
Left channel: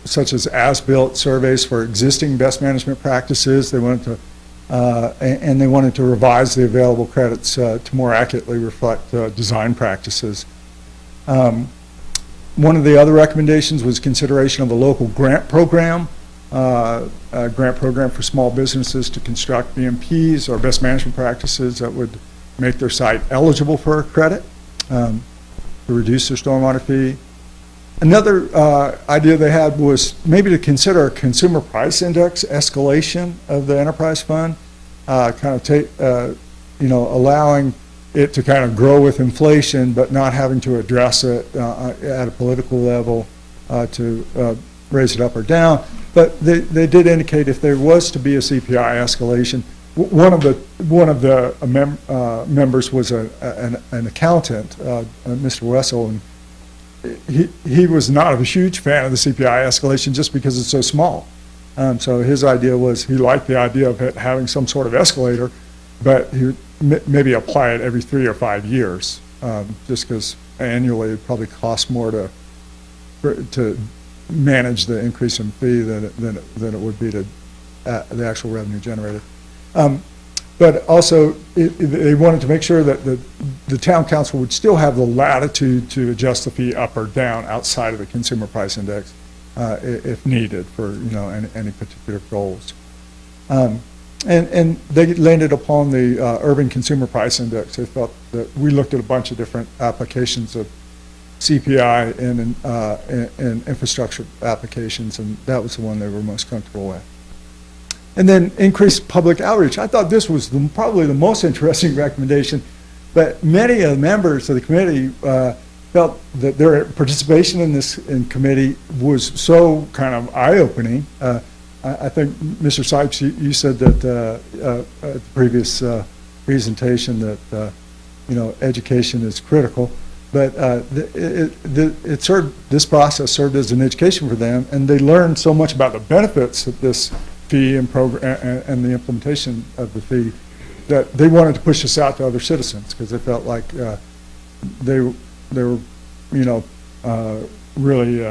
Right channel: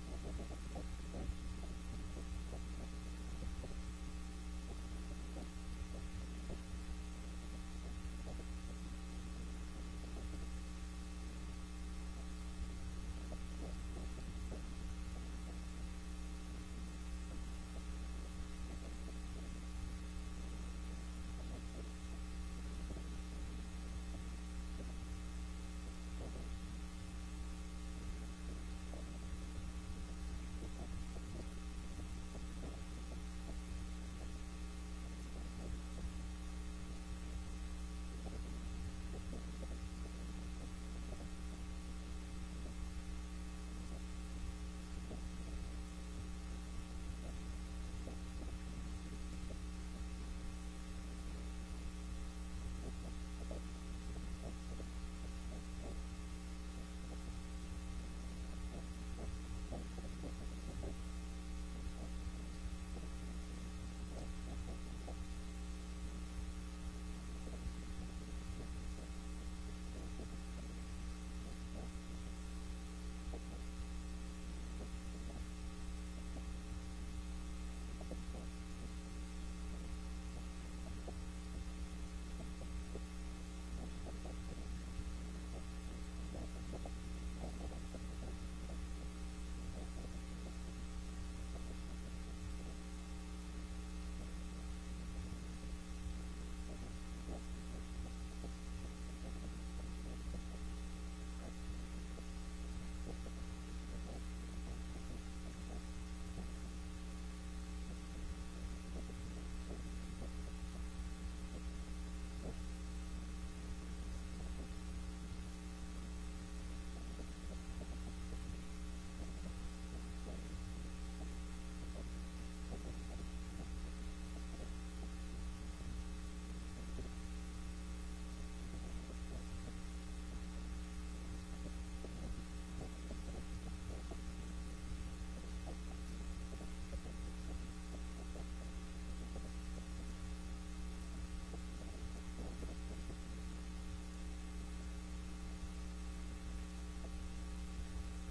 such as built surveys for existing best management practices. They wanted to and they wanted to revise the available credits to more accurately reflect design practices. One of the other recommendations was consideration of a local grant program, a grant program for small businesses to construct BMPs or best management practices that would make their site eligible for a credit to reduce their stormwater fee. Another idea they had was maybe to consider a consumer price index escalation of the enterprise fund, allowing it to kind of grow with inflation, but not having to address it at a political level to raise it up or down. But they did indicate if there was to be a CPI escalation, one of the members was an accountant, Mr. Wessel, and he was not a huge fan of the CPI escalation just because it's so small. So his idea was he liked the idea of it having some sort of escalator, but he would maybe apply it every 3 or 5 years, just because annually it probably costs more to manage the increase in fee than it would be to the actual revenue generated. But also, they wanted to make sure that the town council would still have the latitude to adjust the fee up or down outside of the consumer price index if needed for any particular goals. And they landed upon the urban consumer price index. They thought that we looked at a bunch of different applications of CPI and infrastructure applications, and that was the one they were most comfortable with. And then increased public outreach. I thought this was probably the most interesting recommendation, but many of the members of the committee felt that their participation in committee was so kind of eye-opening. I think, Mr. Sipes, you said that at the previous presentation that education is critical, but this process served as an education for them, and they learned so much about the benefits of this fee and program and the implementation of the fee that they wanted to push this out to other citizens because they felt like they were really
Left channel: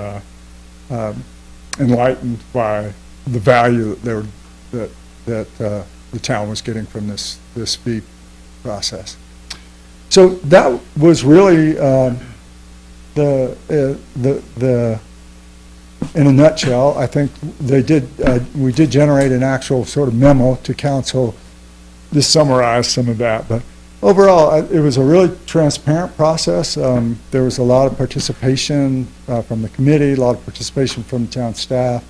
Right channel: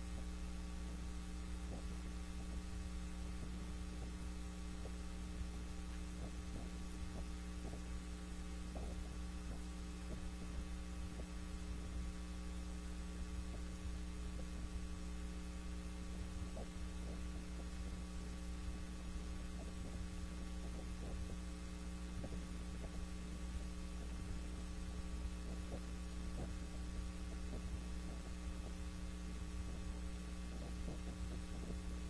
enlightened by the value that the town was getting from this fee process. So that was really in a nutshell. I think we did generate an actual sort of memo to council. This summarized some of that, but overall, it was a really transparent process. There was a lot of participation from the committee, a lot of participation from the town staff,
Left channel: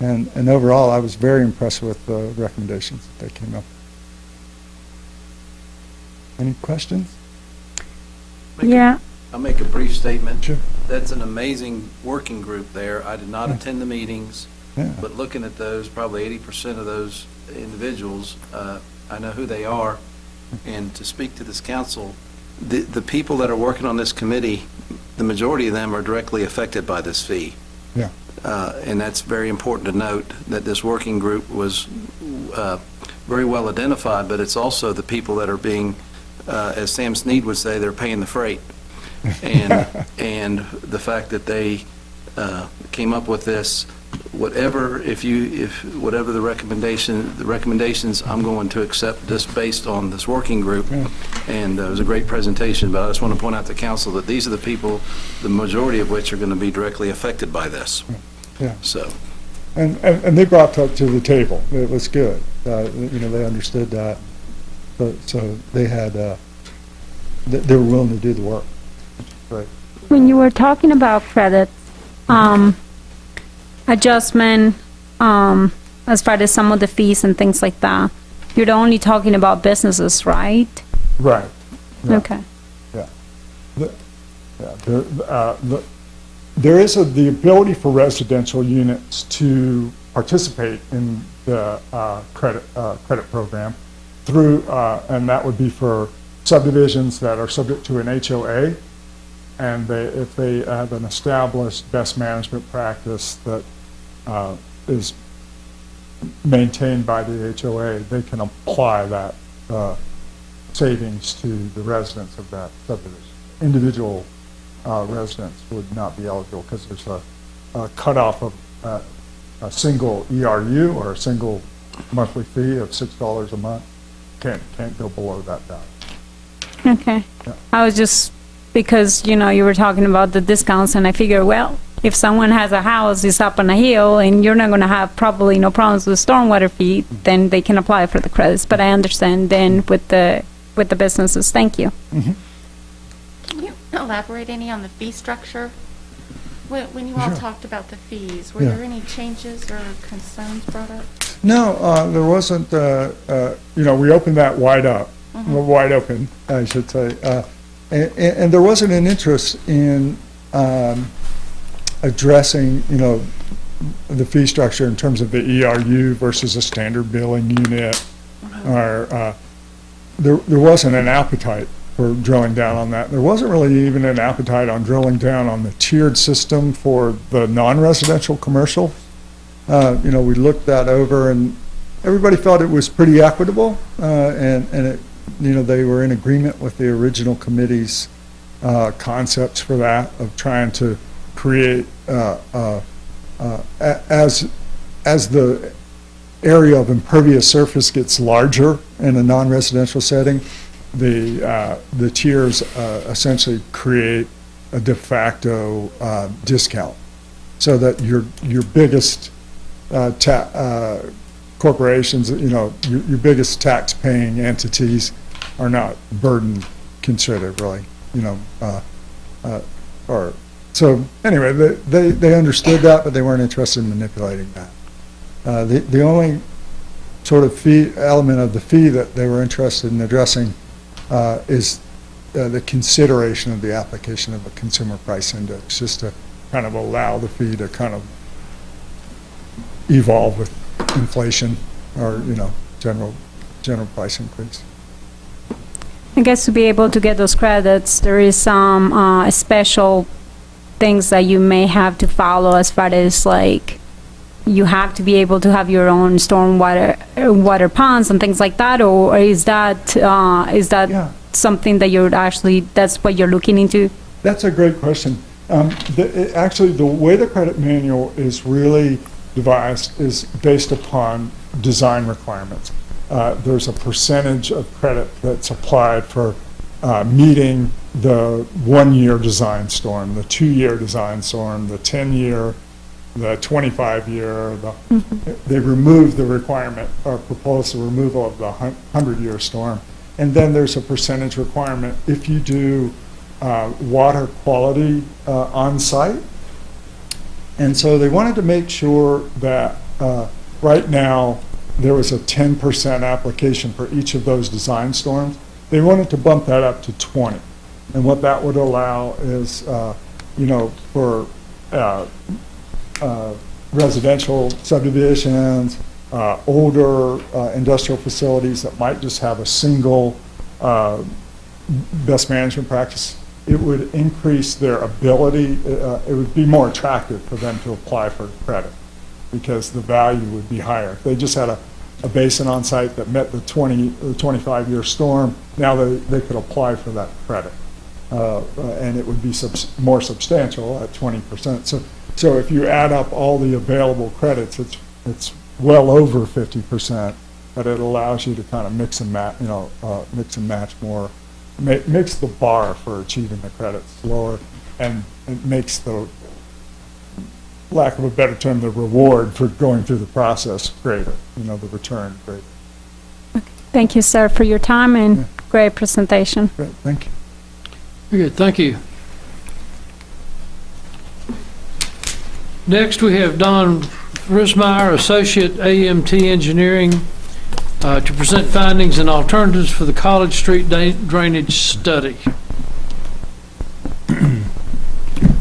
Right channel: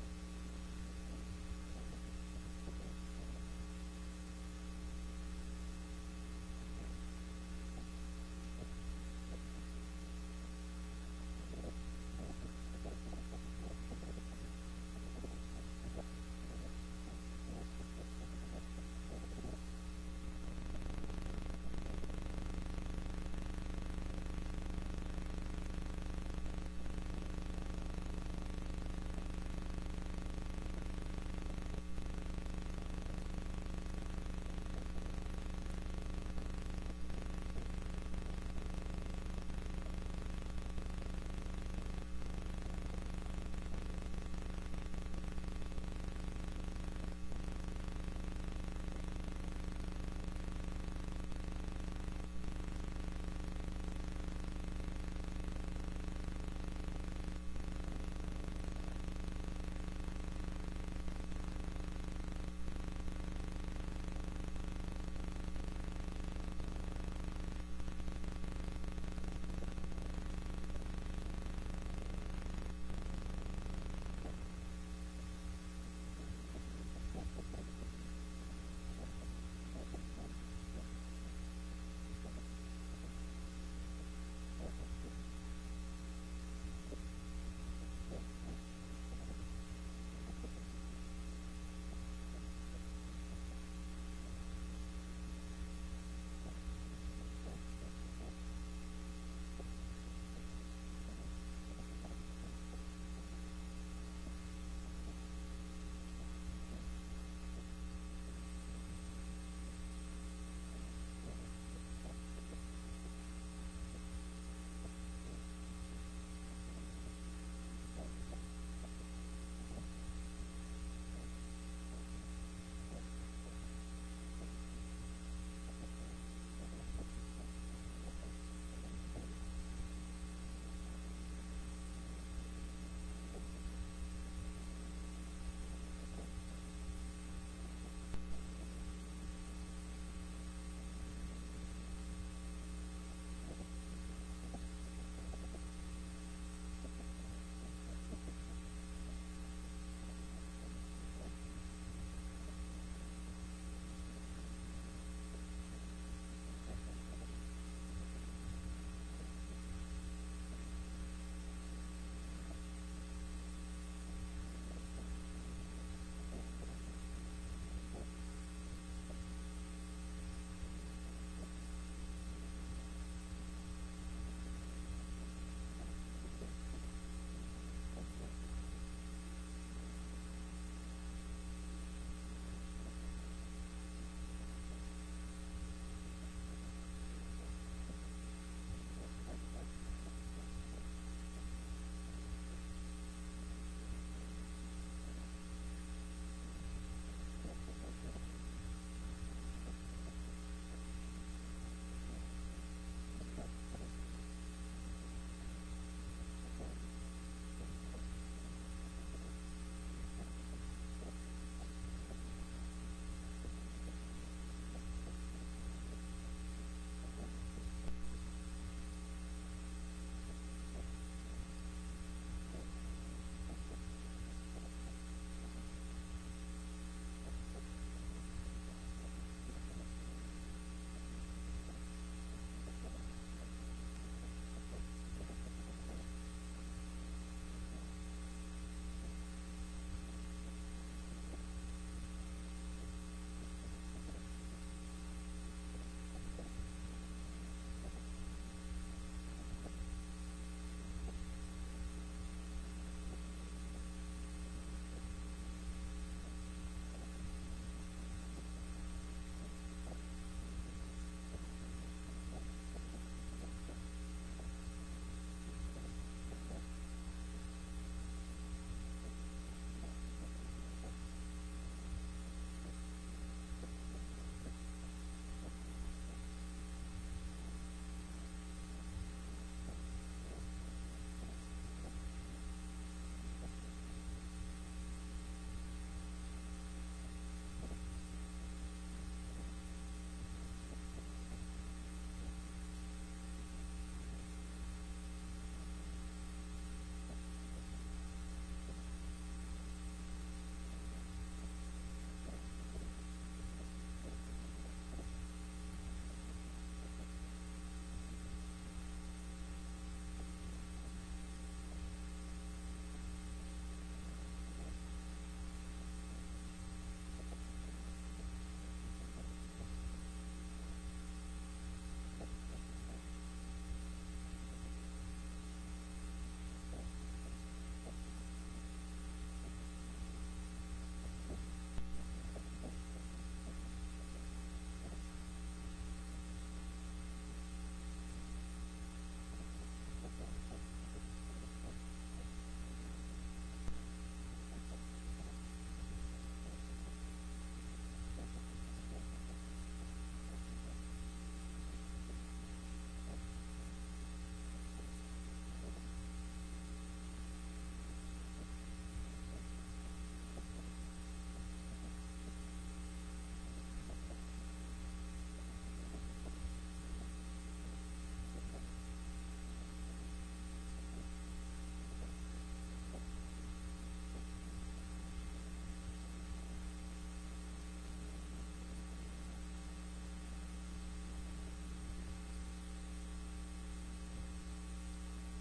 and overall, I was very impressed with the recommendations that they came up with. Any questions? Yeah. I'll make a brief statement. Sure. That's an amazing working group there. I did not attend the meetings, but looking at those, probably 80% of those individuals, I know who they are. And to speak to this council, the people that are working on this committee, the majority of them are directly affected by this fee. Yeah. And that's very important to note that this working group was very well identified, but it's also the people that are being, as Sam Snead would say, they're paying the freight. and the fact that they came up with this, whatever the recommendations, I'm going to accept this based on this working group. And it was a great presentation, but I just want to point out to council that these are the people, the majority of which are going to be directly affected by this. Yeah. So. And they brought that to the table. It was good. They understood that. So they had, they were willing to do the work. Right. When you were talking about credits, adjustment, as far as some of the fees and things like that, you're only talking about businesses, right? Right. Yeah. Okay. Yeah. There is the ability for residential units to participate in the credit program through, and that would be for subdivisions that are subject to an HOA, and if they have an established best management practice that is maintained by the HOA, they can apply that savings to the residents of that subdivision. Individual residents would not be eligible because there's a cutoff of a single ERU or a single monthly fee of $6 a month. Can't go below that value. Okay. Yeah. I was just, because, you were talking about the discounts, and I figured, well, if someone has a house, it's up on a hill, and you're not going to have probably no problems with stormwater fee, then they can apply for the credits. But I understand then with the businesses. Thank you. Mm-hmm. Can you elaborate any on the fee structure? When you all talked about the fees, were there any changes or concerns brought up? No, there wasn't. We opened that wide up, wide open, I should say, and there wasn't an interest in addressing, the fee structure in terms of the ERU versus a standard billing unit, or there wasn't an appetite for drilling down on that. There wasn't really even an appetite on drilling down on the tiered system for the non-residential commercial. We looked that over, and everybody felt it was pretty equitable, and it, they were in agreement with the original committee's concepts for that, of trying to create, as the area of impervious surface gets larger in a non-residential setting, the tiers essentially create a de facto discount, so that your biggest corporations, your biggest tax-paying entities are not burdened considerably, so anyway, they understood that, but they weren't interested in manipulating that. The only sort of fee element of the fee that they were interested in addressing is the consideration of the application of a consumer price index, just to kind of allow the fee to kind of evolve with inflation, or general price increase. I guess to be able to get those credits, there is some special things that you may have to follow, as far as like you have to be able to have your own water ponds and things like that, or is that something that that's what you're looking into? That's a great question. Actually, the way the credit manual is really devised is based upon design requirements. There's a percentage of credit that's applied for meeting the 1-year design storm, the 2-year design storm, the 10-year, the 25-year. They removed the requirement, or proposed the removal of the 100-year storm. And then there's a percentage requirement if you do water quality on site. And so they wanted to make sure that right now there was a 10% application for each of those design storms. They wanted to bump that up to 20. And what that would allow is, for residential subdivisions, older industrial facilities that might just have a single best management practice, it would increase their ability, it would be more attractive for them to apply for credit, because the value would be higher. If they just had a basin on site that met the 25-year storm, now they could apply for that credit. and it would be more substantial at 20%. So if you add up all the available credits, it's well over 50%, but it allows you to kind of mix and match, mix and match more, makes the bar for achieving the credits lower, and it makes the, lack of a better term, the reward for going through the process greater, the return greater. Thank you, sir, for your time and great presentation. Great, thank you. Very good, thank you. Next, we have Don Rismeyer, Associate AMT Engineering, to present findings and alternatives for the College Street drainage study.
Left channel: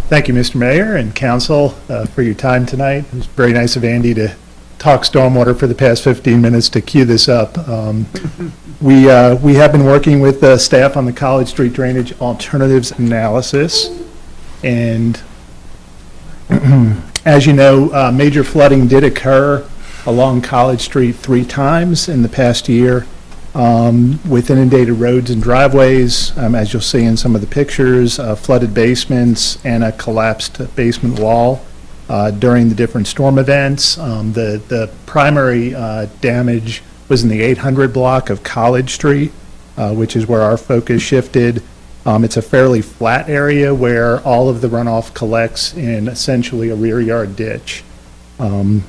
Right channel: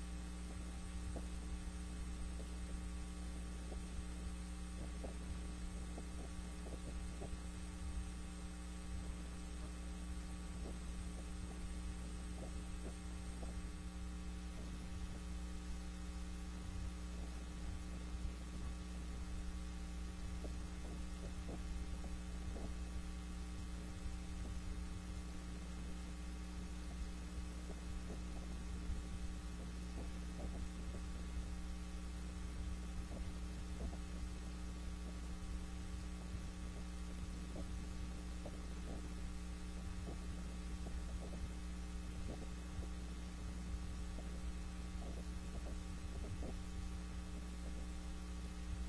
Thank you, Mr. Mayor and Council, for your time tonight. It was very nice of Andy to talk stormwater for the past 15 minutes to cue this up. We have been working with staff on the College Street drainage alternatives analysis, and as you know, major flooding did occur along College Street 3 times in the past year, with inundated roads and driveways, as you'll see in some of the pictures, flooded basements, and a collapsed basement wall during the different storm events. The primary damage was in the 800 block of College Street, which is where our focus shifted. It's a fairly flat area where all of the runoff collects in essentially a rear yard ditch. And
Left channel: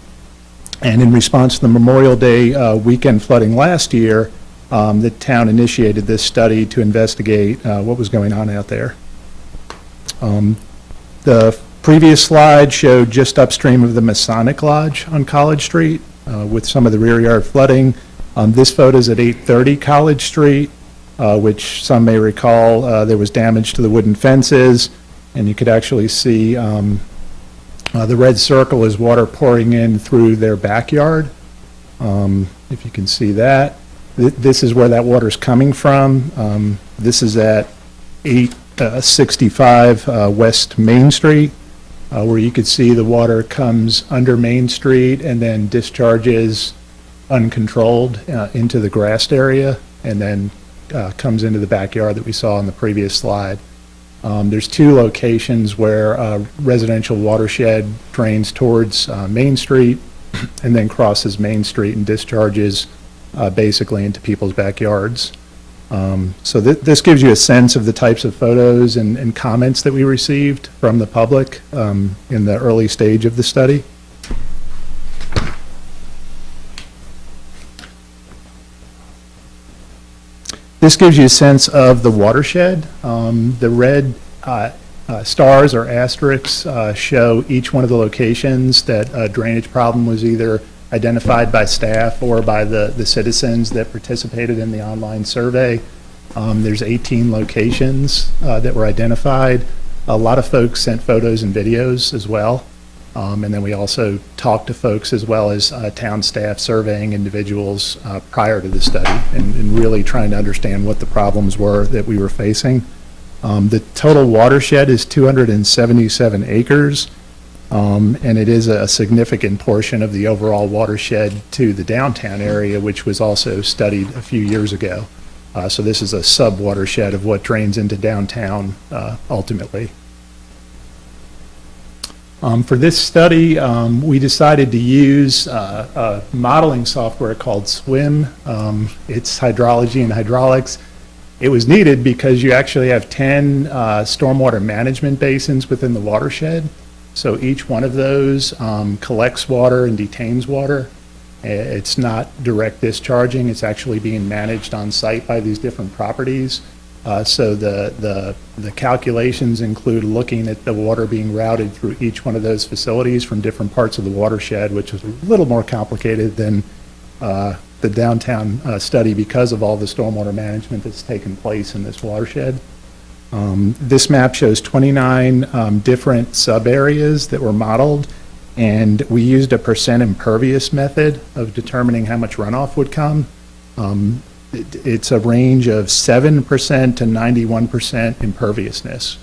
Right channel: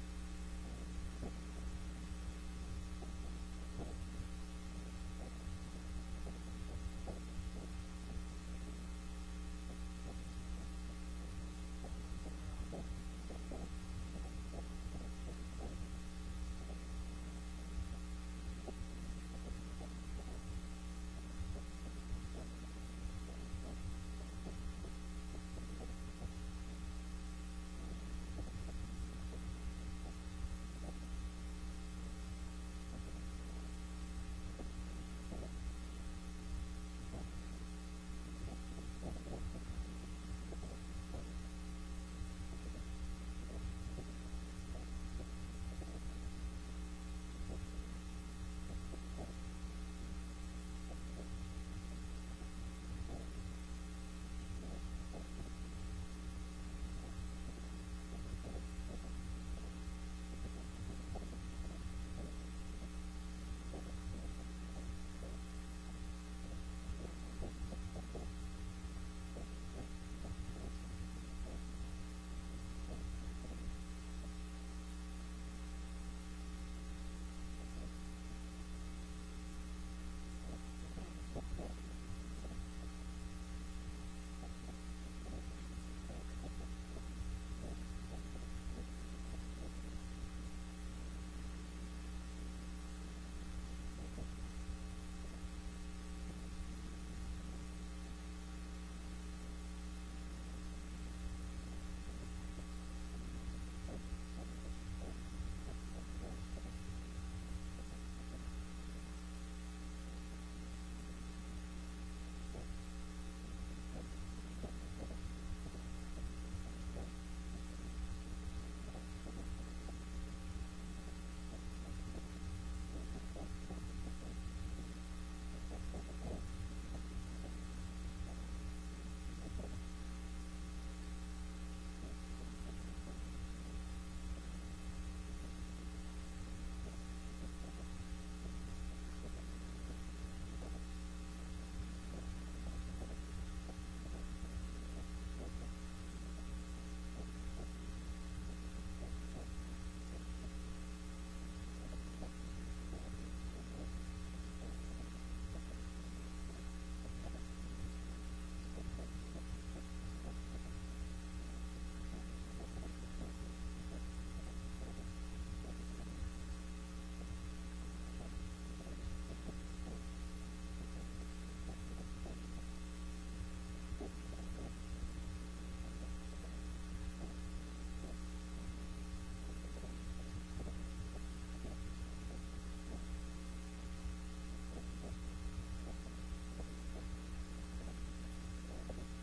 in response to the Memorial Day weekend flooding last year, the town initiated this study to investigate what was going on out there. The previous slide showed just upstream of the Masonic Lodge on College Street with some of the rear yard flooding. This photo is at 830 College Street, which some may recall there was damage to the wooden fences, and you could actually see the red circle is water pouring in through their backyard. If you can see that. This is where that water's coming from. This is at 865 West Main Street, where you could see the water comes under Main Street and then discharges uncontrolled into the grassed area, and then comes into the backyard that we saw in the previous slide. There's 2 locations where residential watershed drains towards Main Street and then crosses Main Street and discharges basically into people's backyards. So this gives you a sense of the types of photos and comments that we received from the public in the early stage of the study. This gives you a sense of the watershed. The red stars or asterisks show each one of the locations that a drainage problem was either identified by staff or by the citizens that participated in the online survey. There's 18 locations that were identified. A lot of folks sent photos and videos as well. And then we also talked to folks as well as town staff surveying individuals prior to the study and really trying to understand what the problems were that we were facing. The total watershed is 277 acres, and it is a significant portion of the overall watershed to the downtown area, which was also studied a few years ago. So this is a sub-watershed of what drains into downtown ultimately. For this study, we decided to use a modeling software called SWIM. It's hydrology and hydraulics. It was needed because you actually have 10 stormwater management basins within the watershed. So each one of those collects water and detains water. It's not direct discharging. It's actually being managed on site by these different properties. So the calculations include looking at the water being routed through each one of those facilities from different parts of the watershed, which is a little more complicated than the downtown study because of all the stormwater management that's taken place in this watershed. This map shows 29 different sub-areas that were modeled, and we used a percent impervious method of determining how much runoff would come. It's a range of 7% to 91% imperviousness.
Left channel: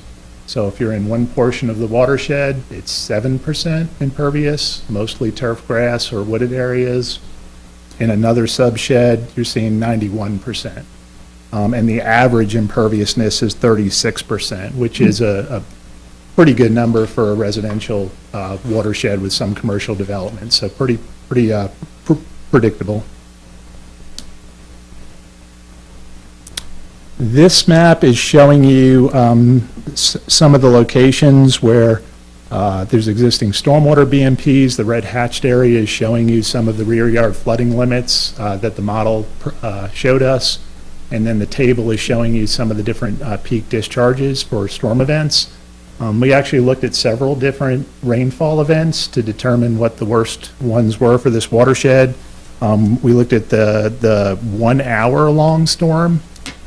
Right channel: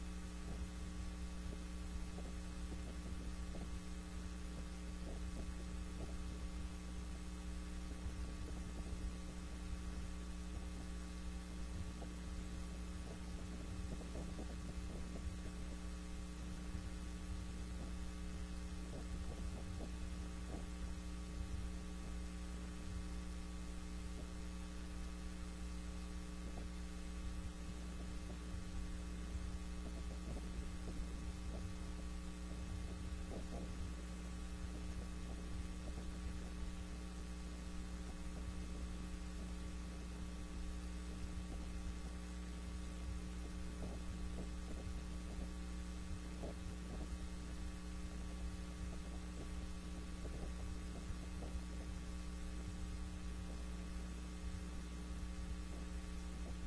So if you're in one portion of the watershed, it's 7% impervious, mostly turf grass or wooded areas. In another subshed, you're seeing 91%. and the average imperviousness is 36%, which is a pretty good number for a residential watershed with some commercial development, so pretty predictable. This map is showing you some of the locations where there's existing stormwater BMPs. The red hatched area is showing you some of the rear yard flooding limits that the model showed us. And then the table is showing you some of the different peak discharges for storm events. We actually looked at several different rainfall events to determine what the worst ones were for this watershed. We looked at the 1 hour long storm,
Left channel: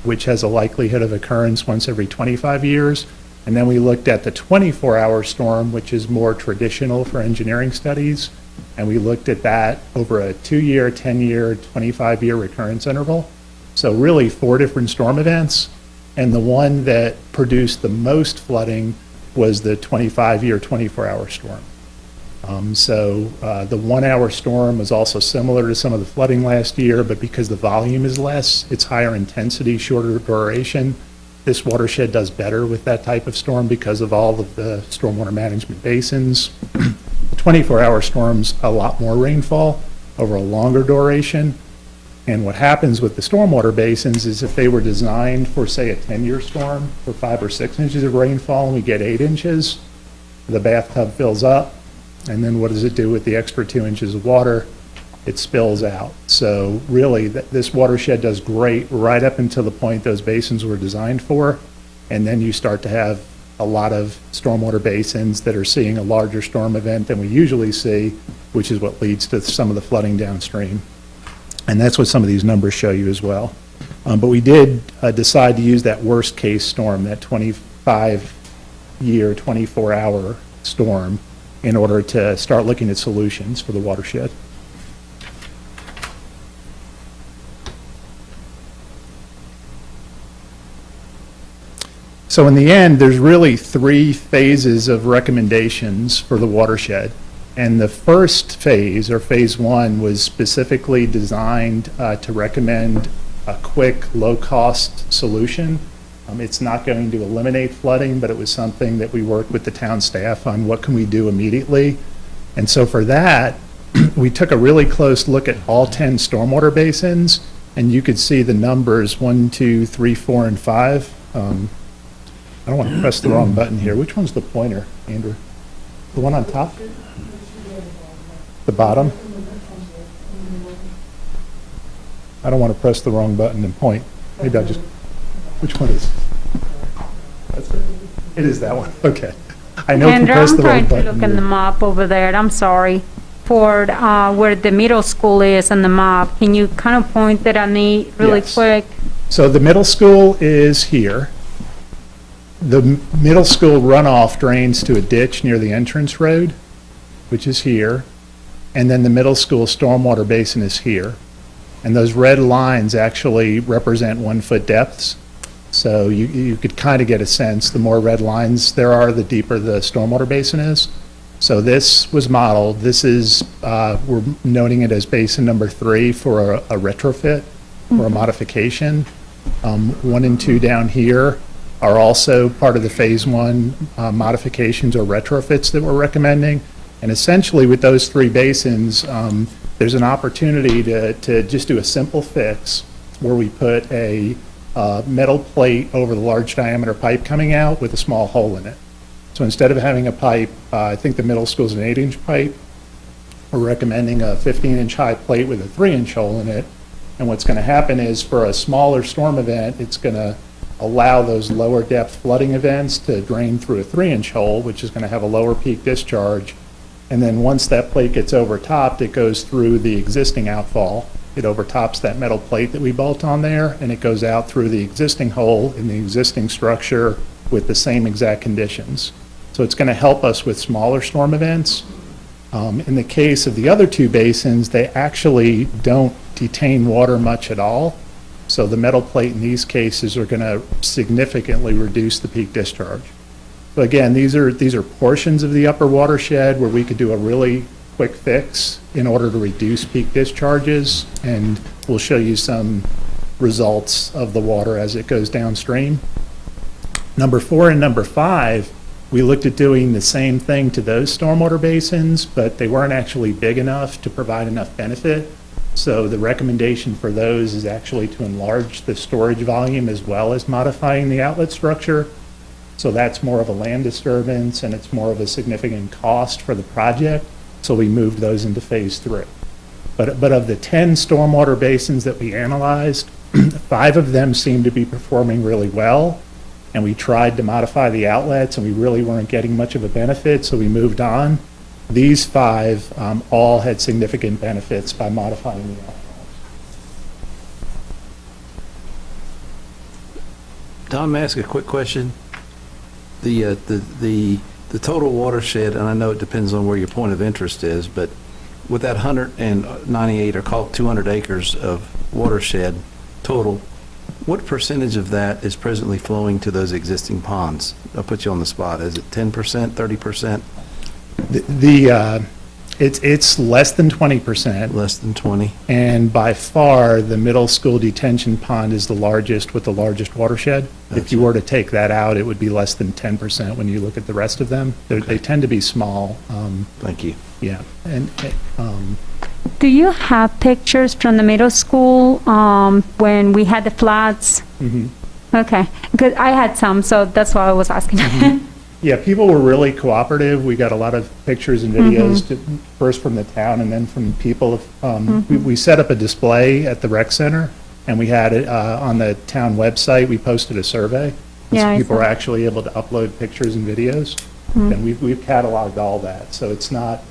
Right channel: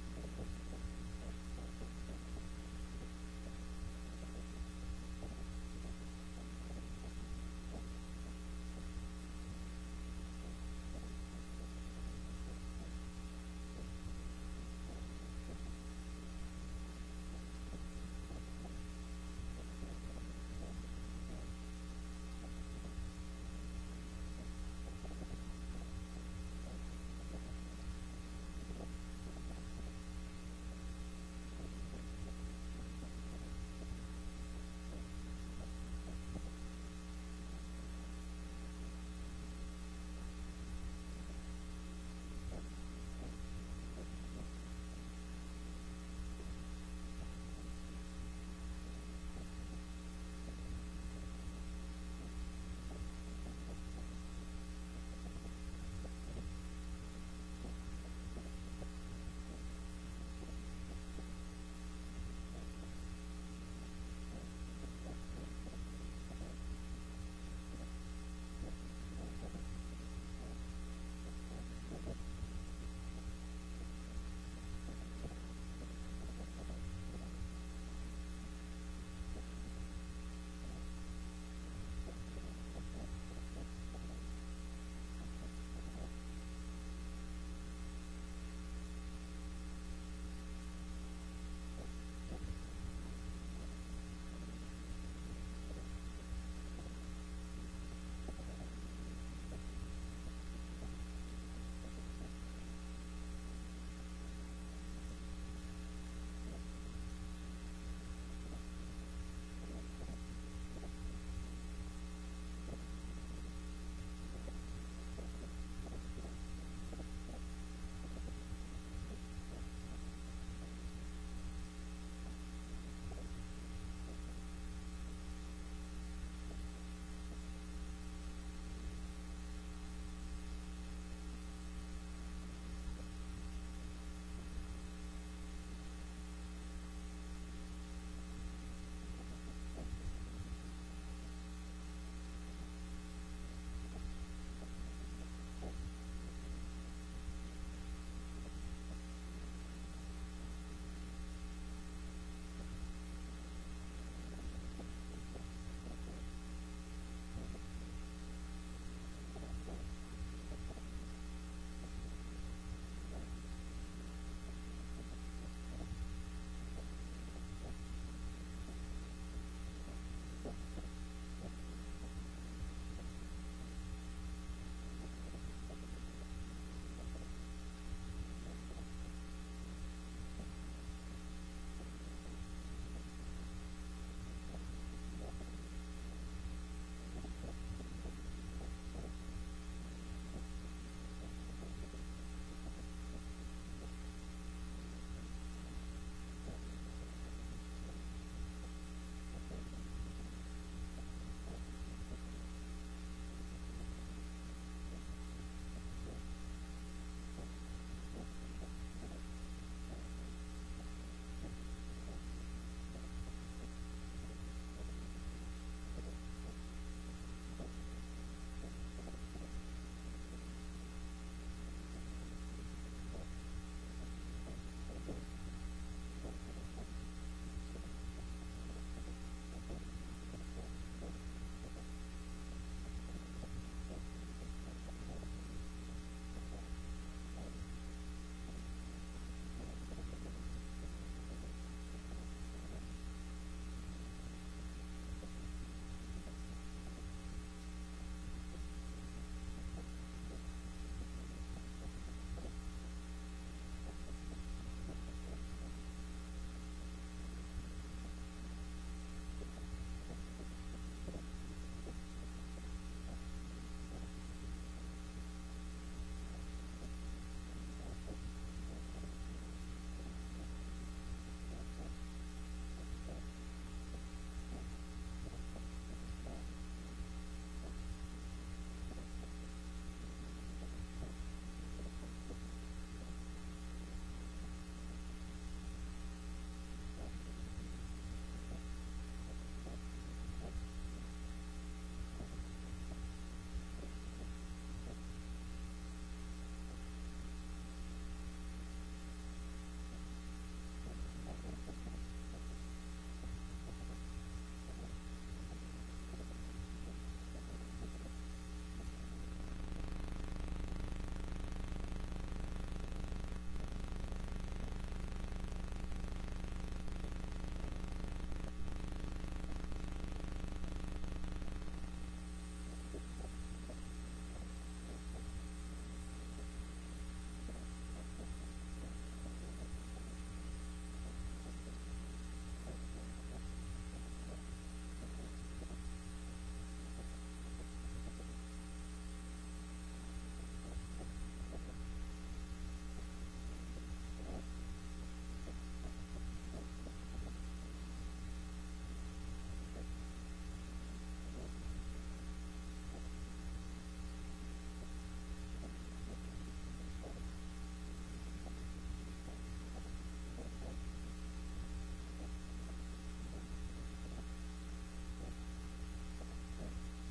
which has a likelihood of occurrence once every 25 years. And then we looked at the 24-hour storm, which is more traditional for engineering studies. And we looked at that over a 2-year, 10-year, 25-year recurrence interval. So really 4 different storm events. And the one that produced the most flooding was the 25-year, 24-hour storm. The 1 hour storm was also similar to some of the flooding last year, but because the volume is less, it's higher intensity, shorter duration. This watershed does better with that type of storm because of all of the stormwater management basins. The 24-hour storm's a lot more rainfall over a longer duration. And what happens with the stormwater basins is if they were designed for, say, a 10-year storm for 5 or 6 inches of rainfall and we get 8 inches, the bathtub fills up. And then what does it do with the extra 2 inches of water? It spills out. So really, this watershed does great right up until the point those basins were designed for. And then you start to have a lot of stormwater basins that are seeing a larger storm event than we usually see, which is what leads to some of the flooding downstream. And that's what some of these numbers show you as well. But we did decide to use that worst case storm, that 25-year, 24-hour storm, in order to start looking at solutions for the watershed. So in the end, there's really 3 phases of recommendations for the watershed. And the first phase, or phase 1, was specifically designed to recommend a quick, low-cost solution. It's not going to eliminate flooding, but it was something that we worked with the town staff on what can we do immediately. And so for that, we took a really close look at all 10 stormwater basins, and you could see the numbers 1, 2, 3, 4, and 5. I don't want to press the wrong button here. Which one's the pointer, Andrew? The one on top? The bottom? I don't want to press the wrong button and point. Maybe I'll just, which one is? That's it. It is that one. Okay. I know if you press the wrong button. I'm trying to look in the map over there. I'm sorry. For where the middle school is on the map, can you kind of point that at me really quick? So the middle school is here. The middle school runoff drains to a ditch near the entrance road, which is here. And then the middle school stormwater basin is here. And those red lines actually represent 1-foot depths. So you could kind of get a sense, the more red lines there are, the deeper the stormwater basin is. So this was modeled. This is, we're noting it as basin number 3 for a retrofit or a modification. 1 and 2 down here are also part of the phase 1 modifications or retrofits that we're recommending. And essentially with those 3 basins, there's an opportunity to just do a simple fix where we put a metal plate over the large diameter pipe coming out with a small hole in it. So instead of having a pipe, I think the middle school is an 8-inch pipe, we're recommending a 15-inch high plate with a 3-inch hole in it. And what's going to happen is for a smaller storm event, it's going to allow those lower depth flooding events to drain through a 3-inch hole, which is going to have a lower peak discharge. And then once that plate gets overtopped, it goes through the existing outfall. It overtops that metal plate that we bolt on there, and it goes out through the existing hole in the existing structure with the same exact conditions. So it's going to help us with smaller storm events. In the case of the other 2 basins, they actually don't detain water much at all. So the metal plate in these cases are going to significantly reduce the peak discharge. So again, these are portions of the upper watershed where we could do a really quick fix in order to reduce peak discharges, and we'll show you some results of the water as it goes downstream. Number 4 and number 5, we looked at doing the same thing to those stormwater basins, but they weren't actually big enough to provide enough benefit. So the recommendation for those is actually to enlarge the storage volume as well as modifying the outlet structure. So that's more of a land disturbance and it's more of a significant cost for the project. So we moved those into phase 3. But of the 10 stormwater basins that we analyzed, 5 of them seem to be performing really well. And we tried to modify the outlets and we really weren't getting much of a benefit, so we moved on. These 5 all had significant benefits by modifying the outlets. Don, may I ask a quick question? The total watershed, and I know it depends on where your point of interest is, but with that 198 or call it 200 acres of watershed total, what percentage of that is presently flowing to those existing ponds? I'll put you on the spot. Is it 10%, 30%? It's less than 20%. Less than 20. And by far, the middle school detention pond is the largest with the largest watershed. If you were to take that out, it would be less than 10% when you look at the rest of them. They tend to be small. Thank you. Yeah. And Do you have pictures from the middle school when we had the floods? Mm-hmm. Okay, because I had some, so that's why I was asking. Mm-hmm. Yeah, people were really cooperative. We got a lot of pictures and videos, first from the town and then from people. We set up a display at the rec center, and we had it on the town website. We posted a survey, so people were actually able to upload pictures and videos. And we've cataloged all that, so it's not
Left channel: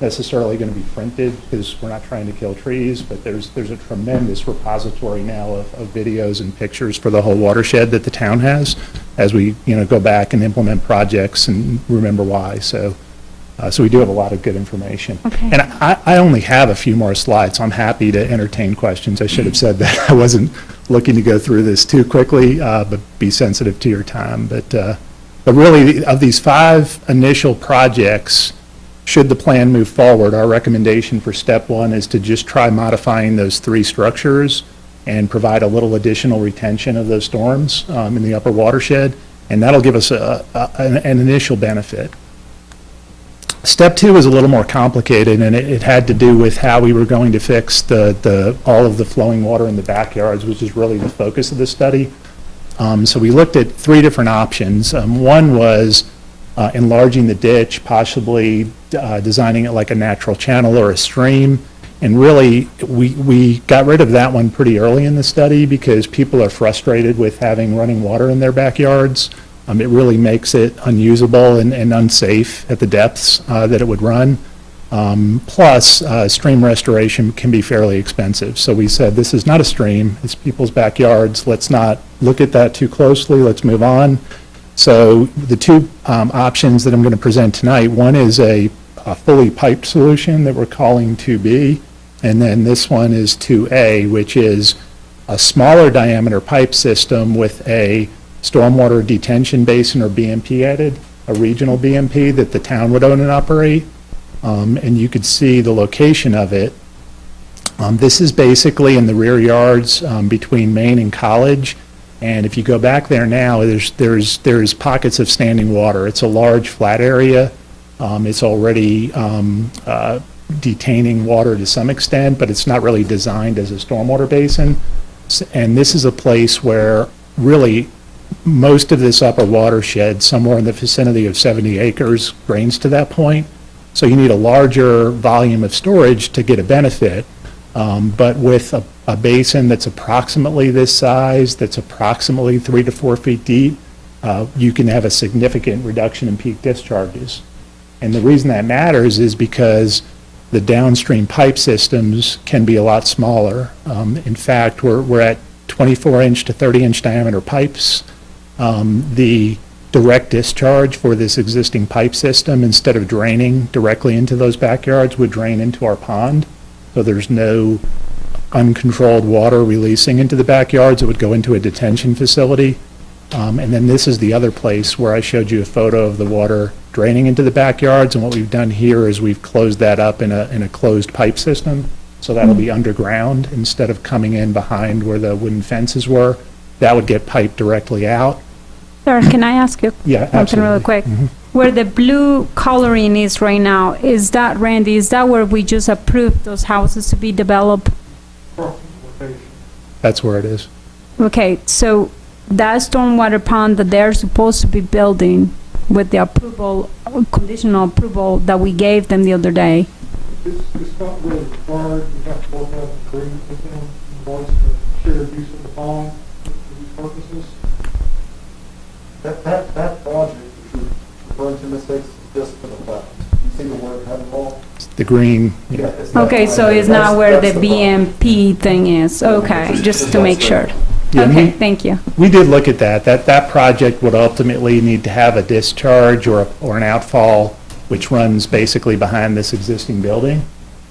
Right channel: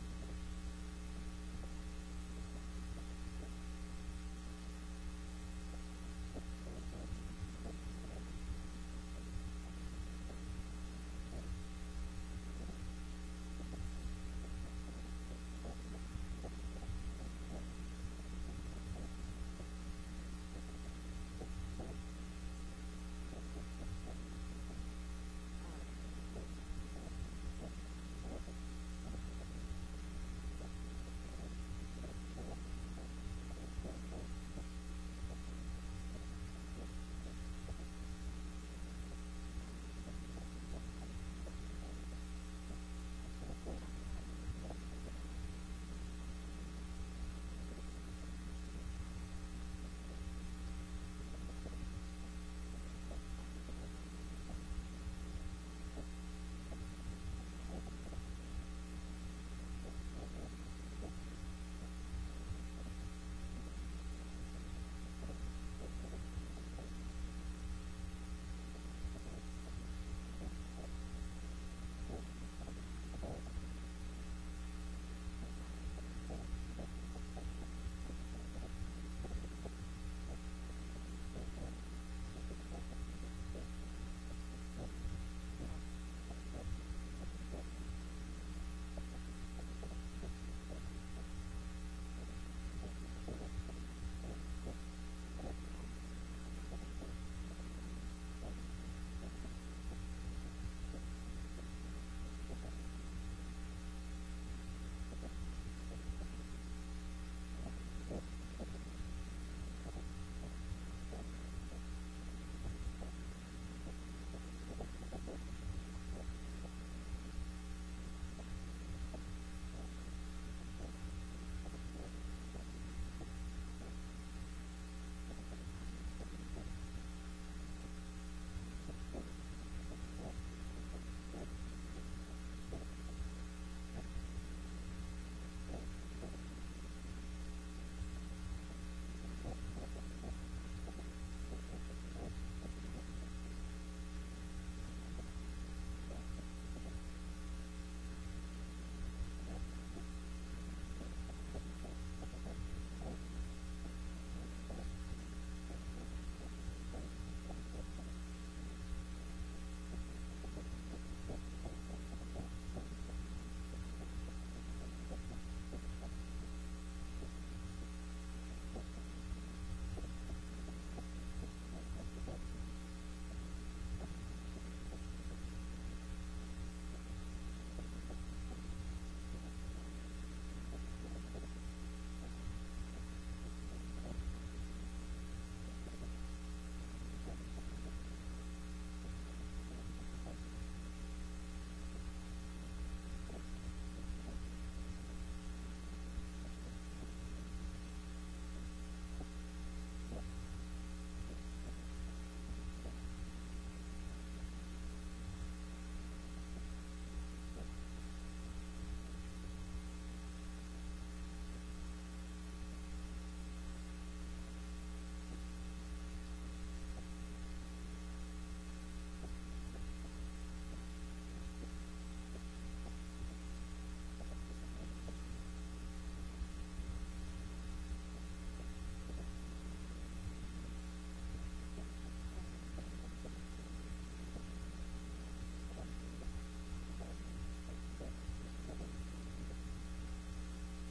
necessarily going to be printed because we're not trying to kill trees, but there's a tremendous repository now of videos and pictures for the whole watershed that the town has as we go back and implement projects and remember why. So we do have a lot of good information. Okay. And I only have a few more slides, so I'm happy to entertain questions. I should have said that. I wasn't looking to go through this too quickly, but be sensitive to your time. But really, of these 5 initial projects, should the plan move forward, our recommendation for step 1 is to just try modifying those 3 structures and provide a little additional retention of those storms in the upper watershed, and that'll give us an initial benefit. Step 2 is a little more complicated, and it had to do with how we were going to fix all of the flowing water in the backyards, which is really the focus of the study. So we looked at 3 different options. One was enlarging the ditch, possibly designing it like a natural channel or a stream. And really, we got rid of that one pretty early in the study because people are frustrated with having running water in their backyards. It really makes it unusable and unsafe at the depths that it would run. Plus, stream restoration can be fairly expensive. So we said, this is not a stream, it's people's backyards. Let's not look at that too closely, let's move on. So the 2 options that I'm going to present tonight, one is a fully piped solution that we're calling 2B, and then this one is 2A, which is a smaller diameter pipe system with a stormwater detention basin or BMP added, a regional BMP that the town would own and operate. And you could see the location of it. This is basically in the rear yards between Main and College. And if you go back there now, there's pockets of standing water. It's a large flat area. It's already detaining water to some extent, but it's not really designed as a stormwater basin. And this is a place where really most of this upper watershed, somewhere in the vicinity of 70 acres, drains to that point. So you need a larger volume of storage to get a benefit. But with a basin that's approximately this size, that's approximately 3 to 4 feet deep, you can have a significant reduction in peak discharges. And the reason that matters is because the downstream pipe systems can be a lot smaller. In fact, we're at 24-inch to 30-inch diameter pipes. The direct discharge for this existing pipe system, instead of draining directly into those backyards, would drain into our pond. So there's no uncontrolled water releasing into the backyards. It would go into a detention facility. And then this is the other place where I showed you a photo of the water draining into the backyards. And what we've done here is we've closed that up in a closed pipe system. So that'll be underground instead of coming in behind where the wooden fences were. That would get piped directly out. Sir, can I ask you Yeah, something really absolutely. quick? Mhm. Where the blue coloring is right now, is that, Randy, is that where we just approved those houses to be developed? That's where it is. Okay, so that stormwater pond that they're supposed to be building with the approval, conditional approval that we gave them the other day, It's not really required, you have to work out an agreement with them, involves the shared use of the pond for these purposes. That project, if you're referring to mistakes, is just for the plat. You see the word head wall? The green, Yeah. it's that okay, line so there. it's not where the That's problem. BMP thing is, okay, just to make sure. Yeah, Okay, we- thank you. we did look at that. That project would ultimately need to have a discharge or an outfall, which runs basically behind this existing building.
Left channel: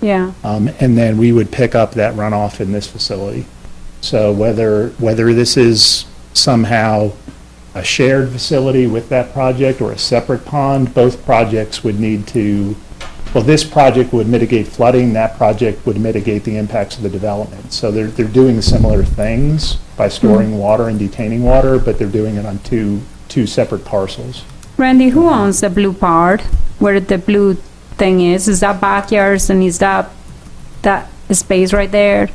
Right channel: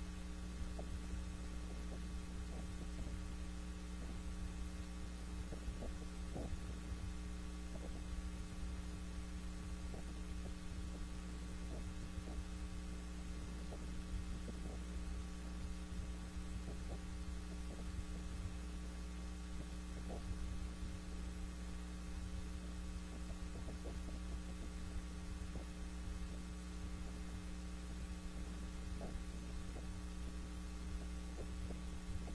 Yeah, And then we would pick up that runoff in this facility. So whether this is somehow a shared facility with that project or a separate pond, both projects would need to, well, this project would mitigate flooding, that project would mitigate the impacts of the development. So they're doing similar things by storing water and detaining water, but they're doing it on two separate parcels. Randy, who owns the blue part, where the blue thing is? Is that backyards and is that space right there?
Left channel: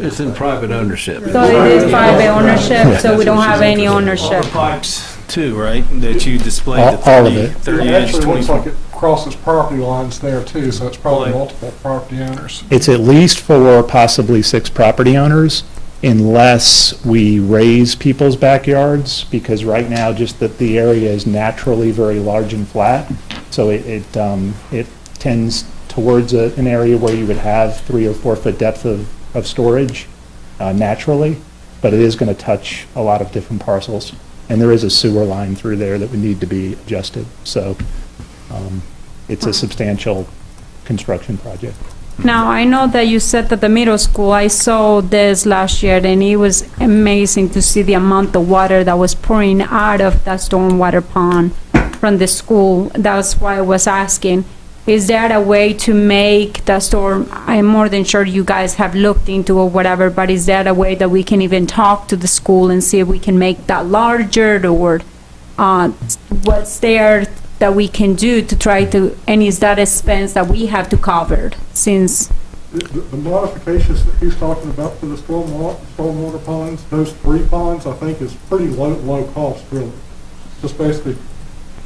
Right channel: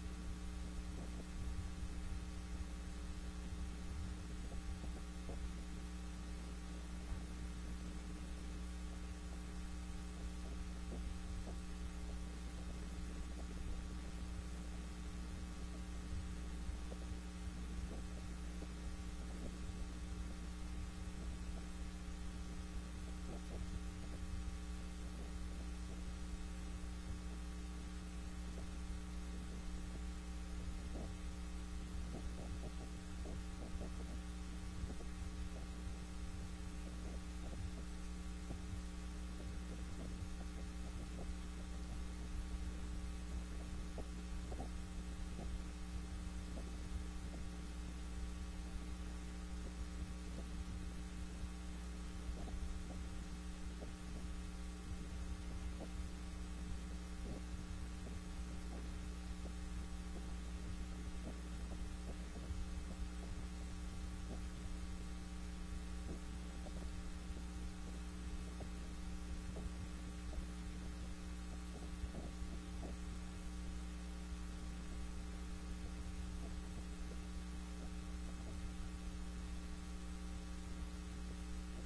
It's in private ownership. So it is private ownership, so we don't have any ownership. Pipes too, right, that you displayed the All of it. 30 It inch, actually looks 24. like it crosses property lines there too, so it's probably multiple property owners. It's at least 4, possibly 6 property owners, unless we raise people's backyards, because right now, just that the area is naturally very large and flat, so it tends towards an area where you would have 3 or 4 foot depth of storage naturally, but it is going to touch a lot of different parcels, and there is a sewer line through there that would need to be adjusted, so it's a substantial construction project. Now, I know that you said that the middle school, I saw this last year, and it was amazing to see the amount of water that was pouring out of that stormwater pond from the school. That's why I was asking, is there a way to make the storm, I'm more than sure you guys have looked into or whatever, but is there a way that we can even talk to the school and see if we can make that larger, or what's there that we can do to try to, and is that expense that we have to cover since? The modifications that he's talking about for the stormwater ponds, those 3 ponds, I think is pretty low cost, really. Just basically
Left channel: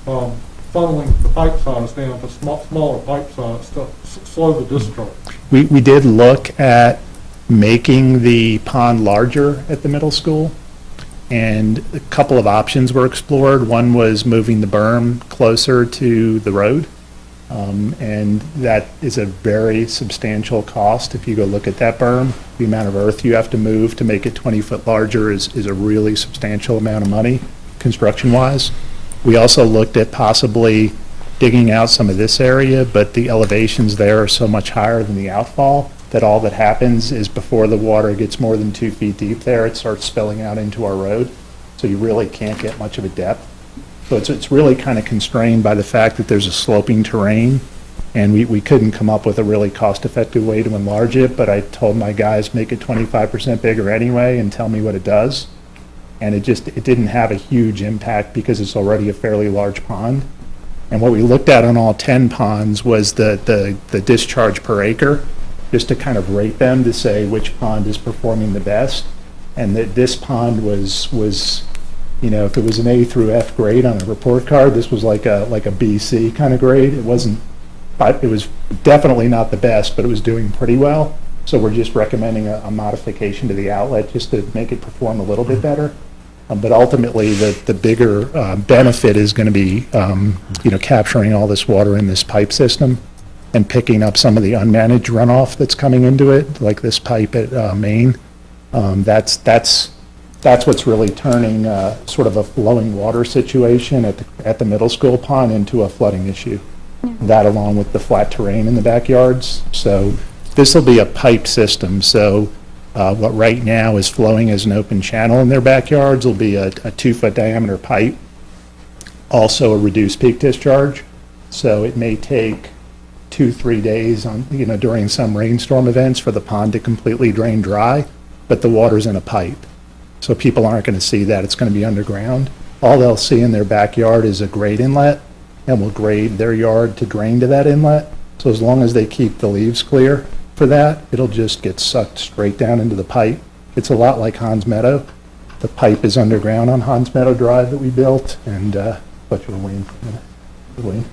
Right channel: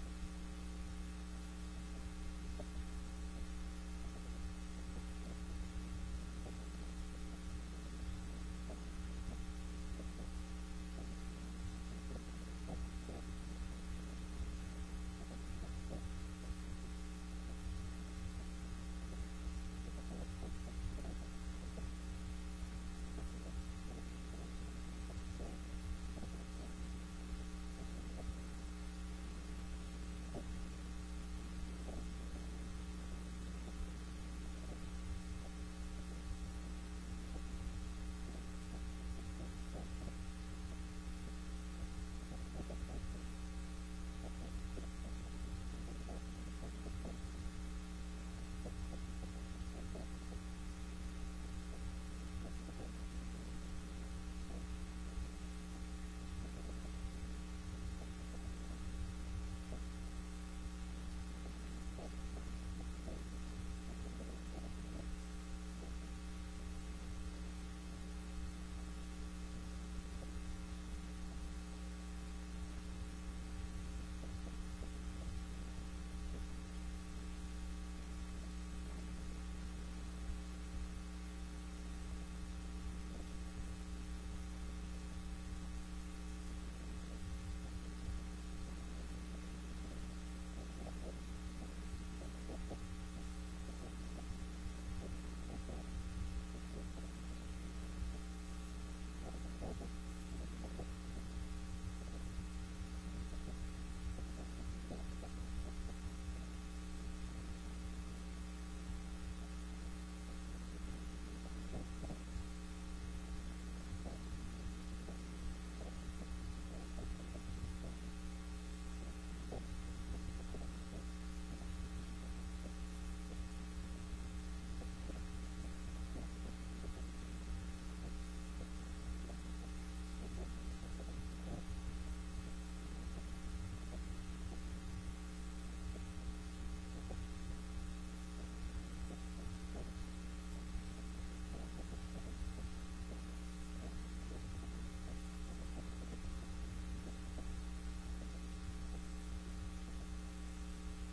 funneling the pipe size down to smaller pipe size to slow the discharge. We did look at making the pond larger at the middle school, and a couple of options were explored. One was moving the berm closer to the road, and that is a very substantial cost. If you go look at that berm, the amount of earth you have to move to make it 20 foot larger is a really substantial amount of money, construction-wise. We also looked at possibly digging out some of this area, but the elevations there are so much higher than the outfall that all that happens is before the water gets more than 2 feet deep there, it starts spilling out into our road. So you really can't get much of a depth. So it's really kind of constrained by the fact that there's a sloping terrain, and we couldn't come up with a really cost-effective way to enlarge it, but I told my guys, make it 25% bigger anyway and tell me what it does. And it didn't have a huge impact because it's already a fairly large pond. And what we looked at on all 10 ponds was the discharge per acre, just to kind of rate them to say which pond is performing the best. And that this pond was, you know, if it was an A through F grade on a report card, this was like a B, C kind of grade. It was definitely not the best, but it was doing pretty well. So we're just recommending a modification to the outlet just to make it perform a little bit better. But ultimately, the bigger benefit is going to be, you know, capturing all this water in this pipe system and picking up some of the unmanaged runoff that's coming into it, like this pipe at Maine. That's what's really turning sort of a flowing water situation at the middle school pond into a flooding issue. That along with the flat terrain in the backyards. So this will be a pipe system. So what right now is flowing as an open channel in their backyards will be a 2 foot diameter pipe, also a reduced peak discharge. So it may take 2-3 days on, during some rainstorm events for the pond to completely drain dry, but the water's in a pipe. So people aren't going to see that. It's going to be underground. All they'll see in their backyard is a grade inlet, and we'll grade their yard to drain to that inlet. So as long as they keep the leaves clear for that, it'll just get sucked straight down into the pipe. It's a lot like Hans Meadow. The pipe is underground on Hans Meadow Drive that we built, and what you Wayne?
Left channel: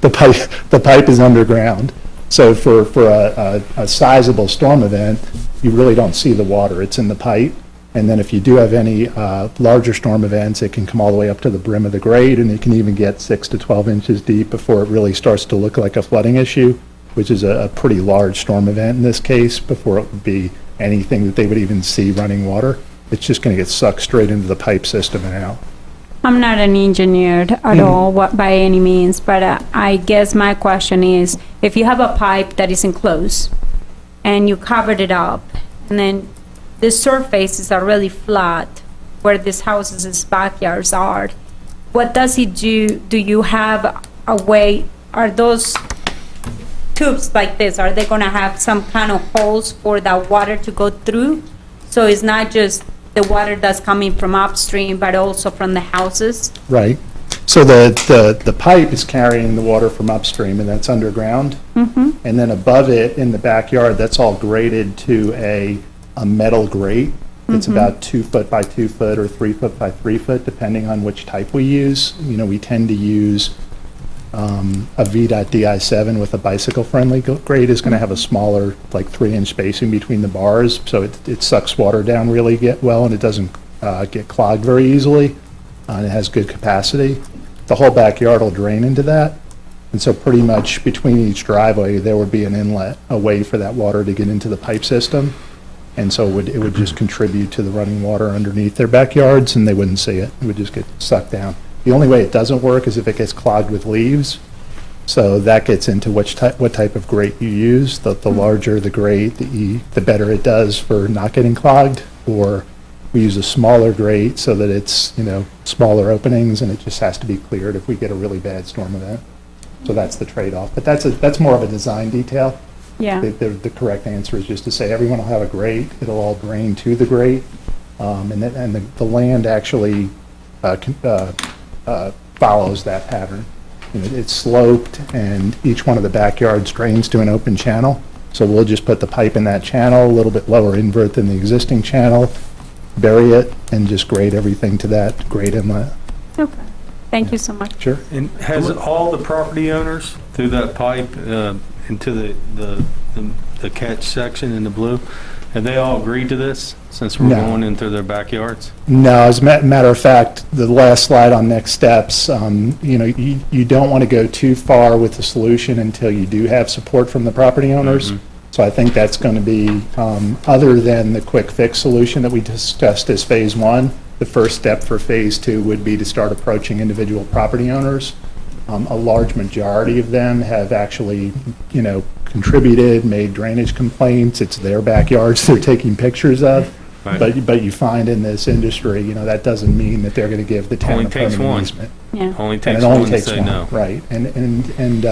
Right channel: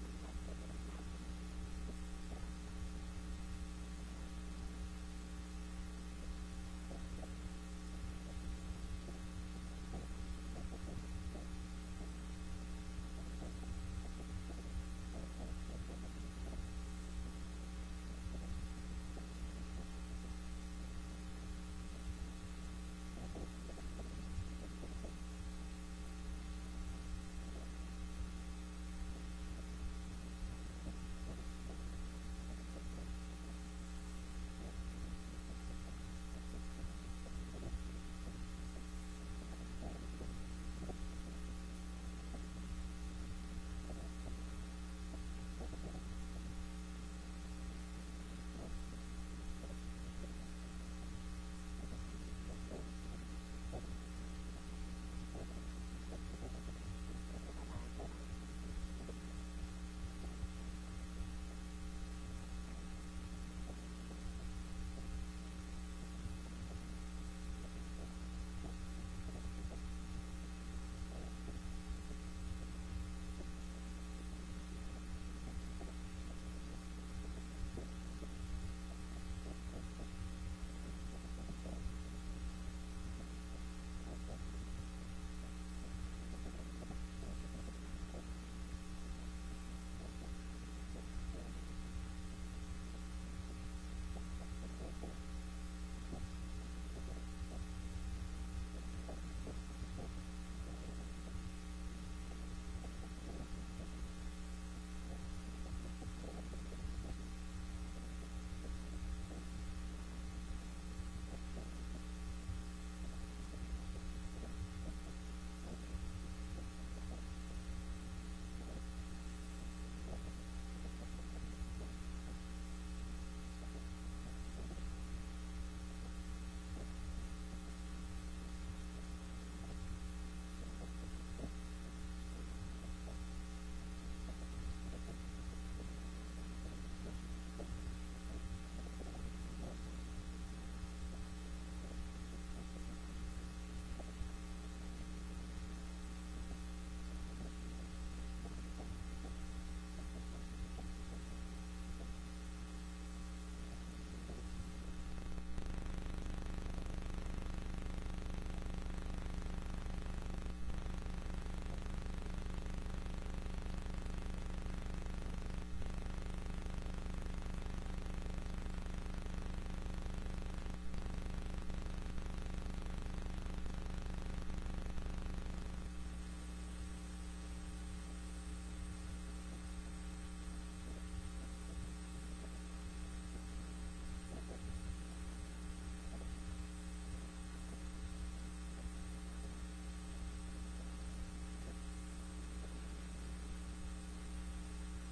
The pipe is underground. So for a sizable storm event, you really don't see the water. It's in the pipe. And then if you do have any larger storm events, it can come all the way up to the brim of the grade, and it can even get 6 to 12 inches deep before it really starts to look like a flooding issue, which is a pretty large storm event in this case, before it would be anything that they would even see running water. It's just going to get sucked straight into the pipe system and out. I'm not an engineer at all by any means, but I guess my question is, if you have a pipe that is enclosed and you covered it up, and then the surfaces are really flat where these houses' backyards are, what does it do? Do you have a way, are those tubes like this, are they going to have some kind of holes for that water to go through? So it's not just the water that's coming from upstream, but also from the houses? Right. So the pipe is carrying the water from upstream, and that's underground. Mm-hmm. And then above it, in the backyard, that's all graded to a metal grate. It's about 2 foot by 2 foot or 3 foot by 3 foot, depending on which type we use. We tend to use a V.DI7 with a bicycle-friendly grate is going to have a smaller, like 3-inch spacing between the bars, so it sucks water down really well, and it doesn't get clogged very easily, and it has good capacity. The whole backyard will drain into that, and so pretty much between each driveway, there would be an inlet, a way for that water to get into the pipe system, and so it would just contribute to the running water underneath their backyards, and they wouldn't see it. It would just get sucked down. The only way it doesn't work is if it gets clogged with leaves. So that gets into what type of grate you use. The larger the grate, the better it does for not getting clogged. Or we use a smaller grate so that it's smaller openings, and it just has to be cleared if we get a really bad storm event. So that's the trade-off. But that's more of a design detail. Yeah. The correct answer is just to say everyone will have a grate. It'll all drain to the grate, and the land actually follows that pattern. It's sloped, and each one of the backyards drains to an open channel. So we'll just put the pipe in that channel, a little bit lower invert than the existing channel, bury it, and just grade everything to that grade inlet. Okay. Thank you so much. Sure. And has all the property owners through that pipe into the catch section in the blue, have they all agreed to this since we're going into their backyards? No, as a matter of fact, the last slide on next steps, you don't want to go too far with the solution until you do have support from the property owners. So I think that's going to be, other than the quick fix solution that we discussed as phase 1, the first step for phase 2 would be to start approaching individual property owners. A large majority of them have actually, contributed, made drainage complaints. It's their backyards they're taking pictures of. Right. But you find in this industry, that doesn't mean that they're going to give the town a permanent easement. Yeah. Only takes and it only one takes to say one, no. right? And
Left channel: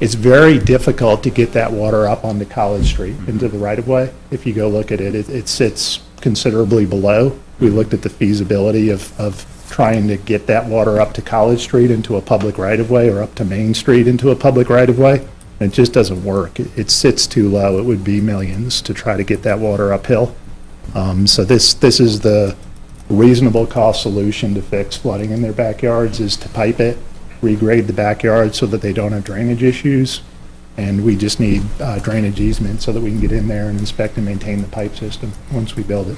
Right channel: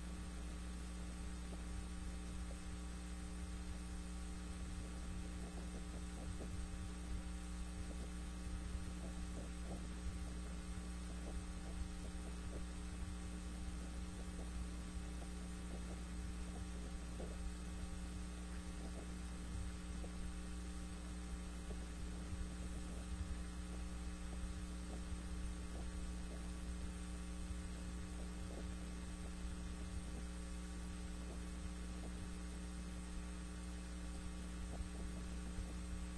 it's very difficult to get that water up onto College Street into the right of way. If you go look at it, it sits considerably below. We looked at the feasibility of trying to get that water up to College Street into a public right of way, or up to Main Street into a public right of way. And it just doesn't work. It sits too low. It would be millions to try to get that water uphill. So this is the reasonable cost solution to fix flooding in their backyards, is to pipe it, regrade the backyard so that they don't have drainage issues. And we just need drainage easement so that we can get in there and inspect and maintain the pipe system once we build it.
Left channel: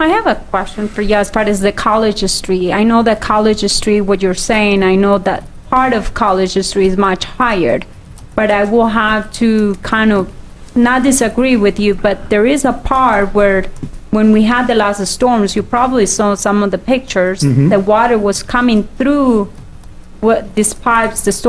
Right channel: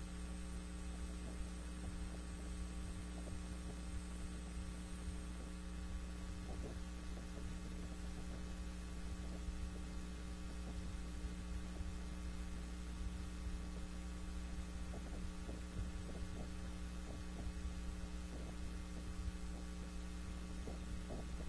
I have a question for you as far as the College Street. I know that College Street, what you're saying, I know that part of College Street is much higher, but I will have to kind of not disagree with you, but there is a part where when we had the last storms, you probably saw some of the pictures, the water was coming through these pipes,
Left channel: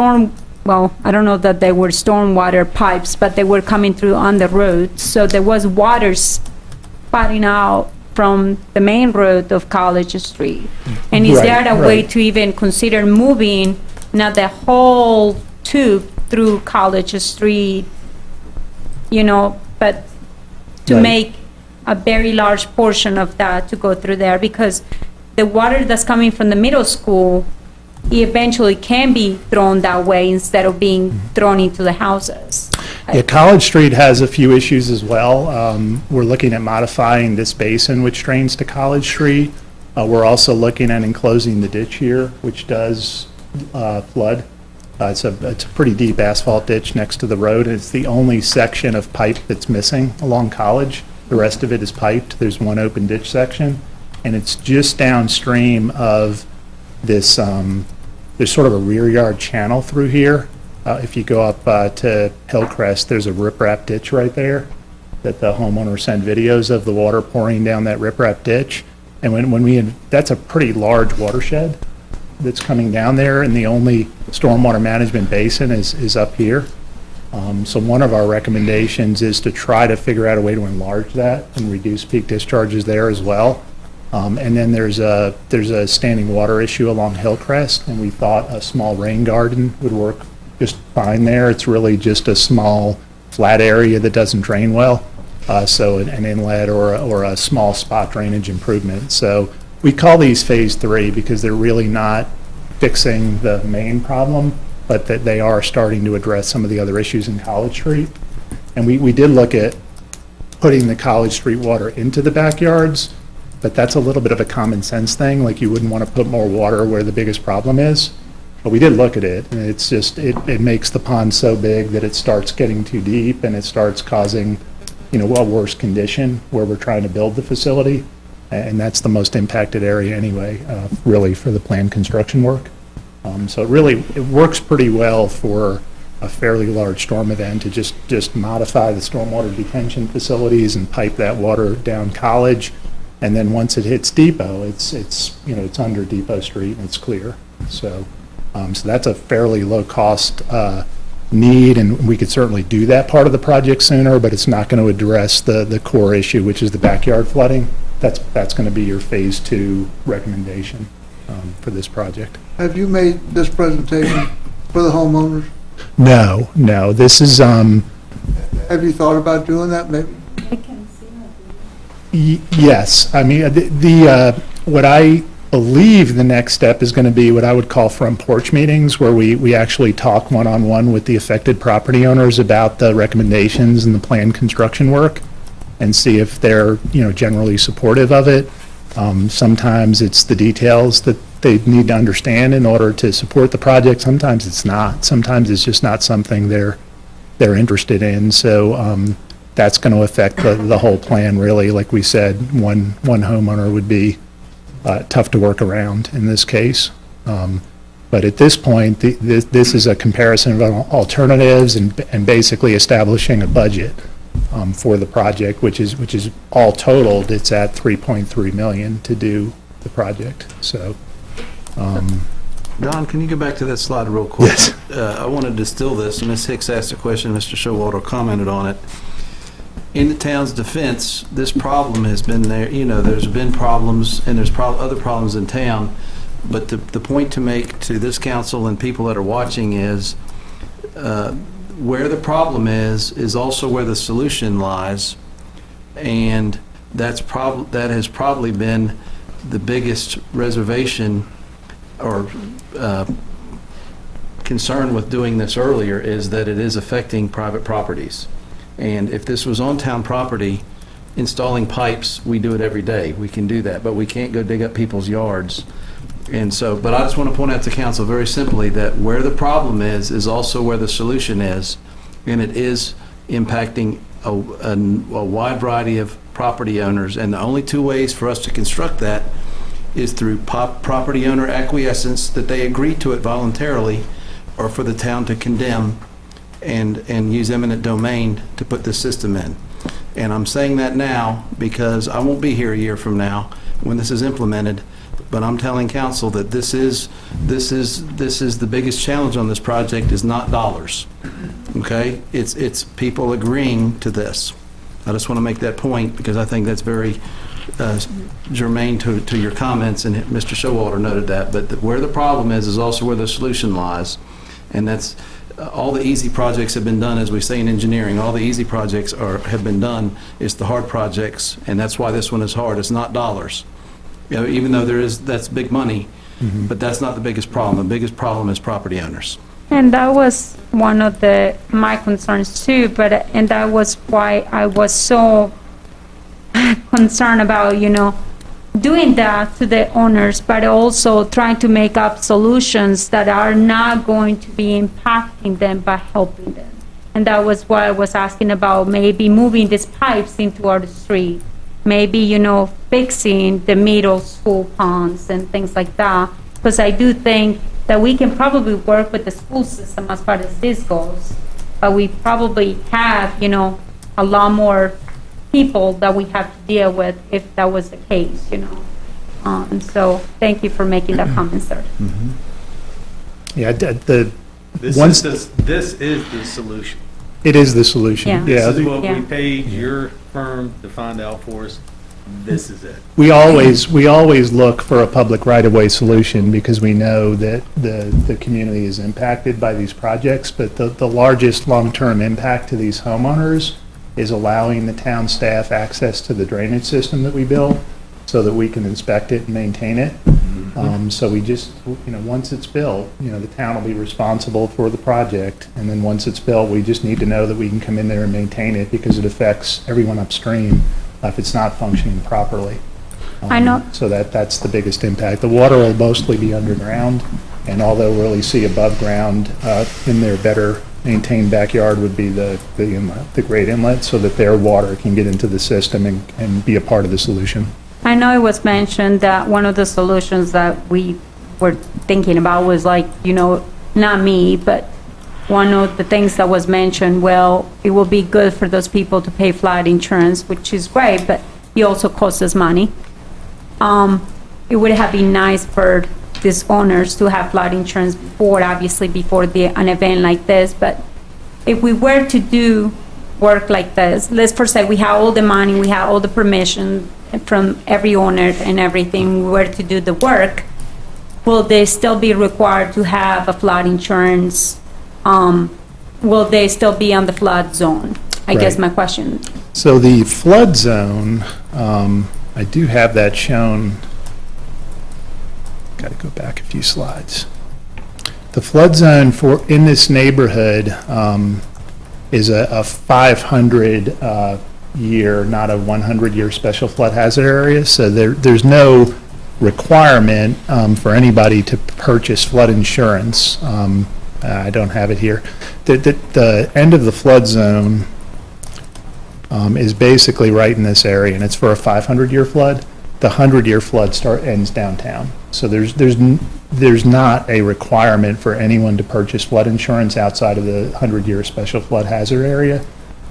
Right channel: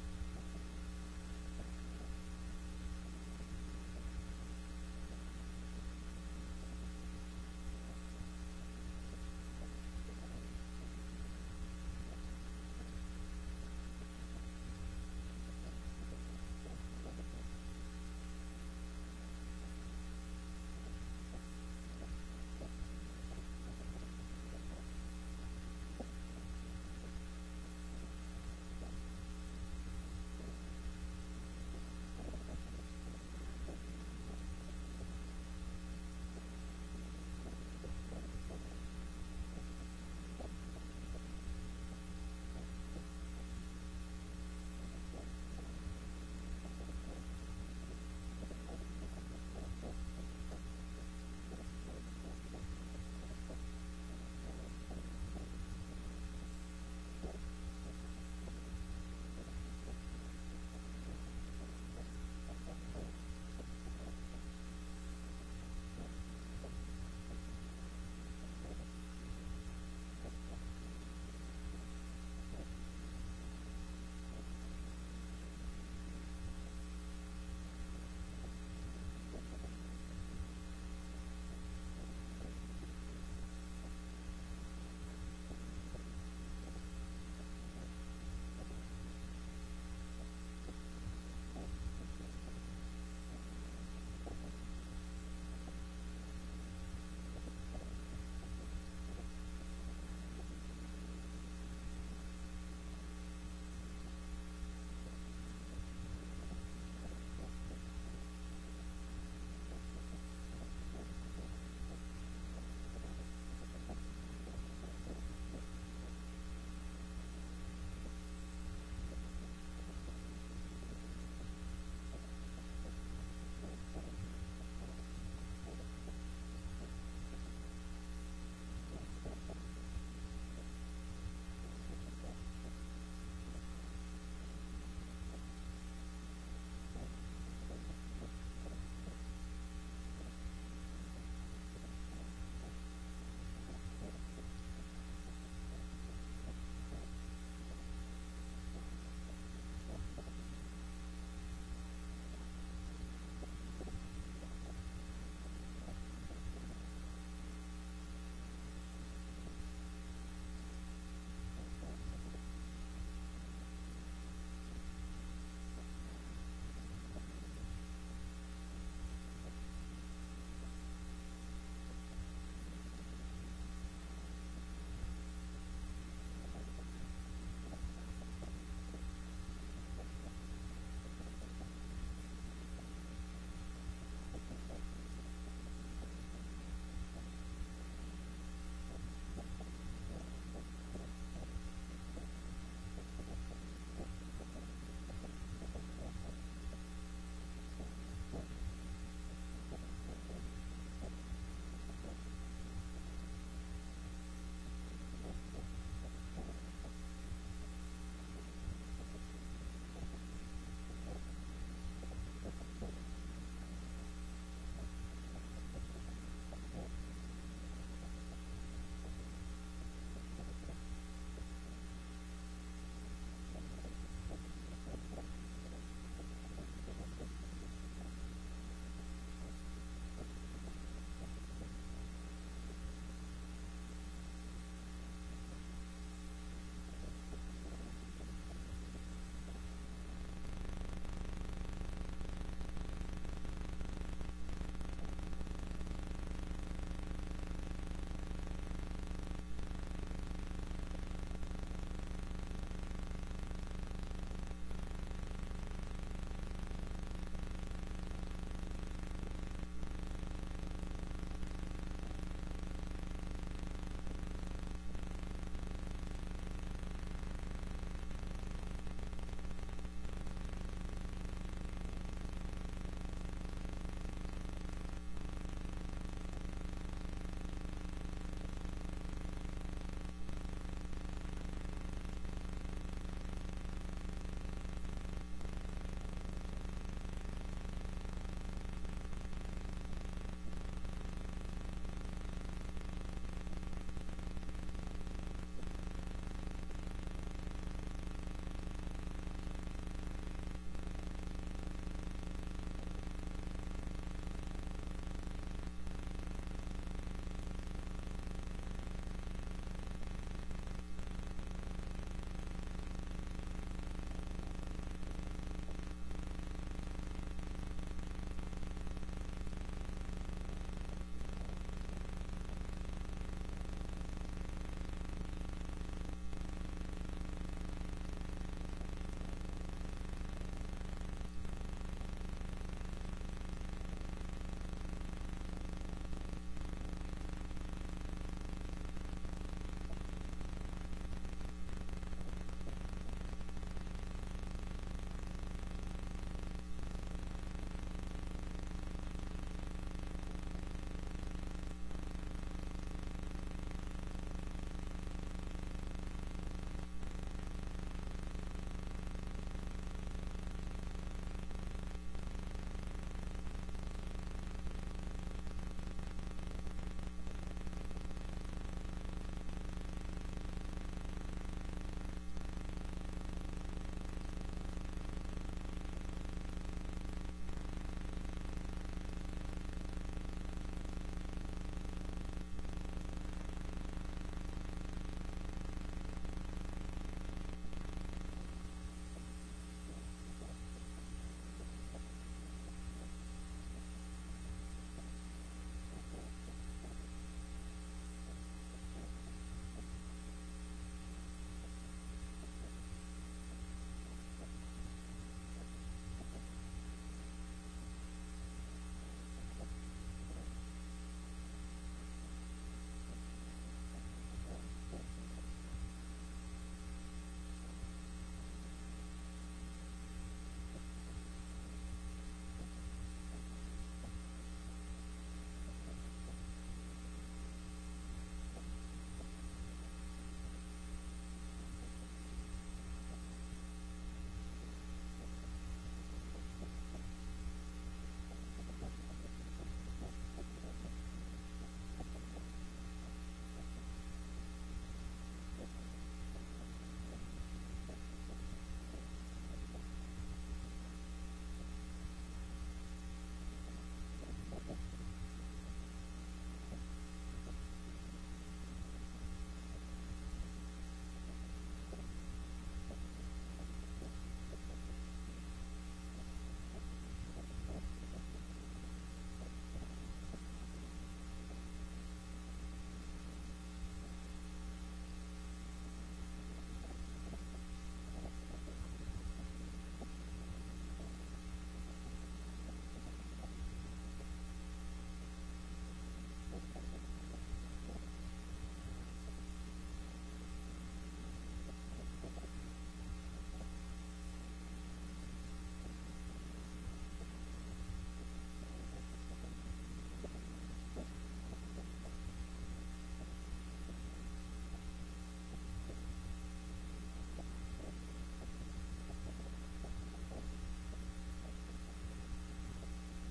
well, I don't know that they were stormwater pipes, but they were coming through on the road. So there was water spouting out from the main road of College Street. And is there a way to even consider moving not the whole tube through College Street, but to Right. make a very large portion of that to go through there, because the water that's coming from the middle school eventually can be thrown that way instead of being thrown into the houses. Yeah, College Street has a few issues as well. We're looking at modifying this basin which drains to College Street. We're also looking at enclosing the ditch here, which does flood. It's a pretty deep asphalt ditch next to the road. It's the only section of pipe that's missing along College. The rest of it is piped. There's one open ditch section, and it's just downstream of this, there's sort of a rear yard channel through here. If you go up to Hillcrest, there's a riprap ditch right there that the homeowner sent videos of the water pouring down that riprap ditch. And that's a pretty large watershed that's coming down there, and the only stormwater management basin is up here. So one of our recommendations is to try to figure out a way to enlarge that and reduce peak discharges there as well. And then there's a standing water issue along Hillcrest, and we thought a small rain garden would work just fine there. It's really just a small flat area that doesn't drain well. So an inlet or a small spot drainage improvement. So we call these phase 3 because they're really not fixing the main problem, but that they are starting to address some of the other issues in College Street. And we did look at putting the College Street water into the backyards, but that's a little bit of a common sense thing. Like, you wouldn't want to put more water where the biggest problem is. But we did look at it, and it's just, it makes the pond so big that it starts getting too deep, and it starts causing, a worse condition where we're trying to build the facility. And that's the most impacted area anyway, really, for the planned construction work. So it works pretty well for a fairly large storm event to just modify the stormwater detention facilities and pipe that water down College. And then once it hits Depot, it's under Depot Street and it's clear. So that's a fairly low cost need, and we could certainly do that part of the project sooner, but it's not going to address the core issue, which is the backyard flooding. That's going to be your phase 2 recommendation for this project. Have you made this presentation for the homeowners? No, this is, Have you thought about doing that maybe? yes. I mean, what I believe the next step is going to be what I would call front porch meetings, where we actually talk one-on-one with the affected property owners about the recommendations and the planned construction work, and see if they're, generally supportive of it. Sometimes it's the details that they need to understand in order to support the project. Sometimes it's not. Sometimes it's just not something they're interested in. So that's going to affect the whole plan, really. Like we said, one homeowner would be tough to work around in this case. But at this point, this is a comparison of alternatives and basically establishing a budget for the project, which is all totaled, it's at $3.3 million to do the project. So, Don, can you go back to that slide real quick? Yes. I want to distill this. Ms. Hicks asked a question, Mr. Showalter commented on it. In the town's defense, this problem has been there. There's been problems, and there's other problems in town. But the point to make to this council and people that are watching is where the problem is also where the solution lies. And that has probably been the biggest reservation or concern with doing this earlier, is that it is affecting private properties. And if this was on town property, installing pipes, we do it every day. We can do that, but we can't go dig up people's yards. And so, but I just want to point out to council very simply that where the problem is also where the solution is, and it is impacting a wide variety of property owners. And the only two ways for us to construct that is through property owner acquiescence, that they agree to it voluntarily, or for the town to condemn and use eminent domain to put the system in. And I'm saying that now because I won't be here a year from now when this is implemented, but I'm telling council that this is the biggest challenge on this project, is not dollars. Okay? It's people agreeing to this. I just want to make that point because I think that's very germane to your comments, and Mr. Showalter noted that, but where the problem is also where the solution lies. And that's, all the easy projects have been done, as we say in engineering, all the easy projects have been done. It's the hard projects, and that's why this one is hard. It's not dollars. You know, even though that's big money, but that's not the biggest problem. The biggest problem is property owners. And that was one of my concerns too, and that was why I was so concerned about, doing that to the owners, but also trying to make up solutions that are not going to be impacting them but helping them. And that was why I was asking about maybe moving these pipes into our street, maybe, fixing the middle school ponds and things like that. Because I do think that we can probably work with the school system as far as this goes, but we probably have, a lot more people that we have to deal with if that was the case, So thank you for making that comment, sir. Yeah, This is the solution. It is the solution. Yeah. This is what Yeah. we paid your firm to find out for us. This is it. We always look for a public right-of-way solution because we know that the community is impacted by these projects, but the largest long-term impact to these homeowners is allowing the town staff access to the drainage system that we built so that we can inspect it and maintain it. So we just, once it's built, the town will be responsible for the project. And then once it's built, we just need to know that we can come in there and maintain it because it affects everyone upstream if it's not functioning properly. I know. So that's the biggest impact. The water will mostly be underground, and all they'll really see above ground in their better maintained backyard would be the inlet, the great inlet, so that their water can get into the system and be a part of the solution. I know it was mentioned that one of the solutions that we were thinking about was not me, but one of the things that was mentioned, well, it will be good for those people to pay flood insurance, which is great, but it also costs us money. It would have been nice for these owners to have flood insurance before an event like this, but if we were to do work like this, let's first say we have all the money, we have all the permission from every owner and everything, we were to do the work, will they still be required to have a flood insurance? Will they still be on the flood zone? I guess my question. So the flood zone, I do have that shown. Got to go back a few slides. The flood zone in this neighborhood is a 500 year, not a 100-year special flood hazard area. So there's no requirement for anybody to purchase flood insurance. I don't have it here. The end of the flood zone is basically right in this area, and it's for a 500-year flood. The 100-year flood ends downtown. So there's not a requirement for anyone to purchase flood insurance outside of the 100-year special flood hazard area.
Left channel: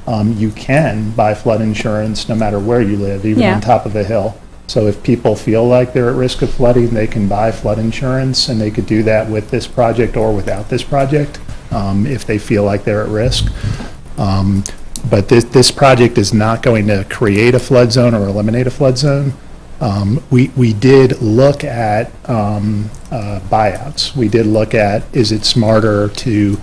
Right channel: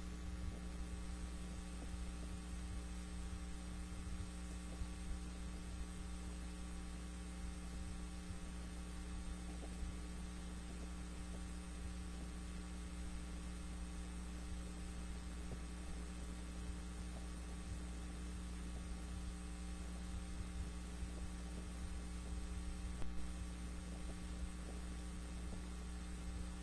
You can buy flood insurance no matter where you live, even on top of a hill. So if people feel like they're at risk of flooding, they can buy flood insurance, and they could do that with this project or without this project if they feel like they're at risk. But this project is not going to create a flood zone or eliminate a flood zone. We did look at buyouts. We did look at, is it smarter to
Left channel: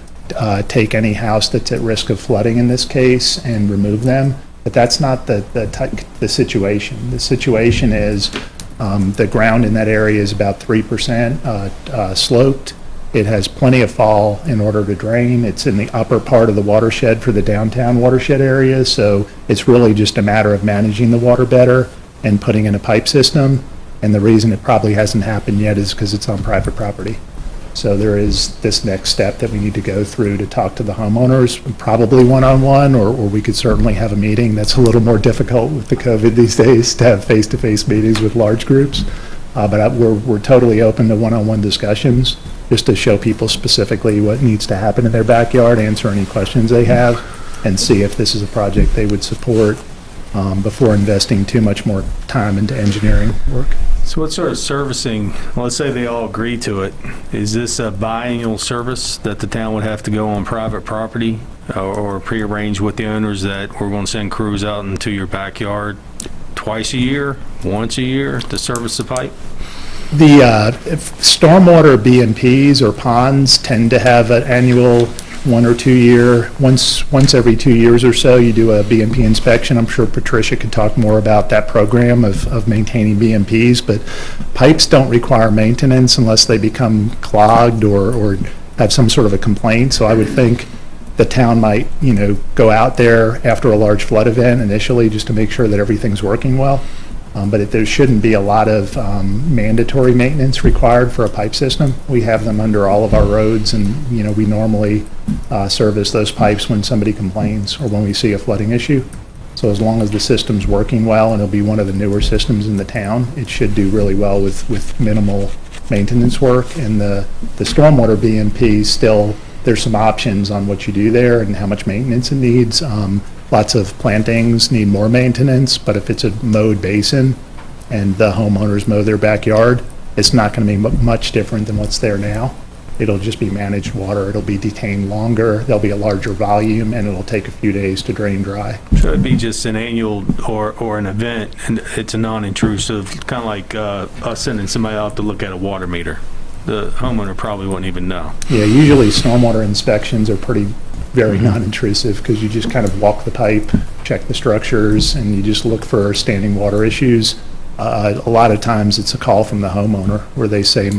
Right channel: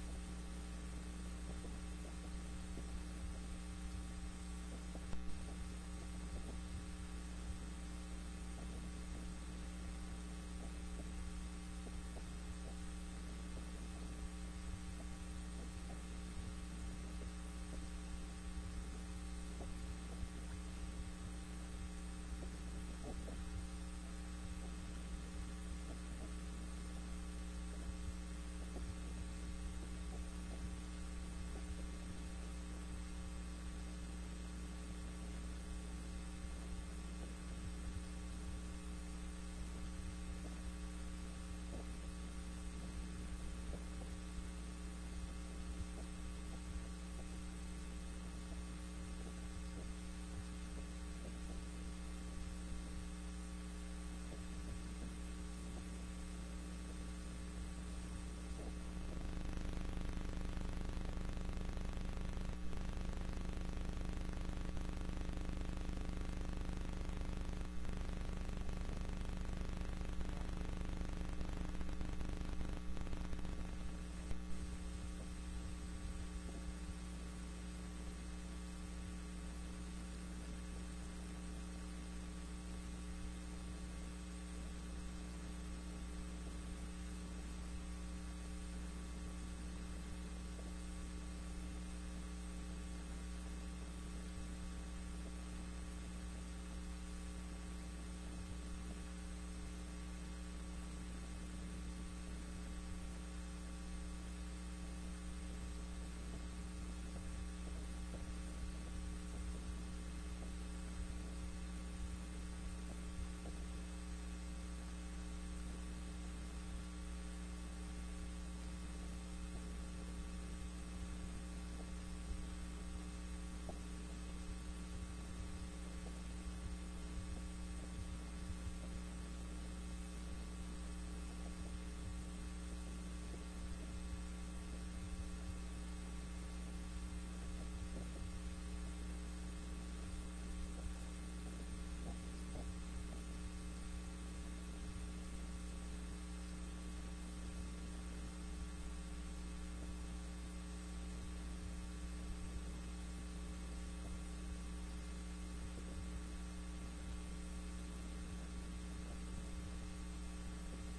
take any house that's at risk of flooding in this case and remove them? But that's not the situation. The situation is the ground in that area is about 3% sloped. It has plenty of fall in order to drain. It's in the upper part of the watershed for the downtown watershed area, so it's really just a matter of managing the water better and putting in a pipe system. And the reason it probably hasn't happened yet is because it's on private property. So there is this next step that we need to go through to talk to the homeowners, probably one-on-one, or we could certainly have a meeting. That's a little more difficult with the COVID these days to have face-to-face meetings with large groups. But we're totally open to one-on-one discussions just to show people specifically what needs to happen in their backyard, answer any questions they have, and see if this is a project they would support before investing too much more time into engineering work. So what sort of servicing, let's say they all agree to it, is this a biannual service that the town would have to go on private property or prearrange with the owners that we're going to send crews out into your backyard twice a year, once a year to service the pipe? The if stormwater BMPs or ponds tend to have an annual 1 or 2 year, once every 2 years or so, you do a BMP inspection. I'm sure Patricia could talk more about that program of maintaining BMPs, but pipes don't require maintenance unless they become clogged or have some sort of a complaint. So I would think the town might, go out there after a large flood event initially just to make sure that everything's working well. But there shouldn't be a lot of mandatory maintenance required for a pipe system. We have them under all of our roads, and we normally service those pipes when somebody complains or when we see a flooding issue. So as long as the system's working well, and it'll be one of the newer systems in the town, it should do really well with minimal maintenance work. And the stormwater BMP still, there's some options on what you do there and how much maintenance it needs. Lots of plantings need more maintenance, but if it's a mowed basin and the homeowners mow their backyard, it's not going to be much different than what's there now. It'll just be managed water. It'll be detained longer. There'll be a larger volume, and it'll take a few days to drain dry. So it'd be just an annual or an event, and it's a non-intrusive, kind of like us sending somebody out to look at a water meter. The homeowner probably wouldn't even know. Yeah, usually stormwater inspections are very non-intrusive because you just kind of walk the pipe, check the structures, and you just look for standing water issues. A lot of times it's a call from the homeowner where they say,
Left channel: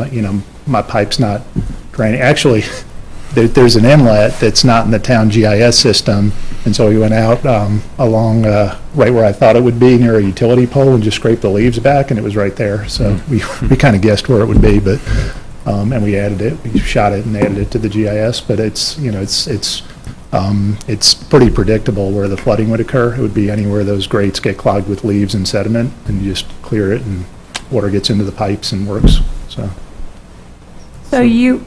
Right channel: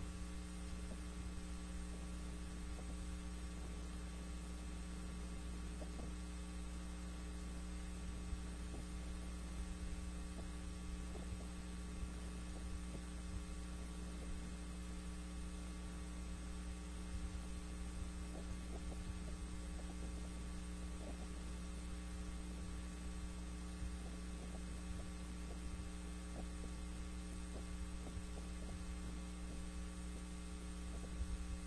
my pipe's not draining. Actually, there's an inlet that's not in the town GIS system, and so we went out along right where I thought it would be near a utility pole and just scraped the leaves back, and it was right there. So we kind of guessed where it would be, but and we added it. We shot it and added it to the GIS, but it's pretty predictable where the flooding would occur. It would be anywhere those grates get clogged with leaves and sediment, and you just clear it, and water gets into the pipes and works. So you,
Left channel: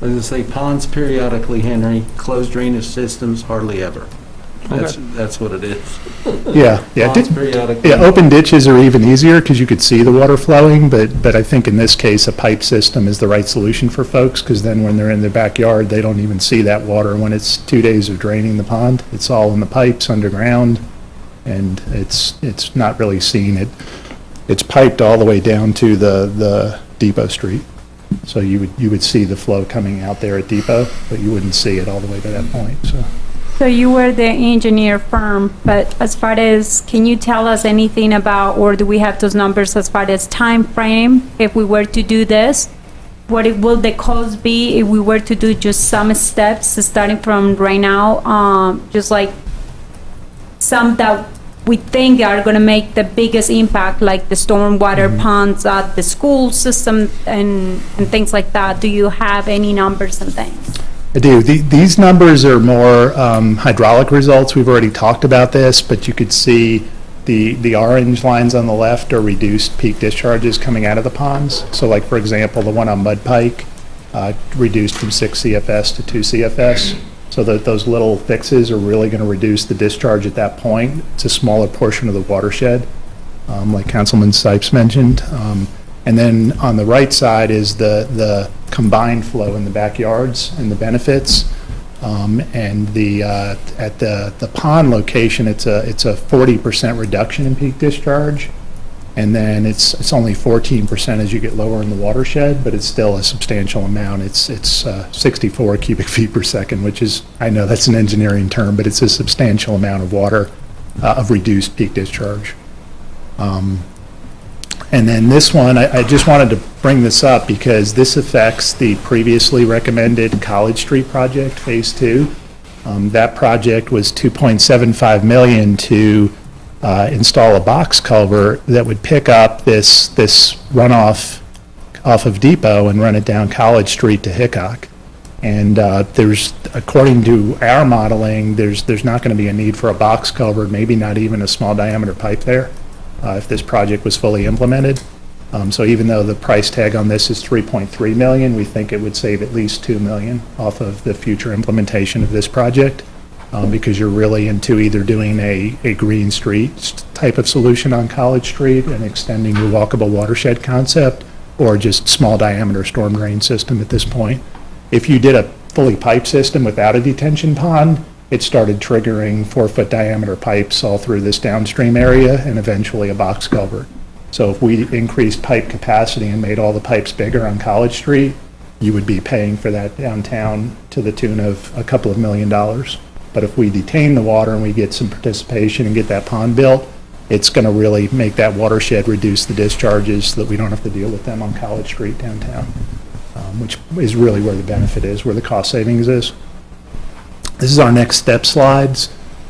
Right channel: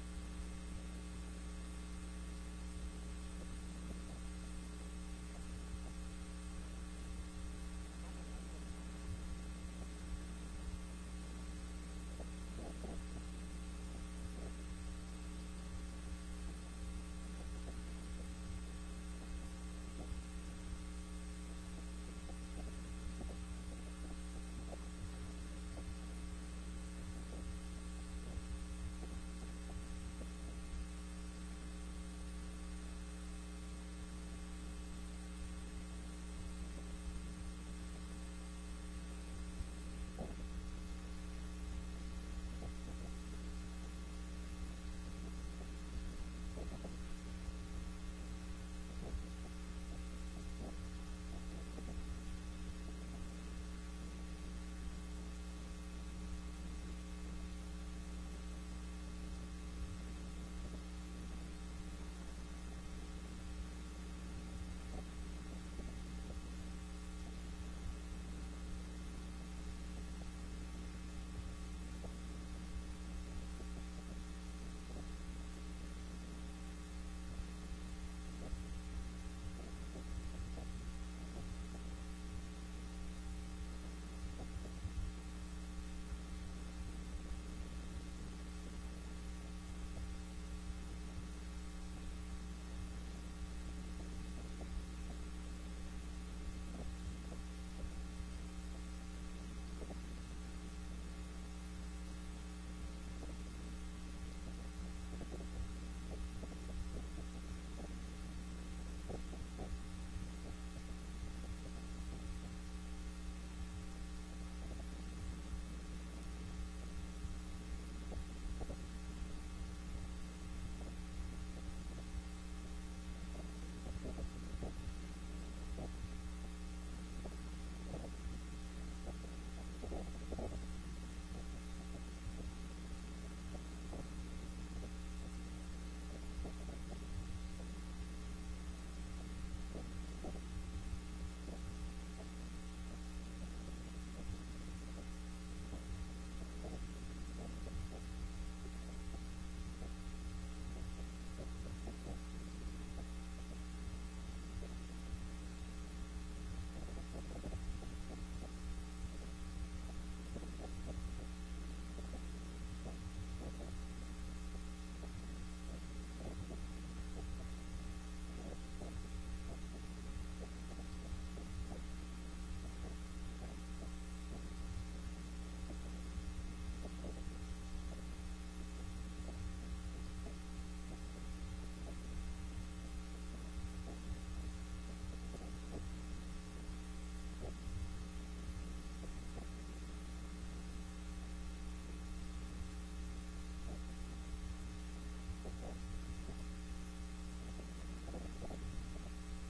I was going to say ponds periodically, Henry, closed drainage systems hardly ever. That's what it is. Yeah. Ponds periodically. Yeah, open ditches are even easier because you could see the water flowing, but I think in this case, a pipe system is the right solution for folks, because then when they're in their backyard, they don't even see that water. When it's 2 days of draining the pond, it's all in the pipes underground, and it's not really seen. It's piped all the way down to the Depot Street. So you would see the flow coming out there at Depot, but you wouldn't see it all the way to that point, So you were the engineer firm, but as far as, can you tell us anything about, or do we have those numbers as far as time frame, if we were to do this? What will the cost be if we were to do just some steps, starting from right now, just like some that we think are gonna make the biggest impact, like the stormwater ponds at the school system and things like that? Do you have any numbers and things? I do. These numbers are more hydraulic results. We've already talked about this, but you could see the orange lines on the left are reduced peak discharges coming out of the ponds. So like, for example, the one on Mud Pike reduced from 6 CFS to 2 CFS. So that those little fixes are really going to reduce the discharge at that point. It's a smaller portion of the watershed, like Councilman Sipes mentioned. And then on the right side is the combined flow in the backyards and the benefits. And at the pond location, it's a 40% reduction in peak discharge. And then it's only 14% as you get lower in the watershed, but it's still a substantial amount. It's 64 cubic feet per second, which is, I know that's an engineering term, but it's a substantial amount of water of reduced peak discharge. And then this one, I just wanted to bring this up because this affects the previously recommended College Street project, Phase 2. That project was $2.75 million to install a box culvert that would pick up this runoff off of Depot and run it down College Street to Hickok. And there's, according to our modeling, there's not going to be a need for a box culvert, maybe not even a small diameter pipe there, if this project was fully implemented. So even though the price tag on this is $3.3 million, we think it would save at least $2 million off of the future implementation of this project. Because you're really into either doing a green street type of solution on College Street and extending your walkable watershed concept, or just small diameter storm drain system at this point. If you did a fully piped system without a detention pond, it started triggering 4-foot diameter pipes all through this downstream area and eventually a box culvert. So if we increased pipe capacity and made all the pipes bigger on College Street, you would be paying for that downtown to the tune of a couple of $1 million. But if we detain the water and we get some participation and get that pond built, it's going to really make that watershed reduce the discharges so that we don't have to deal with them on College Street downtown, which is really where the benefit is, where the cost savings is. This is our next step slides.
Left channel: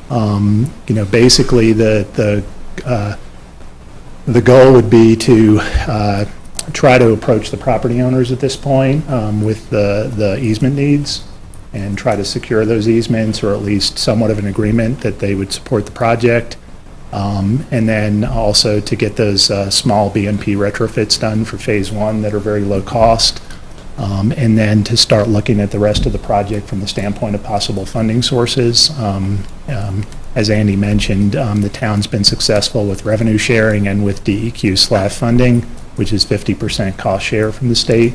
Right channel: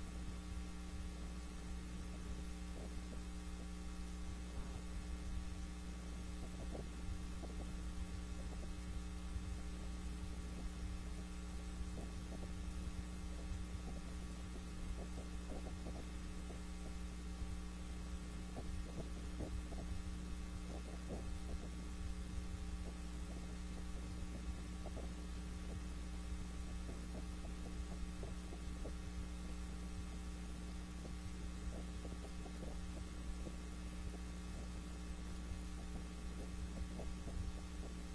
Basically the goal would be to try to approach the property owners at this point with the easement needs and try to secure those easements, or at least somewhat of an agreement that they would support the project. And then also to get those small BMP retrofits done for phase 1 that are very low cost. And then to start looking at the rest of the project from the standpoint of possible funding sources. As Andy mentioned, the town's been successful with revenue sharing and with DEQ SLAF funding, which is 50% cost share from the state.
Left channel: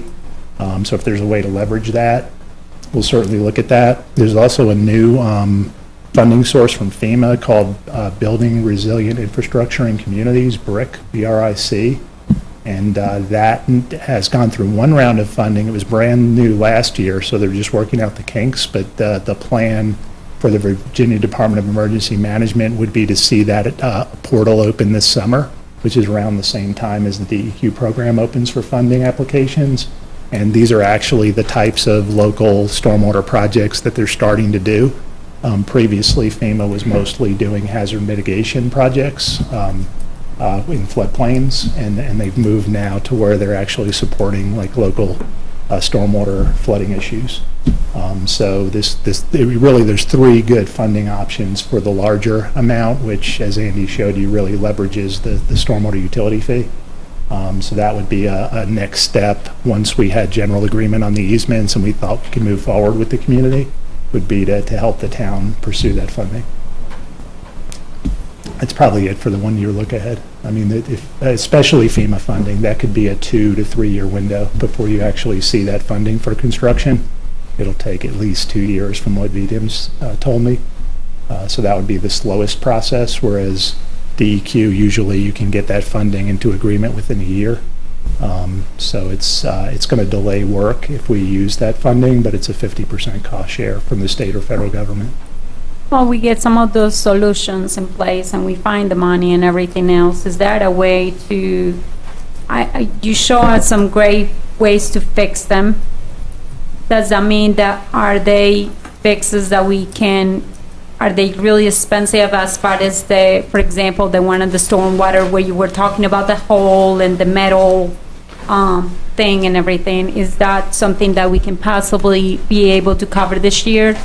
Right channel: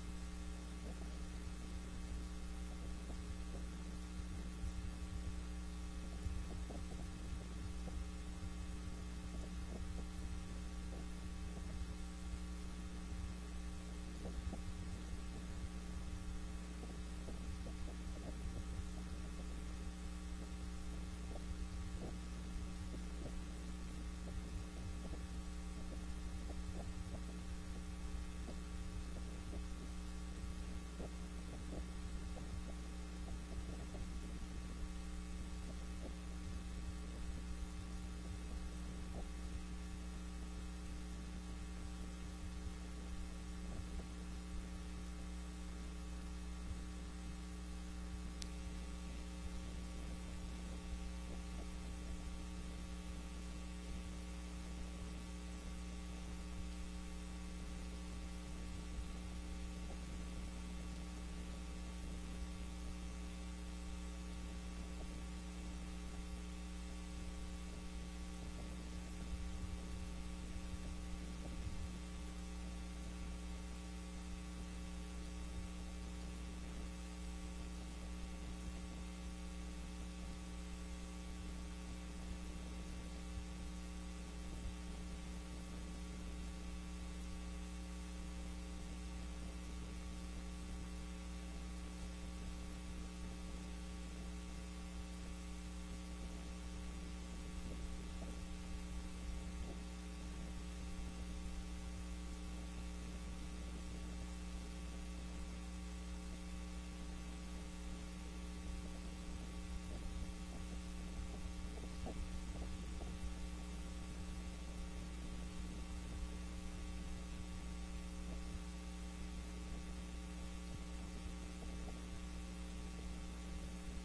So if there's a way to leverage that, we'll certainly look at that. There's also a new funding source from FEMA called Building Resilient Infrastructure in Communities, BRIC, B-R-I-C. And that has gone through one round of funding. It was brand new last year, so they're just working out the kinks. But the plan for the Virginia Department of Emergency Management would be to see that portal open this summer, which is around the same time as the DEQ program opens for funding applications. And these are actually the types of local stormwater projects that they're starting to do. Previously, FEMA was mostly doing hazard mitigation projects in floodplains, and they've moved now to where they're actually supporting like local stormwater flooding issues. So there's 3 good funding options for the larger amount, which, as Andy showed you, really leverages the stormwater utility fee. So that would be a next step once we had general agreement on the easements and we thought we could move forward with the community, would be to help the town pursue that funding. That's probably it for the 1-year look ahead. I mean, especially FEMA funding, that could be a 2 to 3 year window before you actually see that funding for construction. It'll take at least 2 years from what VDIM's told me. So that would be the slowest process, whereas DEQ, usually you can get that funding into agreement within a year. So it's going to delay work if we use that funding, but it's a 50% cost share from the state or federal government. Well, we get some of those solutions in place and we find the money and everything else. Is that a way to, you show us some great ways to fix them. Does that mean that are they fixes that we can, are they really expensive as far as the, for example, the one in the stormwater where you were talking about the hole and the metal thing and everything? Is that something that we can possibly be able to cover this year?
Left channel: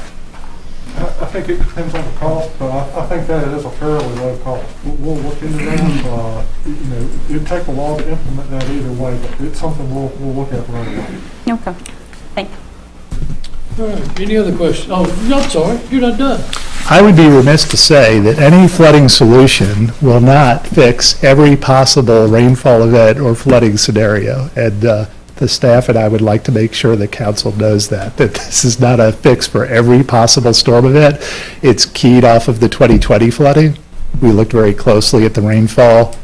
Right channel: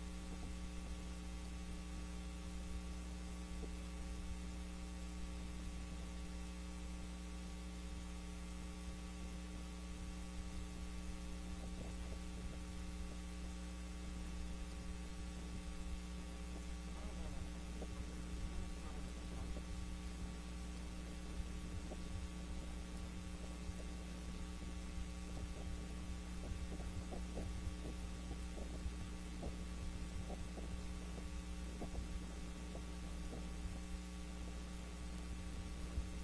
I think it depends on the cost, but I think that is a fairly low cost. We'll look into that. It'd take a while to implement that either way, but it's something we'll look at right away. Okay, thank you. All right, any other questions? Oh, I'm sorry, you're not done. I would be remiss to say that any flooding solution will not fix every possible rainfall event or flooding scenario. And the staff and I would like to make sure the council knows that this is not a fix for every possible storm event. It's keyed off of the 2020 flooding. We looked very closely at the rainfall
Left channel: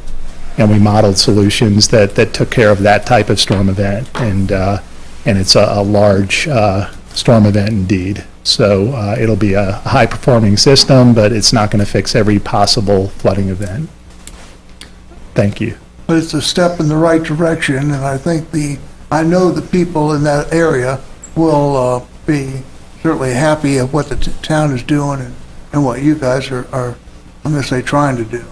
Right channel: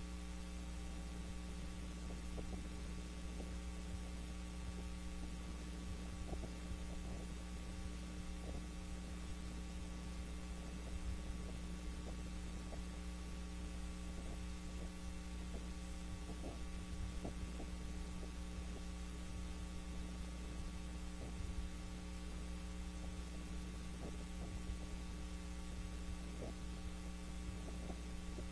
and we modeled solutions that took care of that type of storm event. And it's a large storm event indeed. So it'll be a high-performing system, but it's not going to fix every possible flooding event. Thank you. But it's a step in the right direction, and I know the people in that area will be certainly happy of what the town is doing and what you guys are I'm going to say, trying to do.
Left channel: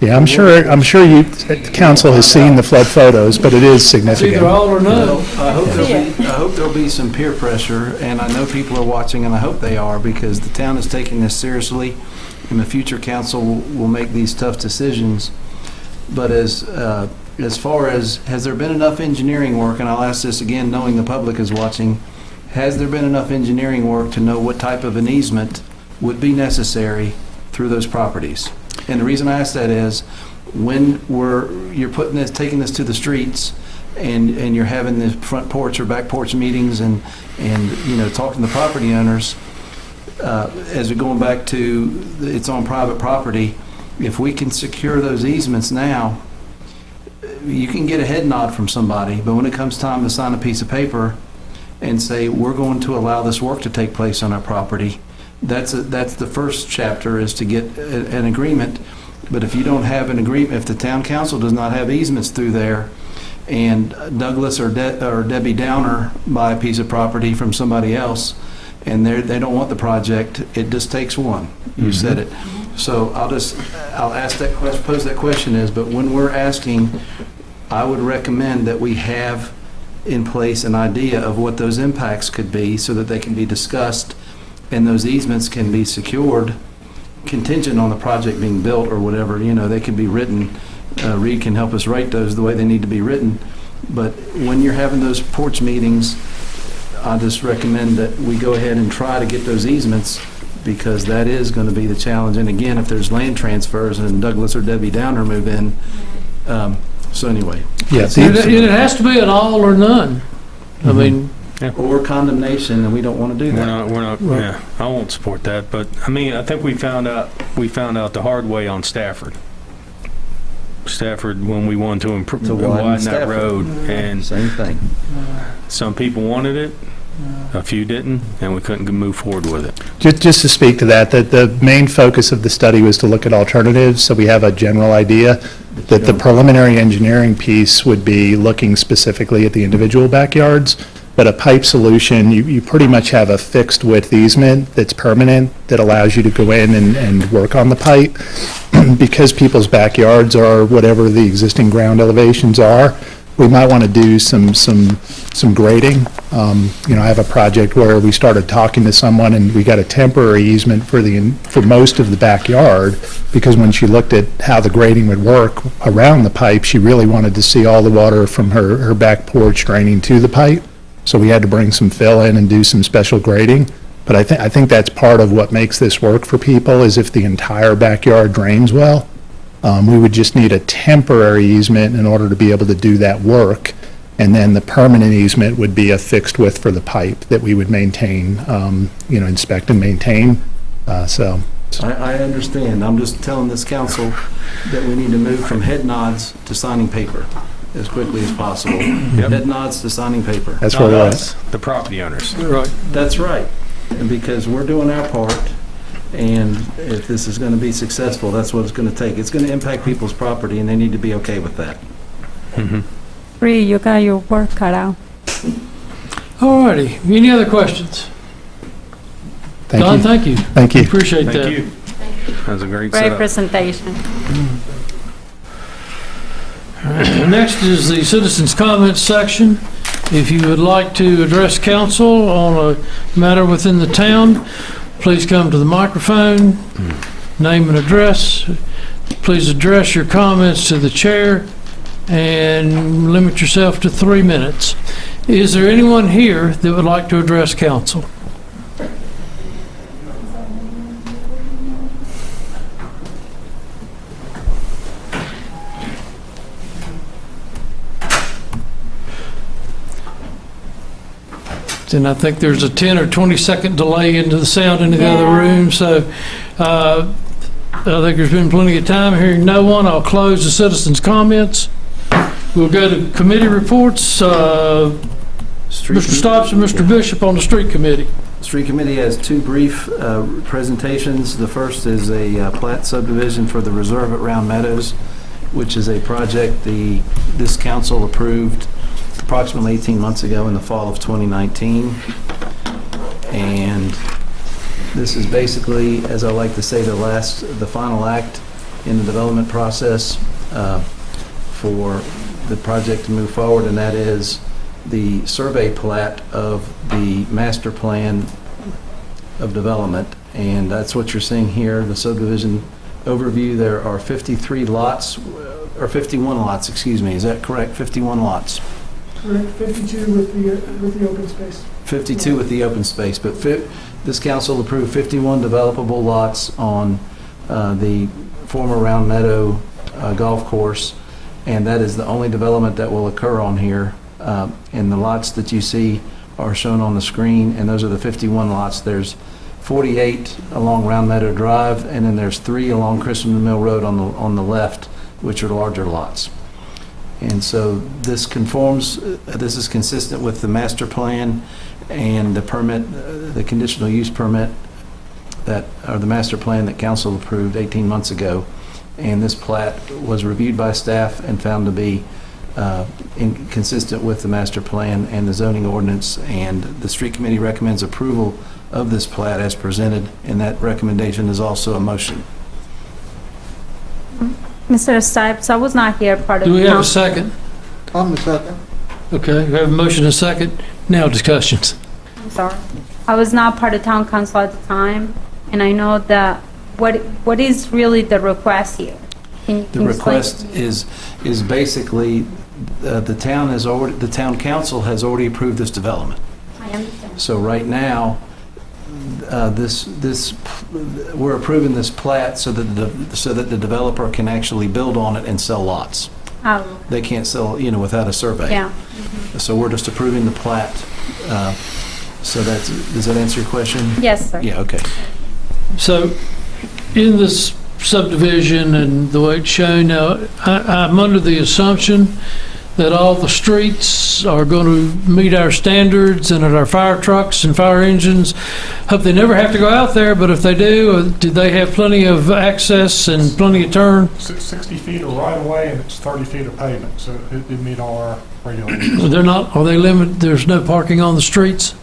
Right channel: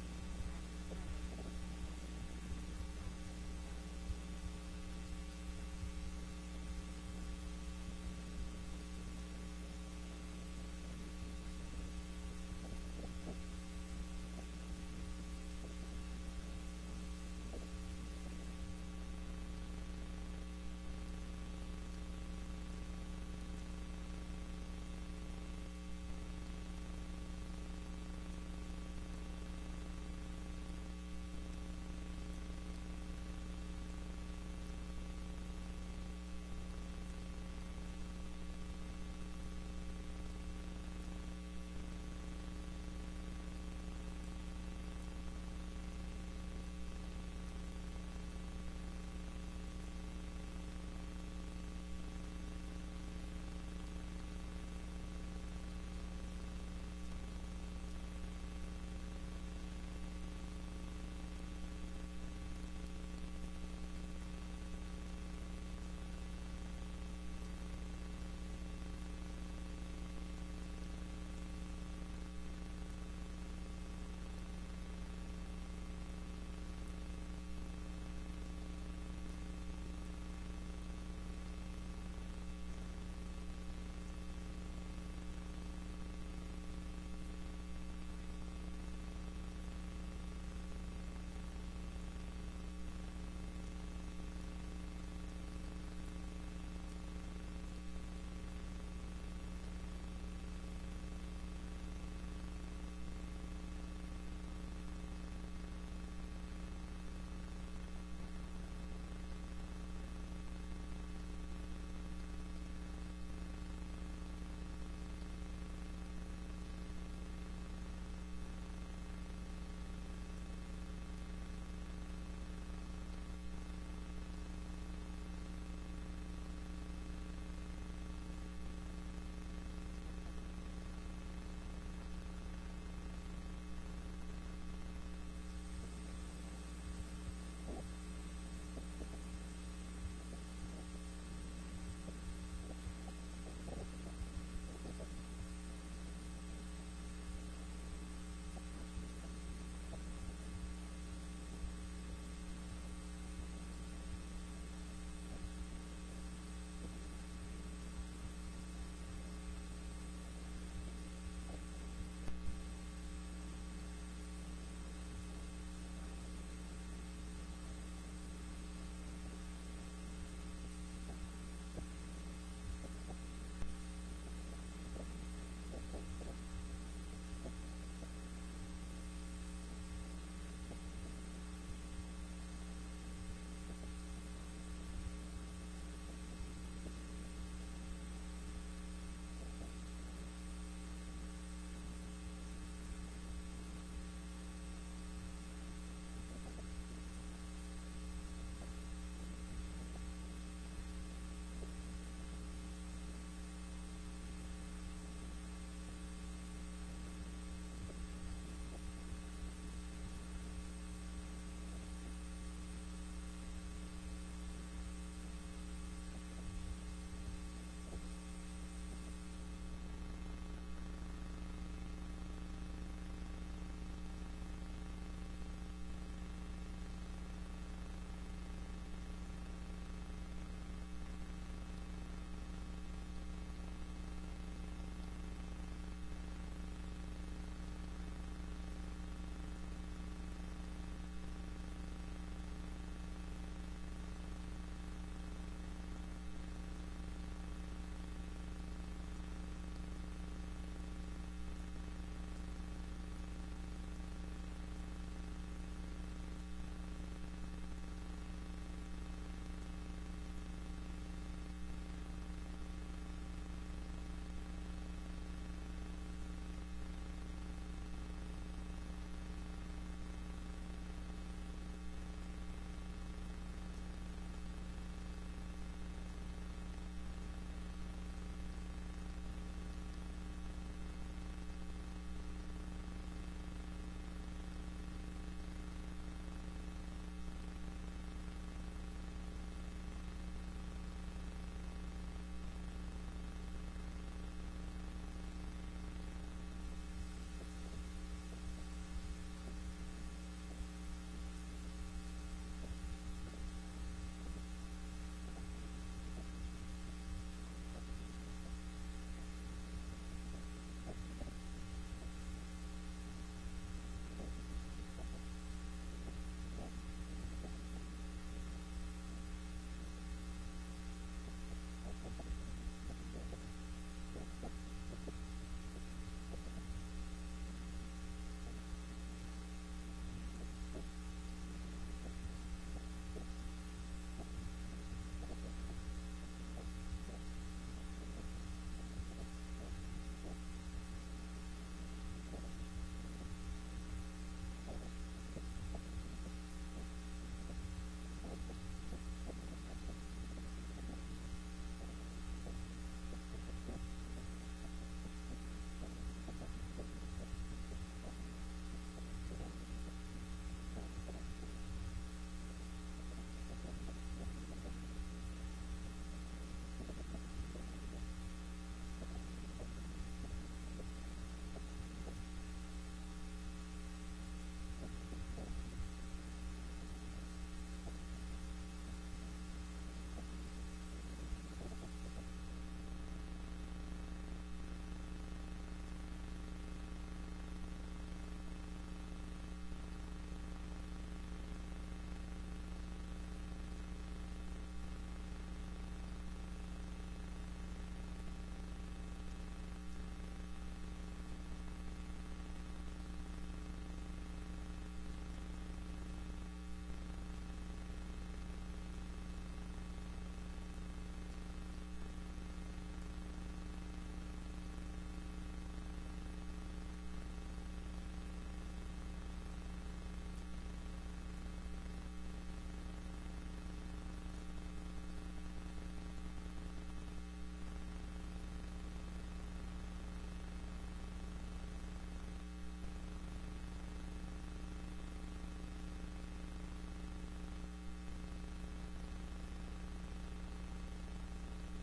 Yeah, I'm sure you, council has seen the flood photos, but it is significant. It's either all or none. I hope there'll be some peer pressure, and I know people are watching, and I hope they are, because the town is taking this seriously, and the future council will make these tough decisions. But as far as, has there been enough engineering work, and I'll ask this again, knowing the public is watching, has there been enough engineering work to know what type of an easement would be necessary through those properties? And the reason I ask that is, when you're taking this to the streets, and you're having the front porch or back porch meetings, and talking to the property owners, as we're going back to, it's on private property, if we can secure those easements now, you can get a head nod from somebody, but when it comes time to sign a piece of paper and say, we're going to allow this work to take place on our property, that's the first chapter, is to get an agreement. But if you don't have an agreement, if the town council does not have easements through there, and Douglas or Debbie Downer buy a piece of property from somebody else, and they don't want the project, it just takes one. You said it. So I'll ask that question, pose that question is, but when we're asking, I would recommend that we have in place an idea of what those impacts could be so that they can be discussed and those easements can be secured contingent on the project being built or whatever. They can be written. Reed can help us write those the way they need to be written. But when you're having those porch meetings, I just recommend that we go ahead and try to get those easements, because that is going to be the challenge. And again, if there's land transfers and Douglas or Debbie Downer move in, so anyway. Yeah, it has to be an all or none. I mean, or condemnation, and we don't want to do that. We're not. Yeah, I won't support that. But I mean, I think we found out the hard way on Stafford. When we wanted to improve, widen that road, and same thing. Some people wanted it, a few didn't, and we couldn't move forward with it. Just to speak to that, the main focus of the study was to look at alternatives, so we have a general idea that the preliminary engineering piece would be looking specifically at the individual backyards, but a pipe solution, you pretty much have a fixed width easement that's permanent that allows you to go in and work on the pipe. Because people's backyards are whatever the existing ground elevations are, we might want to do some grading. I have a project where we started talking to someone and we got a temporary easement for most of the backyard, because when she looked at how the grading would work around the pipe, she really wanted to see all the water from her back porch draining to the pipe. So we had to bring some fill in and do some special grading. But I think that's part of what makes this work for people, is if the entire backyard drains well. We would just need a temporary easement in order to be able to do that work. And then the permanent easement would be a fixed width for the pipe that we would maintain, inspect and maintain. I understand. I'm just telling this council that we need to move from head nods to signing paper as quickly as possible. Head nods to signing paper. That's where we're at. The property owners. Right. That's right. And because we're doing our part, and if this is going to be successful, that's what it's going to take. It's going to impact people's property, and they need to be okay with that. Bree, you got your work cut out. All righty. Any other questions? Don, thank you. Thank you. Appreciate that. Thank you. That was a great Great setup. presentation. All right. Next is the citizens' comments section. If you would like to address council on a matter within the town, please come to the microphone, name and address. Please address your comments to the chair and limit yourself to 3 minutes. Is there anyone here that would like to address council? And I think there's a 10 or 20 second delay into the sound into the other room, so I think there's been plenty of time. Hearing no one, I'll close the citizens' comments. We'll go to committee reports. Mr. Stopes and Mr. Bishop on the street committee. Street committee has two brief presentations. The first is a plat subdivision for the reserve at Round Meadows, which is a project this council approved approximately 18 months ago in the fall of 2019. And this is basically, as I like to say, the final act in the development process for the project to move forward, and that is the survey plat of the master plan of development. And that's what you're seeing here, the subdivision overview. There are 53 lots, or 51 lots, excuse me. Is that correct? 51 lots. Correct, 52 with the open space. 52 with the open space, but this council approved 51 developable lots on the former Round Meadow golf course, and that is the only development that will occur on here. And the lots that you see are shown on the screen, and those are the 51 lots. There's 48 along Round Meadow Drive, and then there's 3 along Christian Mill Road on the left, which are larger lots. And so this conforms, this is consistent with the master plan and the permit, the conditional use permit that, or the master plan that council approved 18 months ago. And this plat was reviewed by staff and found to be consistent with the master plan and the zoning ordinance. And the street committee recommends approval of this plat as presented, and that recommendation is also a motion. Mr. Stipes, I was not here part of Do the we have a council. second? I'm the second. Okay, we have a motion and a second. Now discussions. I'm sorry. I was not part of town council at the time, and I know that, what is really the request here? Can The you request is basically, the town council has already approved this development. I understand. So right now, we're approving this plat so that the developer can actually build on it and sell lots. Oh, They can't sell, without a survey. yeah. So we're just approving the plat. So does that answer your question? Yes, sir. Yeah, okay. So, in this subdivision and the way it's shown now, I'm under the assumption that all the streets are going to meet our standards and that our fire trucks and fire engines, hope they never have to go out there, but if they do they have plenty of access and plenty of turn? 60 feet of right of way and it's 30 feet of pavement, so it meet all our regulations. Are they limited, there's no parking on the streets?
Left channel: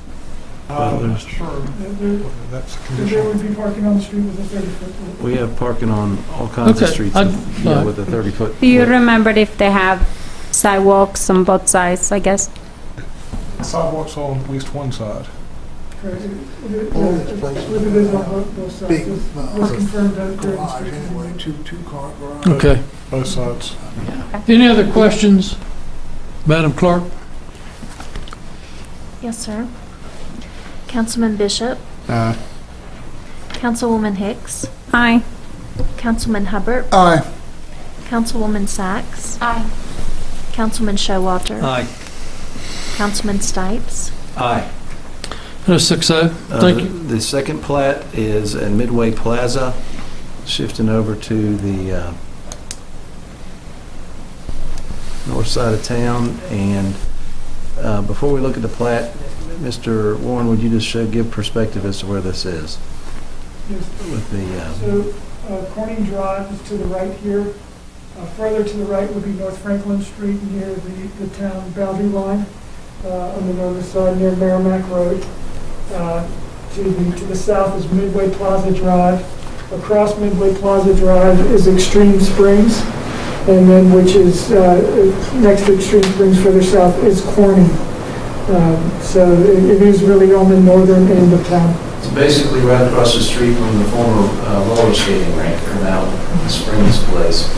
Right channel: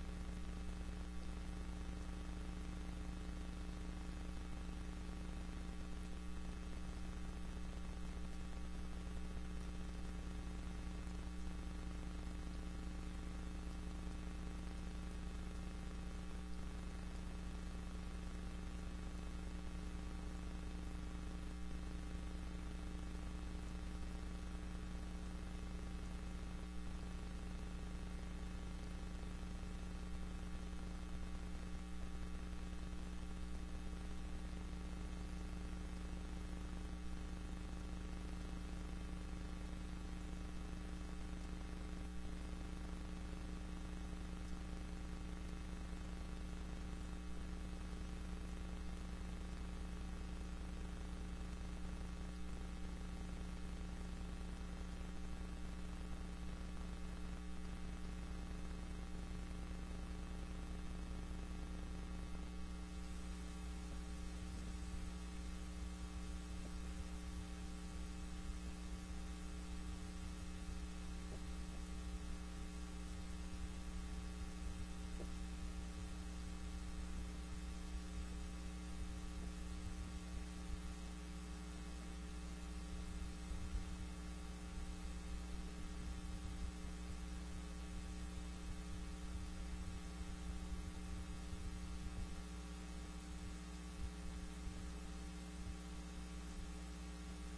Sure, that's a There condition. would be parking on the street with a 30-foot. We have parking on all kinds of Okay, streets I- with a 30-foot. Do you remember if they have sidewalks on both sides, I guess? Sidewalks on at least one side. Correct. All these places It is on both sides. Big, It was confirmed that during garage inspection. anyway, two-car garage. Okay. Both sides. Any other questions, Madam Clerk? Yes, sir. Councilman Bishop, Councilwoman Hicks, Aye. Councilman Hubbard, Aye. Councilwoman Sacks, Aye. Councilman Showalter, Aye. Councilman Stipes. Aye. That's 6-0. Thank you. The second plat is at Midway Plaza, shifting over to the north side of town. And before we look at the plat, Mr. Warren, would you just give perspective as to where this is? Yes. With the, So, Corning Drive is to the right here. Further to the right would be North Franklin Street near the town boundary line, on the northern side near Merrimack Road. To the south is Midway Plaza Drive. Across Midway Plaza Drive is Extreme Springs, and then which is next to Extreme Springs further south is Corning. So it is really on the northern end of town. it's basically right across the street from the former roller skating rink, or now the Springs place.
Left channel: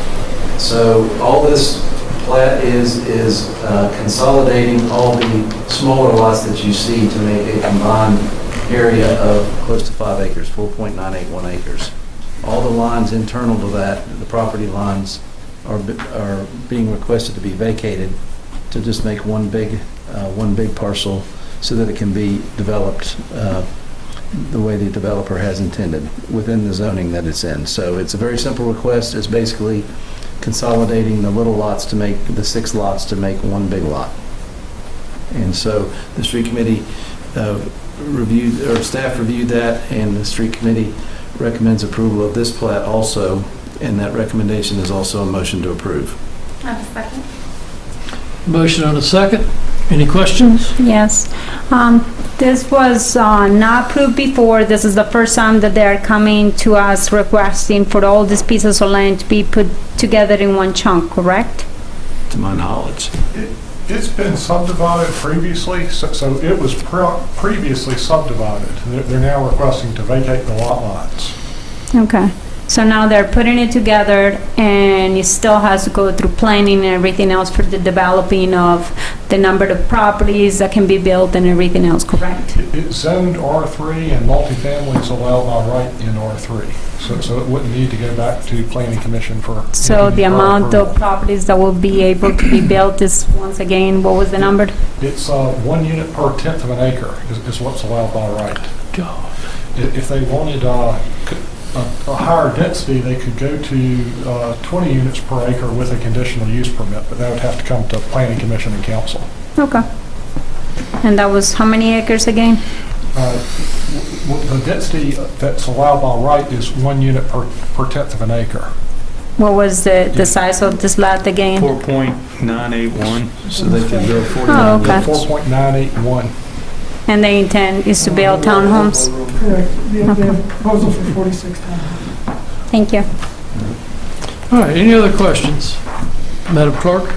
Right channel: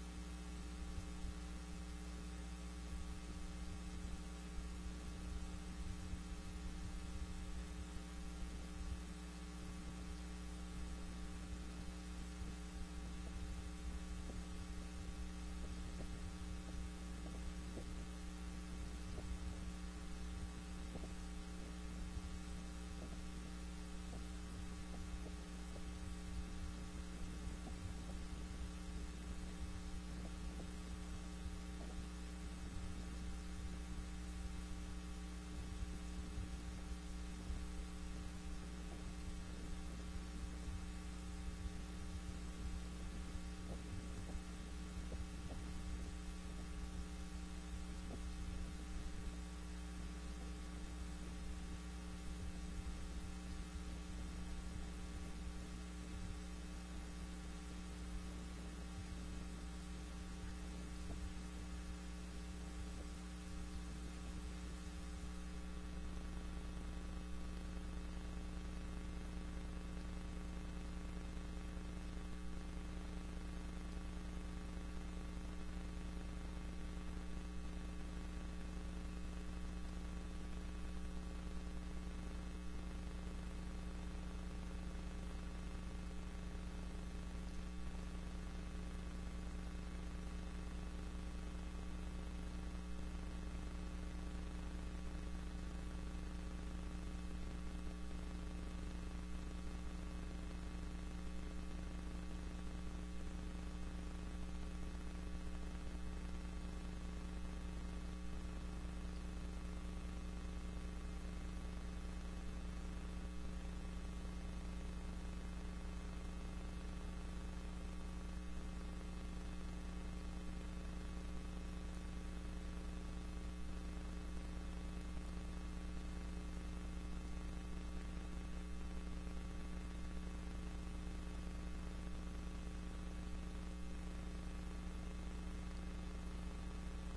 So all this plat is consolidating all the smaller lots that you see to make a combined area of close to 5 acres, 4.981 acres. All the lines internal to that, the property lines, are being requested to be vacated to just make one big parcel so that it can be developed the way the developer has intended within the zoning that it's in. So it's a very simple request. It's basically consolidating the little lots to make, the 6 lots to make one big lot. And so the street committee staff reviewed that, and the street committee recommends approval of this plat also, and that recommendation is also a motion to approve. I have a second. Motion and a second. Any questions? Yes. This was not approved before. This is the first time that they're coming to us requesting for all these pieces of land to be put together in one chunk, correct? To my knowledge. It's been subdivided previously, so it was previously subdivided. They're now requesting to vacate the lot lines. Okay. So now they're putting it together, and it still has to go through planning and everything else for the developing of the number of properties that can be built and everything else, correct? It's zoned R3, and multifamily is allowed by right in R3. So it wouldn't need to go back to planning commission for. So the any amount approval. of properties that will be able to be built is, once again, what was the number? It's 1 unit per 1/10 of an acre is what's allowed by right. If they wanted a higher density, they could go to 20 units per acre with a conditional use permit, but that would have to come to Planning Commission and Council. Okay. And that was how many acres again? The density that's allowed by right is 1 unit per tenth of an acre. What was the size of this lot again? 4.981. So they could go 49. Oh, okay. 4.981. And the intent is to build townhomes? Correct. The proposal for 46 townhomes. Thank you. All right, any other questions? Madam Clerk?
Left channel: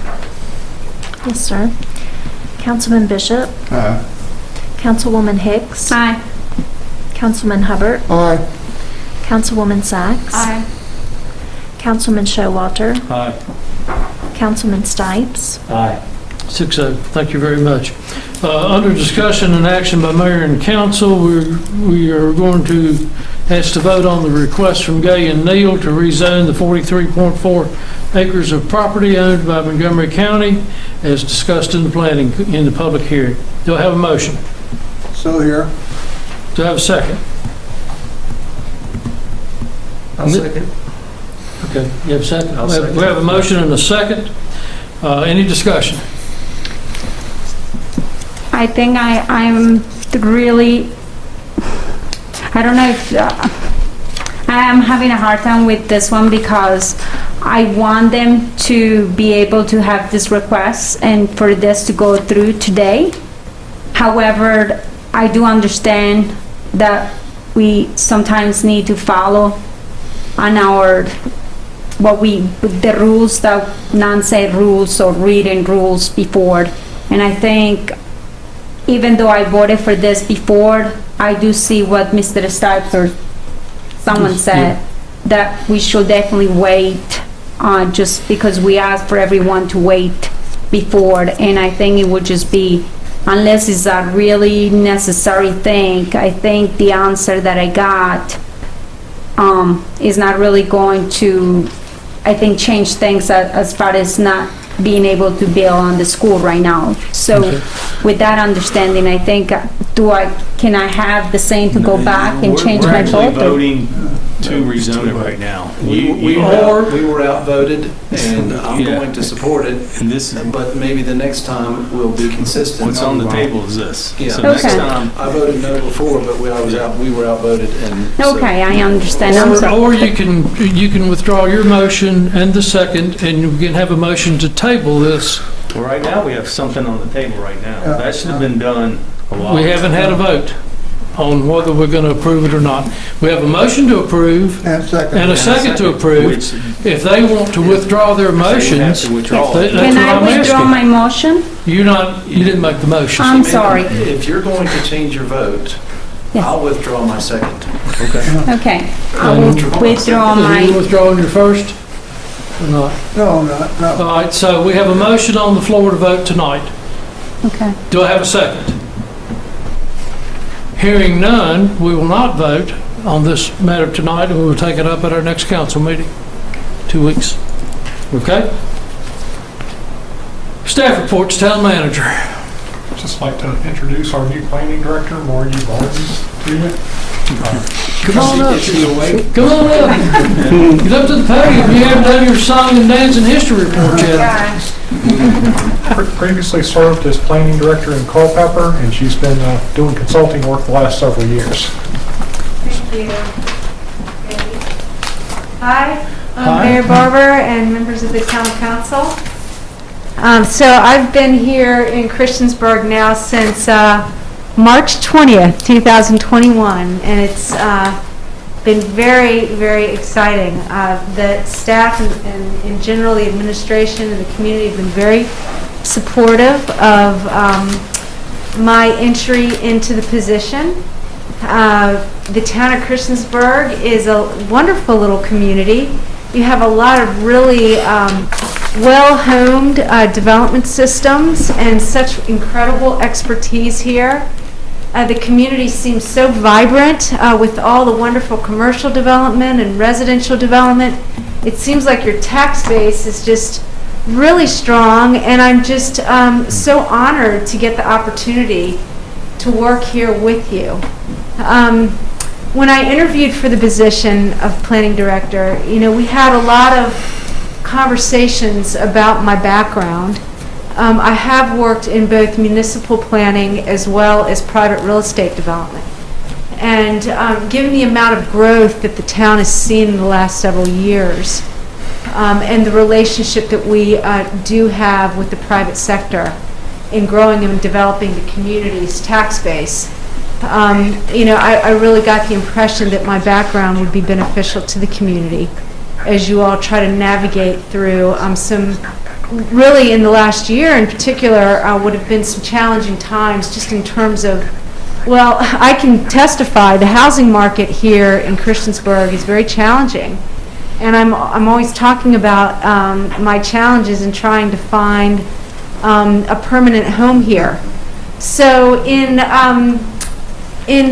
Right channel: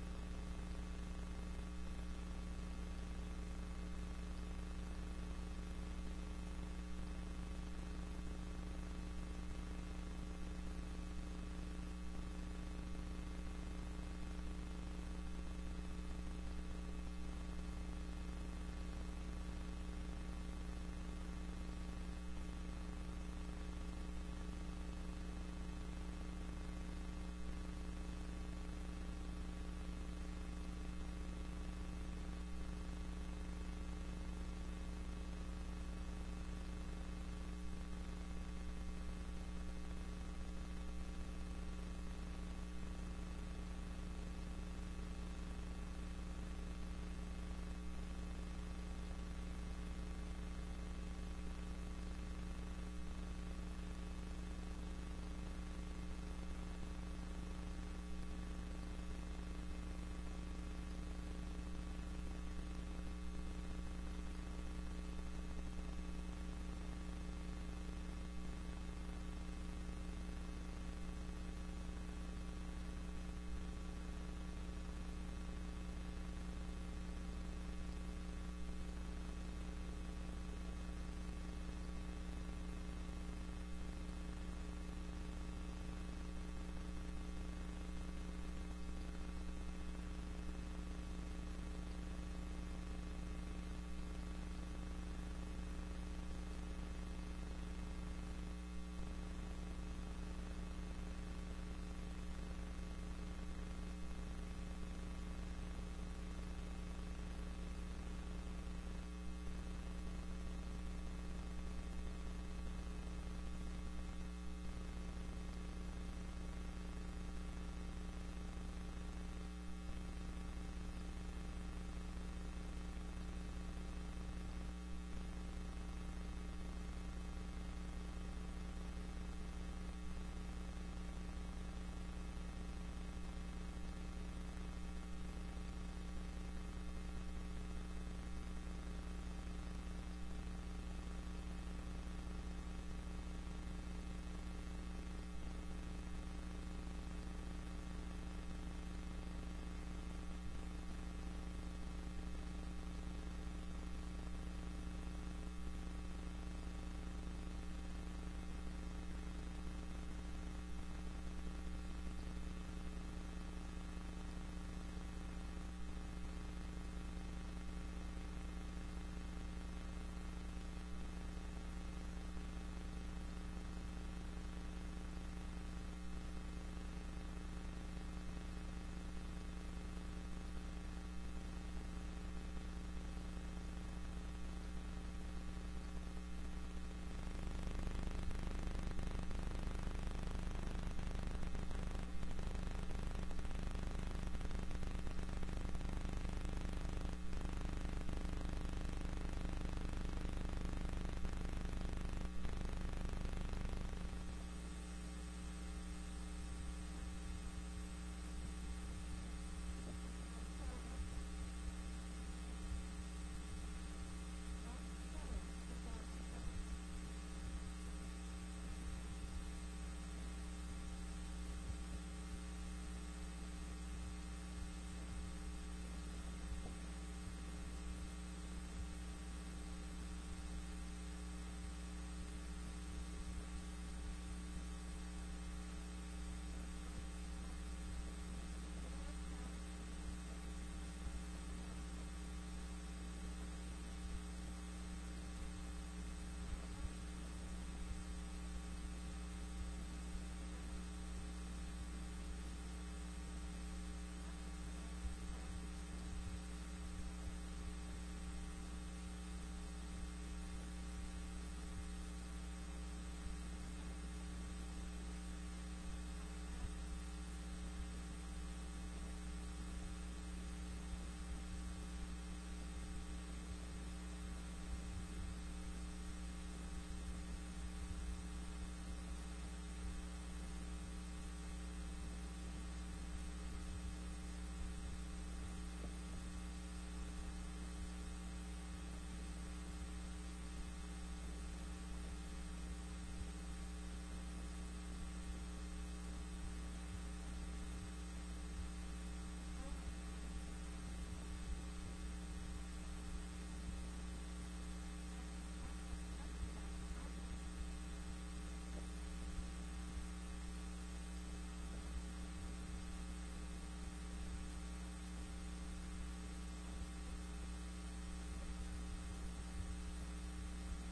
Yes, sir. Councilman Bishop? Aye. Councilwoman Hicks? Aye. Councilman Hubbard? Aye. Councilwoman Sacks? Aye. Councilman Showalter? Aye. Councilman Stipes? Aye. 6-0. Thank you very much. Under discussion and action by mayor and council, we are going to ask to vote on the request from Gay and Neal to rezone the 43.4 acres of property owned by Montgomery County as discussed in the public hearing. Do I have a motion? So here. Do I have a second? I'll second. Okay, you have a second? I'll second. We have a motion and a second. Any discussion? I think I'm really, I don't know if, I am having a hard time with this one because I want them to be able to have this request and for this to go through today. However, I do understand that we sometimes need to follow on our, the rules that non-said rules or written rules before. And I think even though I voted for this before, I do see what Mr. Stipes or someone said, that we should definitely wait, just because we asked for everyone to wait before, and I think it would just be, unless it's a really necessary thing, I think the answer that I got is not really going to, I think, change things as far as not being able to build on the school right now. So with that understanding, I think, can I have the same to go back and change my vote? We're actually voting to rezone it right now. We were outvoted, and I'm going to support it, but maybe the next time we'll be consistent. What's on the table is this. Yeah. So next time, I voted no before, but we were outvoted, and Okay, I understand. I'm sorry. Or you can withdraw your motion and the second, and you can have a motion to table this. well, right now, we have something on the table right now. That should have been done a while. We haven't had a vote on whether we're going to approve it or not. We have a motion to approve And second. and a second to approve. If they want to withdraw their motions, that's what Can I I'm withdraw asking. my motion? You didn't make the motion. I'm sorry. if you're going to change your vote, Yes. I'll withdraw my second. Okay, I will withdraw Are you my, withdrawing your first or not? No, no. All right, so we have a motion on the floor to vote tonight. okay. Do I have a second? Hearing none, we will not vote on this matter tonight, and we will take it up at our next council meeting, 2 weeks. Okay? Staff reports, town manager. I'd just like to introduce our new planning director, Margie Barnes, to you. Come on up. Come on up. Get up to the podium. You haven't done your song and dance and history report yet. Previously served as planning director in Culpeper, and she's been doing consulting work the last several years. Thank you. Hi, I'm Mayor Barber and members of the town council. So I've been here in Christiansburg now since March 20th, 2021, and it's been very, very exciting. The staff and general the administration and the community have been very supportive of my entry into the position. The town of Christiansburg is a wonderful little community. You have a lot of really well-honed development systems and such incredible expertise here. The community seems so vibrant with all the wonderful commercial development and residential development. It seems like your tax base is just really strong, and I'm just so honored to get the opportunity to work here with you. when I interviewed for the position of planning director, we had a lot of conversations about my background. I have worked in both municipal planning as well as private real estate development. And given the amount of growth that the town has seen in the last several years, and the relationship that we do have with the private sector in growing and developing the community's tax base, I really got the impression that my background would be beneficial to the community as you all try to navigate through some, really in the last year in particular, would have been some challenging times just in terms of, well, I can testify the housing market here in Christiansburg is very challenging. And I'm always talking about my challenges in trying to find a permanent home here. So in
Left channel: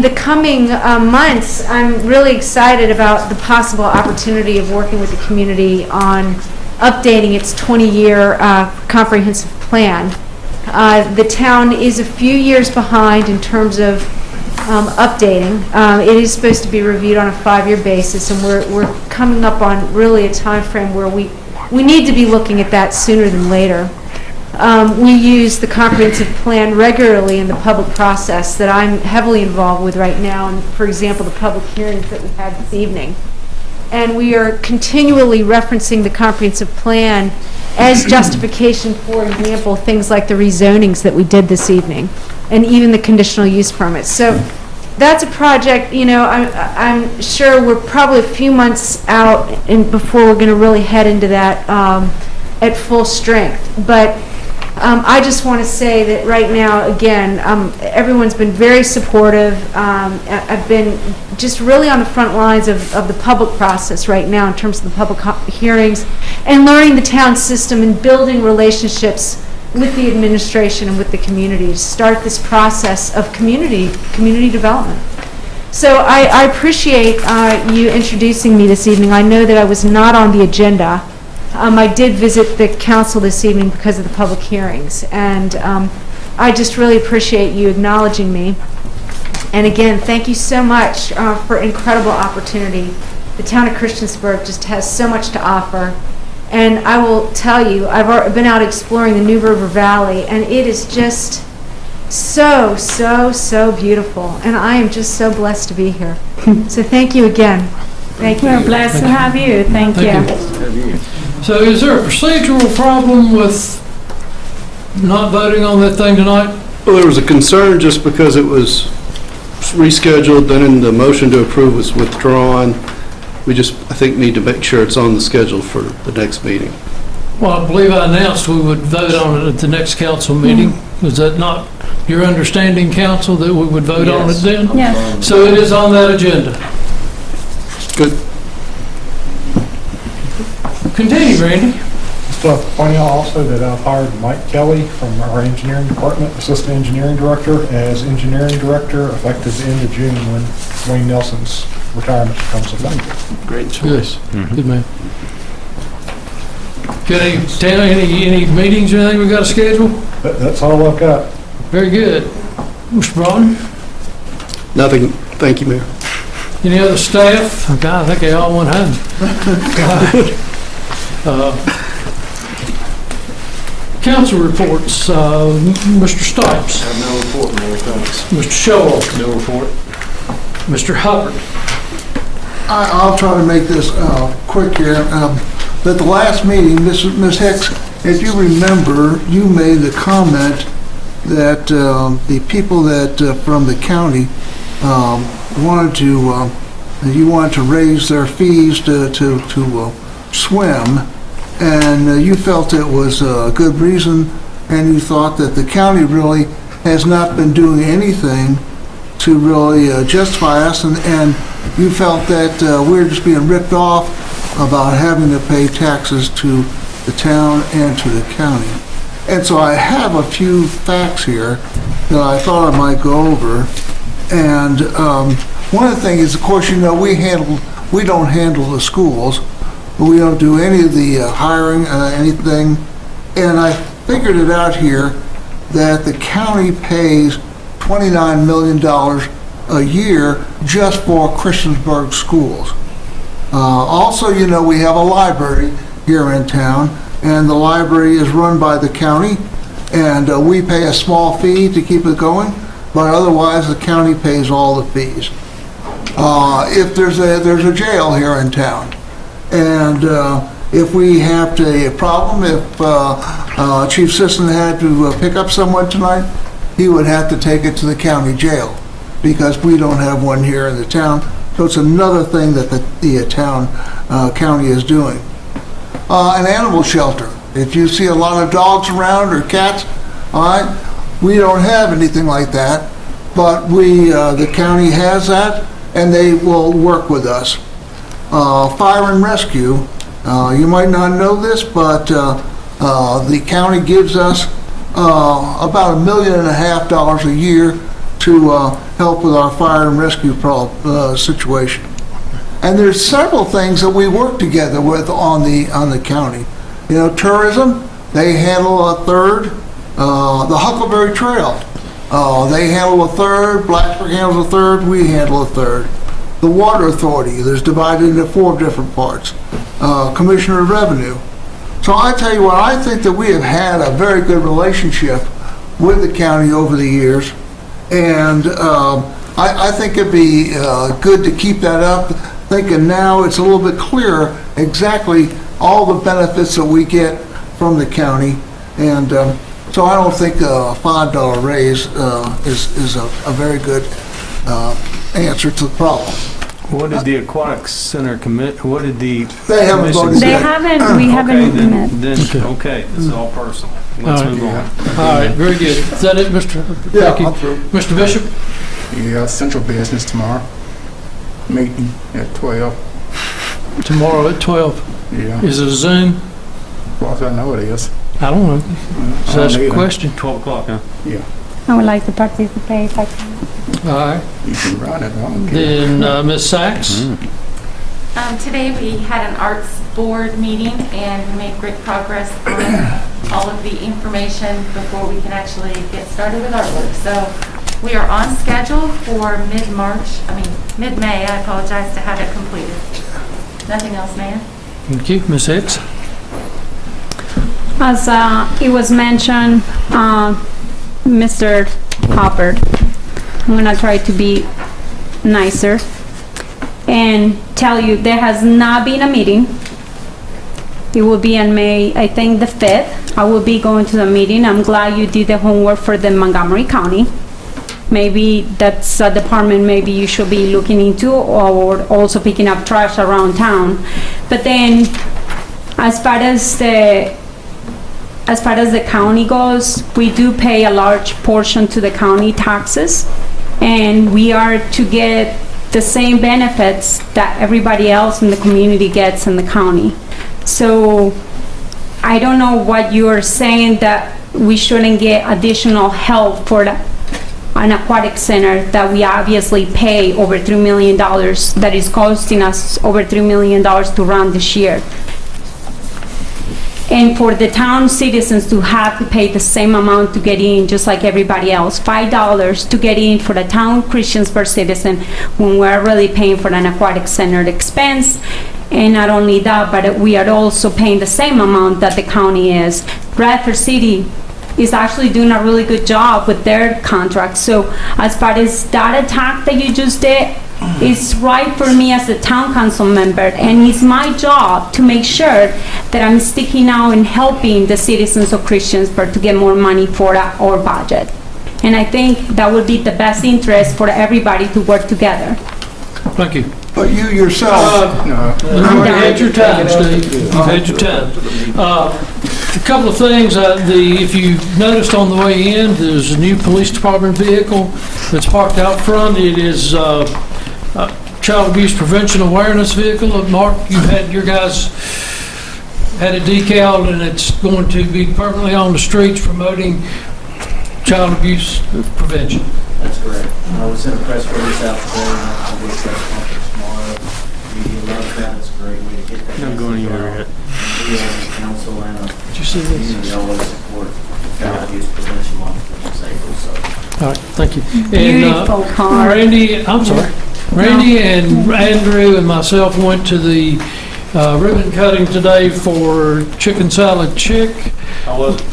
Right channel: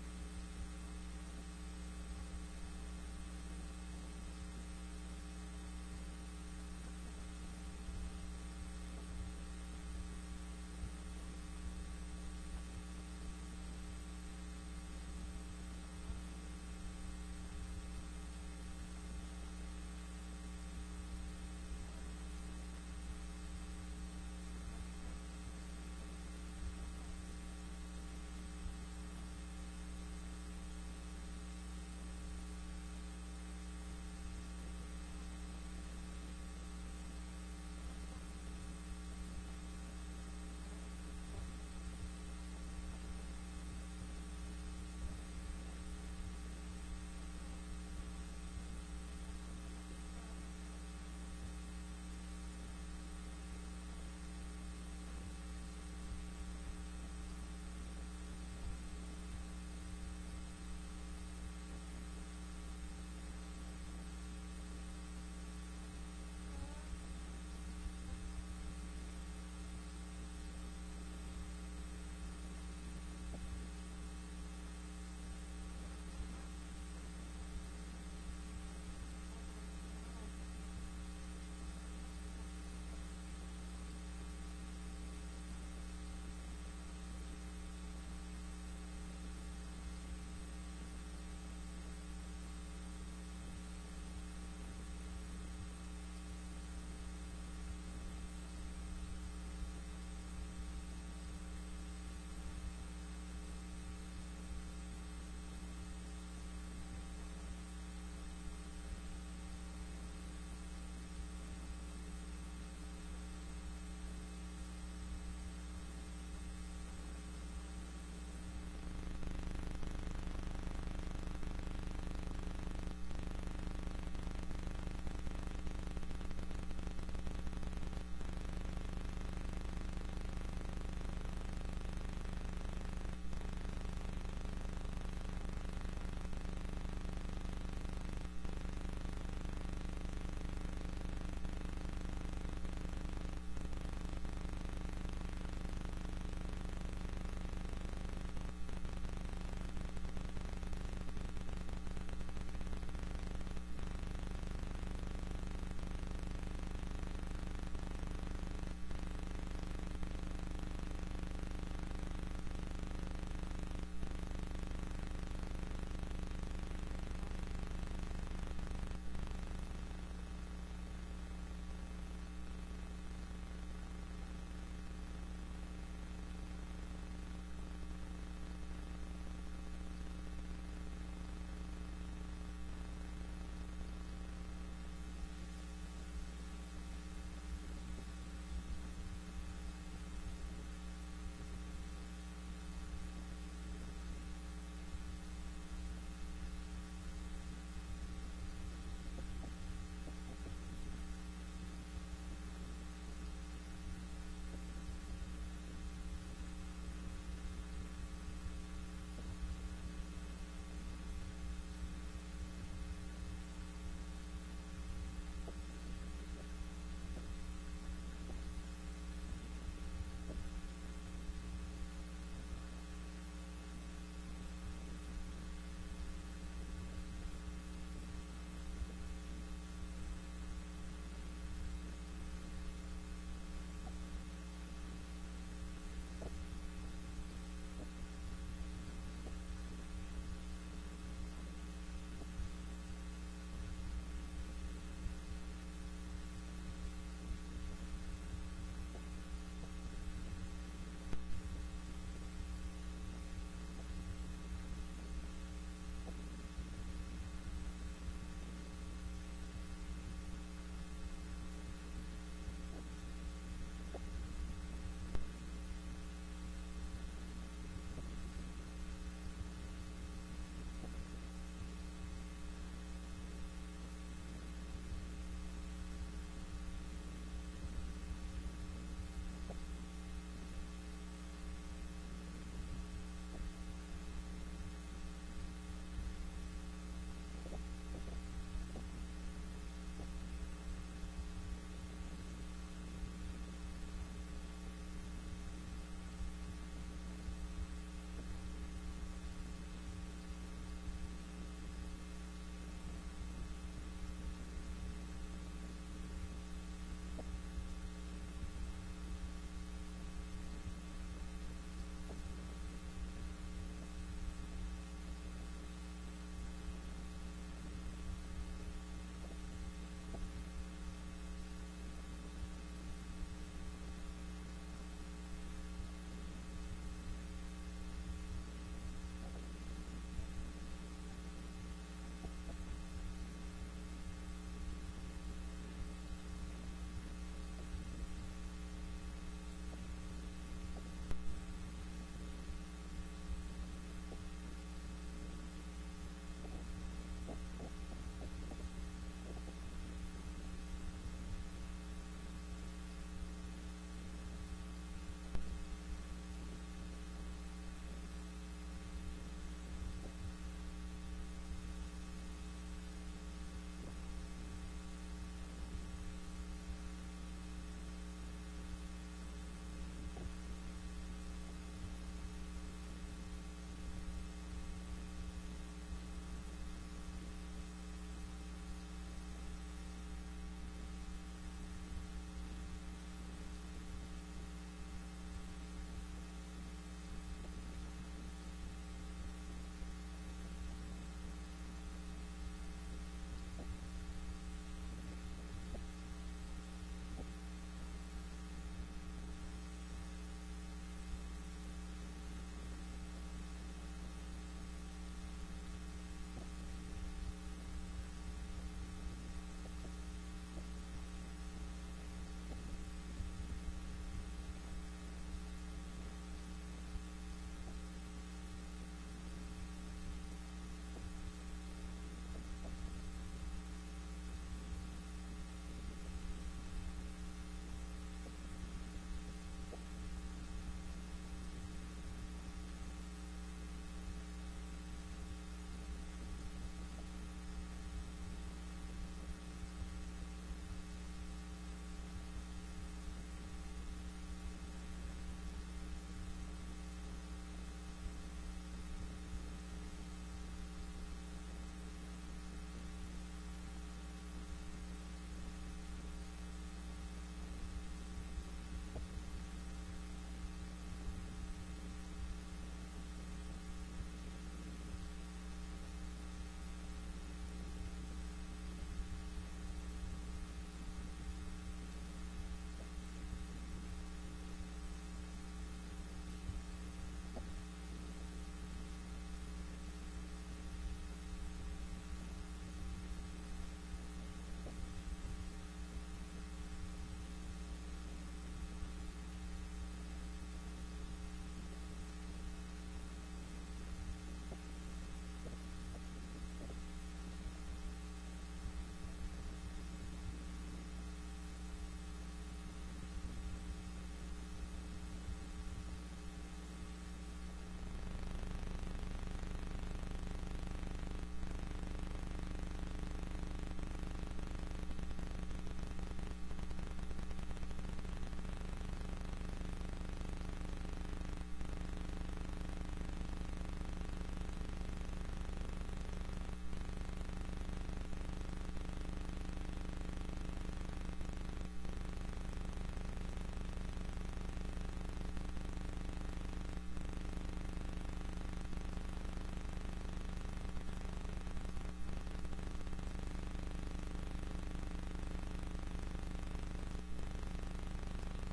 the coming months, I'm really excited about the possible opportunity of working with the community on updating its 20-year comprehensive plan. The town is a few years behind in terms of updating. It is supposed to be reviewed on a 5-year basis, and we're coming up on really a time frame where we need to be looking at that sooner than later. We use the comprehensive plan regularly in the public process that I'm heavily involved with right now, and for example, the public hearings that we had this evening. And we are continually referencing the comprehensive plan as justification, for example, things like the rezonings that we did this evening, and even the conditional use permits. So that's a project, I'm sure we're probably a few months out before we're going to really head into that at full strength. But I just want to say that right now, again, everyone's been very supportive. I've been just really on the front lines of the public process right now in terms of the public hearings and learning the town system and building relationships with the administration and with the community to start this process of community development. So I appreciate you introducing me this evening. I know that I was not on the agenda. I did visit the council this evening because of the public hearings, and I just really appreciate you acknowledging me. And again, thank you so much for an incredible opportunity. The town of Christiansburg just has so much to offer. And I will tell you, I've been out exploring the New River Valley, and it is just so, so, so beautiful. And I am just so blessed to be here. So thank you again. Thank you. We're blessed to have you. Thank you. So is there a procedural problem with not voting on that thing tonight? Well, there was a concern just because it was rescheduled, then the motion to approve was withdrawn. We just, I think, need to make sure it's on the schedule for the next meeting. Well, I believe I announced we would vote on it at the next council meeting. Was that not your understanding, council, that we would vote on it then? Yes. So it is on that agenda. Good. Continue, Randy. So point out also that I've hired Mike Kelly from our engineering department, assistant engineering director, as engineering director effective the end of June when Wayne Nelson's retirement becomes effective. Great choice. Good man. Any meetings or anything we got to schedule? That's all I've got. Very good. Mr. Broughton? Nothing. Thank you, Mayor. Any other staff? Oh, God, I think they all went home. Council reports. Mr. Stipes. I have no report, Mayor, thanks. Mr. Showalter. No report. Mr. Hubbard. I'll try to make this quick here. At the last meeting, Ms. Hicks, if you remember, you made the comment that the people that from the county wanted to raise their fees to swim, and you felt it was a good reason, and you thought that the county really has not been doing anything to really justify us, and you felt that we're just being ripped off about having to pay taxes to the town and to the county. And so I have a few facts here that I thought I might go over. And one of the things is, of course, we don't handle the schools. We don't do any of the hiring, anything. And I figured it out here that the county pays $29 million a year just for Christiansburg schools. Also, you know, we have a library here in town, and the library is run by the county, and we pay a small fee to keep it going, but otherwise the county pays all the fees. If there's a jail here in town, and if we have a problem, if Chief Sisson had to pick up someone tonight, he would have to take it to the county jail, because we don't have one here in the town. So it's another thing that the county is doing. An animal shelter. If you see a lot of dogs around or cats, all right, we don't have anything like that, but the county has that, and they will work with us. Fire and rescue. You might not know this, but the county gives us about $1.5 million a year to help with our fire and rescue situation. And there's several things that we work together with on the county. You know, tourism, they handle a third. The Huckleberry Trail, they handle a third. Blacksburg handles a third. We handle a third. The Water Authority, there's divided into 4 different parts. Commissioner of Revenue. So I tell you what, I think that we have had a very good relationship with the county over the years, and I think it'd be good to keep that up, thinking now it's a little bit clearer exactly all the benefits that we get from the county, and so I don't think a $5 raise is a very good answer to the problem. What did the Aquatic Center commit, what did the They haven't commission voted say? yet. We haven't met. Okay, this is all personal. Let's All right. move on. All right, very good. Is that it, Mr.? Yeah, Thank you. I'm through. Mr. Bishop? Yeah, central business tomorrow. Meeting at 12. Tomorrow at 12. Yeah. Is it a Zoom? As far as I know it is. I don't know. Just I ask don't a either. question. 12 o'clock, huh? Yeah. I would like to participate if I can. All right. You can run it. I don't care. Then Ms. Sachs? Today we had an arts board meeting and we made great progress on all of the information before we can actually get started with artwork. So we are on schedule for mid-May, I apologize, to have it completed. Nothing else, Mayor? Thank you. Ms. Hicks? As it was mentioned, Mr. Hopper, I'm gonna try to be nicer and tell you there has not been a meeting. It will be on May, I think, the 5th. I will be going to the meeting. I'm glad you did the homework for the Montgomery County. Maybe that's a department maybe you should be looking into, or also picking up trash around town. But then, as far as the county goes, we do pay a large portion to the county taxes, and we are to get the same benefits that everybody else in the community gets in the county. So I don't know what you're saying, that we shouldn't get additional help for an aquatic center that we obviously pay over $3 million, that is costing us over $3 million to run this year. And for the town citizens to have to pay the same amount to get in, just like everybody else, $5 to get in for the town Christiansburg citizen, when we're really paying for an aquatic center expense. And not only that, but we are also paying the same amount that the county is. Bradford City is actually doing a really good job with their contract. So as far as that attack that you just did, it's right for me as a town council member, and it's my job to make sure that I'm sticking out and helping the citizens of Christiansburg to get more money for our budget. And I think that would be the best interest for everybody to work together. Thank you. But you yourself, You've had your time, Steve. You've had your time. A couple of things. If you noticed on the way in, there's a new police department vehicle that's parked out front. It is a child abuse prevention awareness vehicle. Mark, you've had your guys had it decaled, and it's going to be permanently on the streets promoting child abuse prevention. That's correct. We sent a press release out today, and I'll be at press conference tomorrow. Media loves that. It's a great way to get that. Not going anywhere yet. We as a council and a Did you see this? community always support child abuse prevention month, which is April, so All right, thank you. Beautiful car. Randy, I'm sorry. Randy and Andrew and myself went to the ribbon cutting today for Chicken Salad Chick. How was it?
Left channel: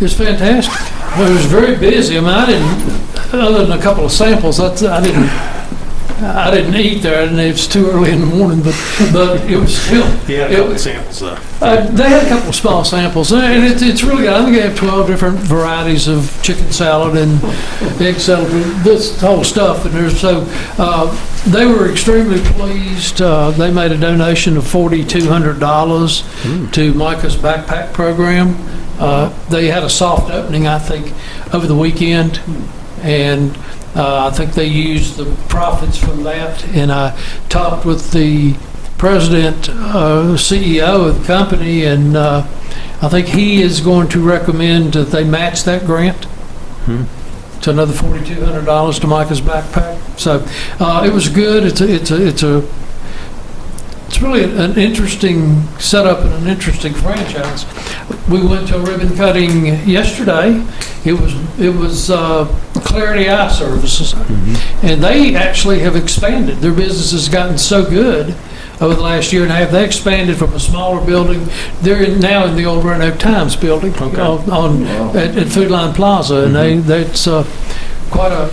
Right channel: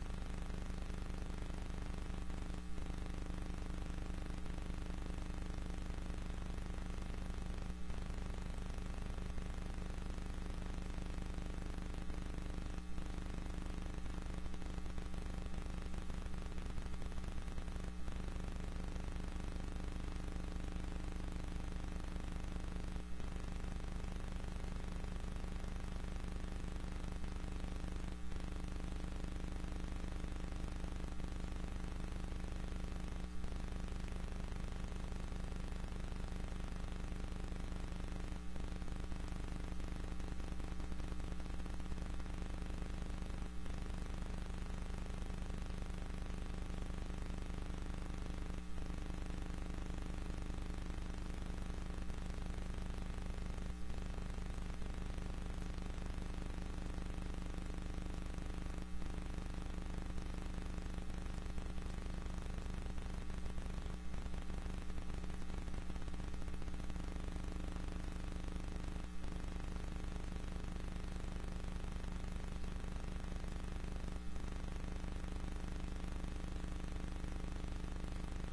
It's fantastic. It was very busy. I mean, I didn't, other than a couple of samples, I didn't eat there. I didn't, it was too early in the morning, but it was still. Yeah, a couple of samples though. They had a couple of small samples, and it's really good. I think they have 12 different varieties of chicken salad and egg salad, this whole stuff. And there's they were extremely pleased. They made a donation of $4,200 to Micah's backpack program. They had a soft opening, I think, over the weekend, and I think they used the profits from that. And I talked with the president, CEO of the company, and I think he is going to recommend that they match that grant to another $4,200 to Micah's backpack. So it was good. It's really an interesting setup and an interesting franchise. We went to a ribbon cutting yesterday. It was Clarity Eye Services, and they actually have expanded. Their business has gotten so good over the last year and a half. They expanded from a smaller building. They're now in the old Roanoke Times building at Food Line Plaza, and that's quite a.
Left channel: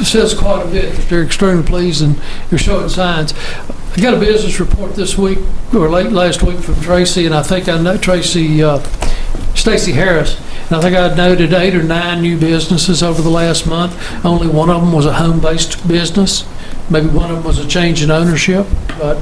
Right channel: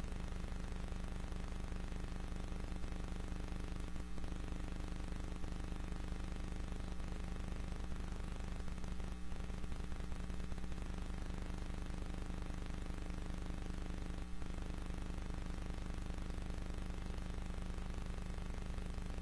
It says quite a bit. They're extremely pleased, and they're showing signs. I got a business report this week, or late last week, from Tracy, and I think I know Stacy Harris, and I think I noted 8 or 9 new businesses over the last month. Only one of them was a home-based business. Maybe one of them was a change in ownership, but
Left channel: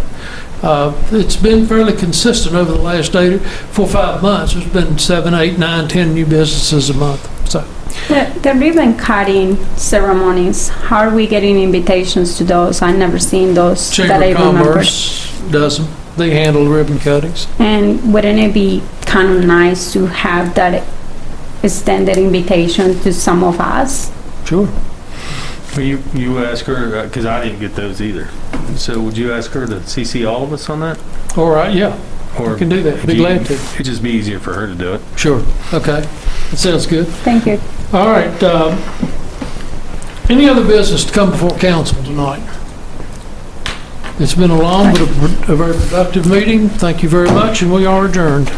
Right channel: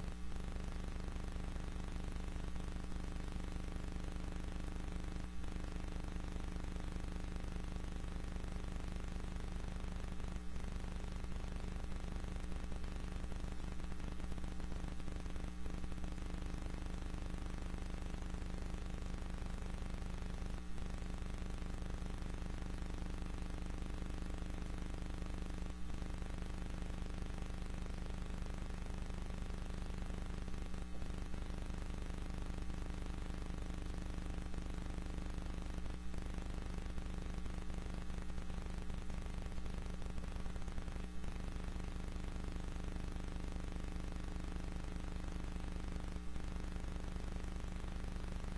it's been fairly consistent over the last 4 or 5 months. There's been 7, 8, 9, 10 new businesses a month. So. The ribbon cutting ceremonies, how are we getting invitations to those? I've never seen those that I Chamber of remember. Commerce does them. They handle ribbon cuttings. And wouldn't it be kind of nice to have that extended invitation to some of us? Sure. Well, you ask her, because I didn't get those either. So would you ask her to CC all of us on that? All right, yeah. Or I can do that. Be glad to. It'd just be easier for her to do it. Sure. Okay. That sounds good. Thank you. All right. Any other business to come before council tonight? It's been a long but a very productive meeting. Thank you very much, and we are adjourned.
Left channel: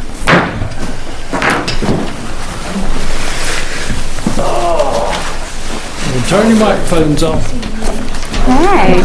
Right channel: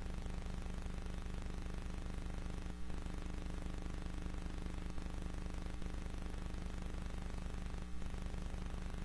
Turn your microphones off. Hey.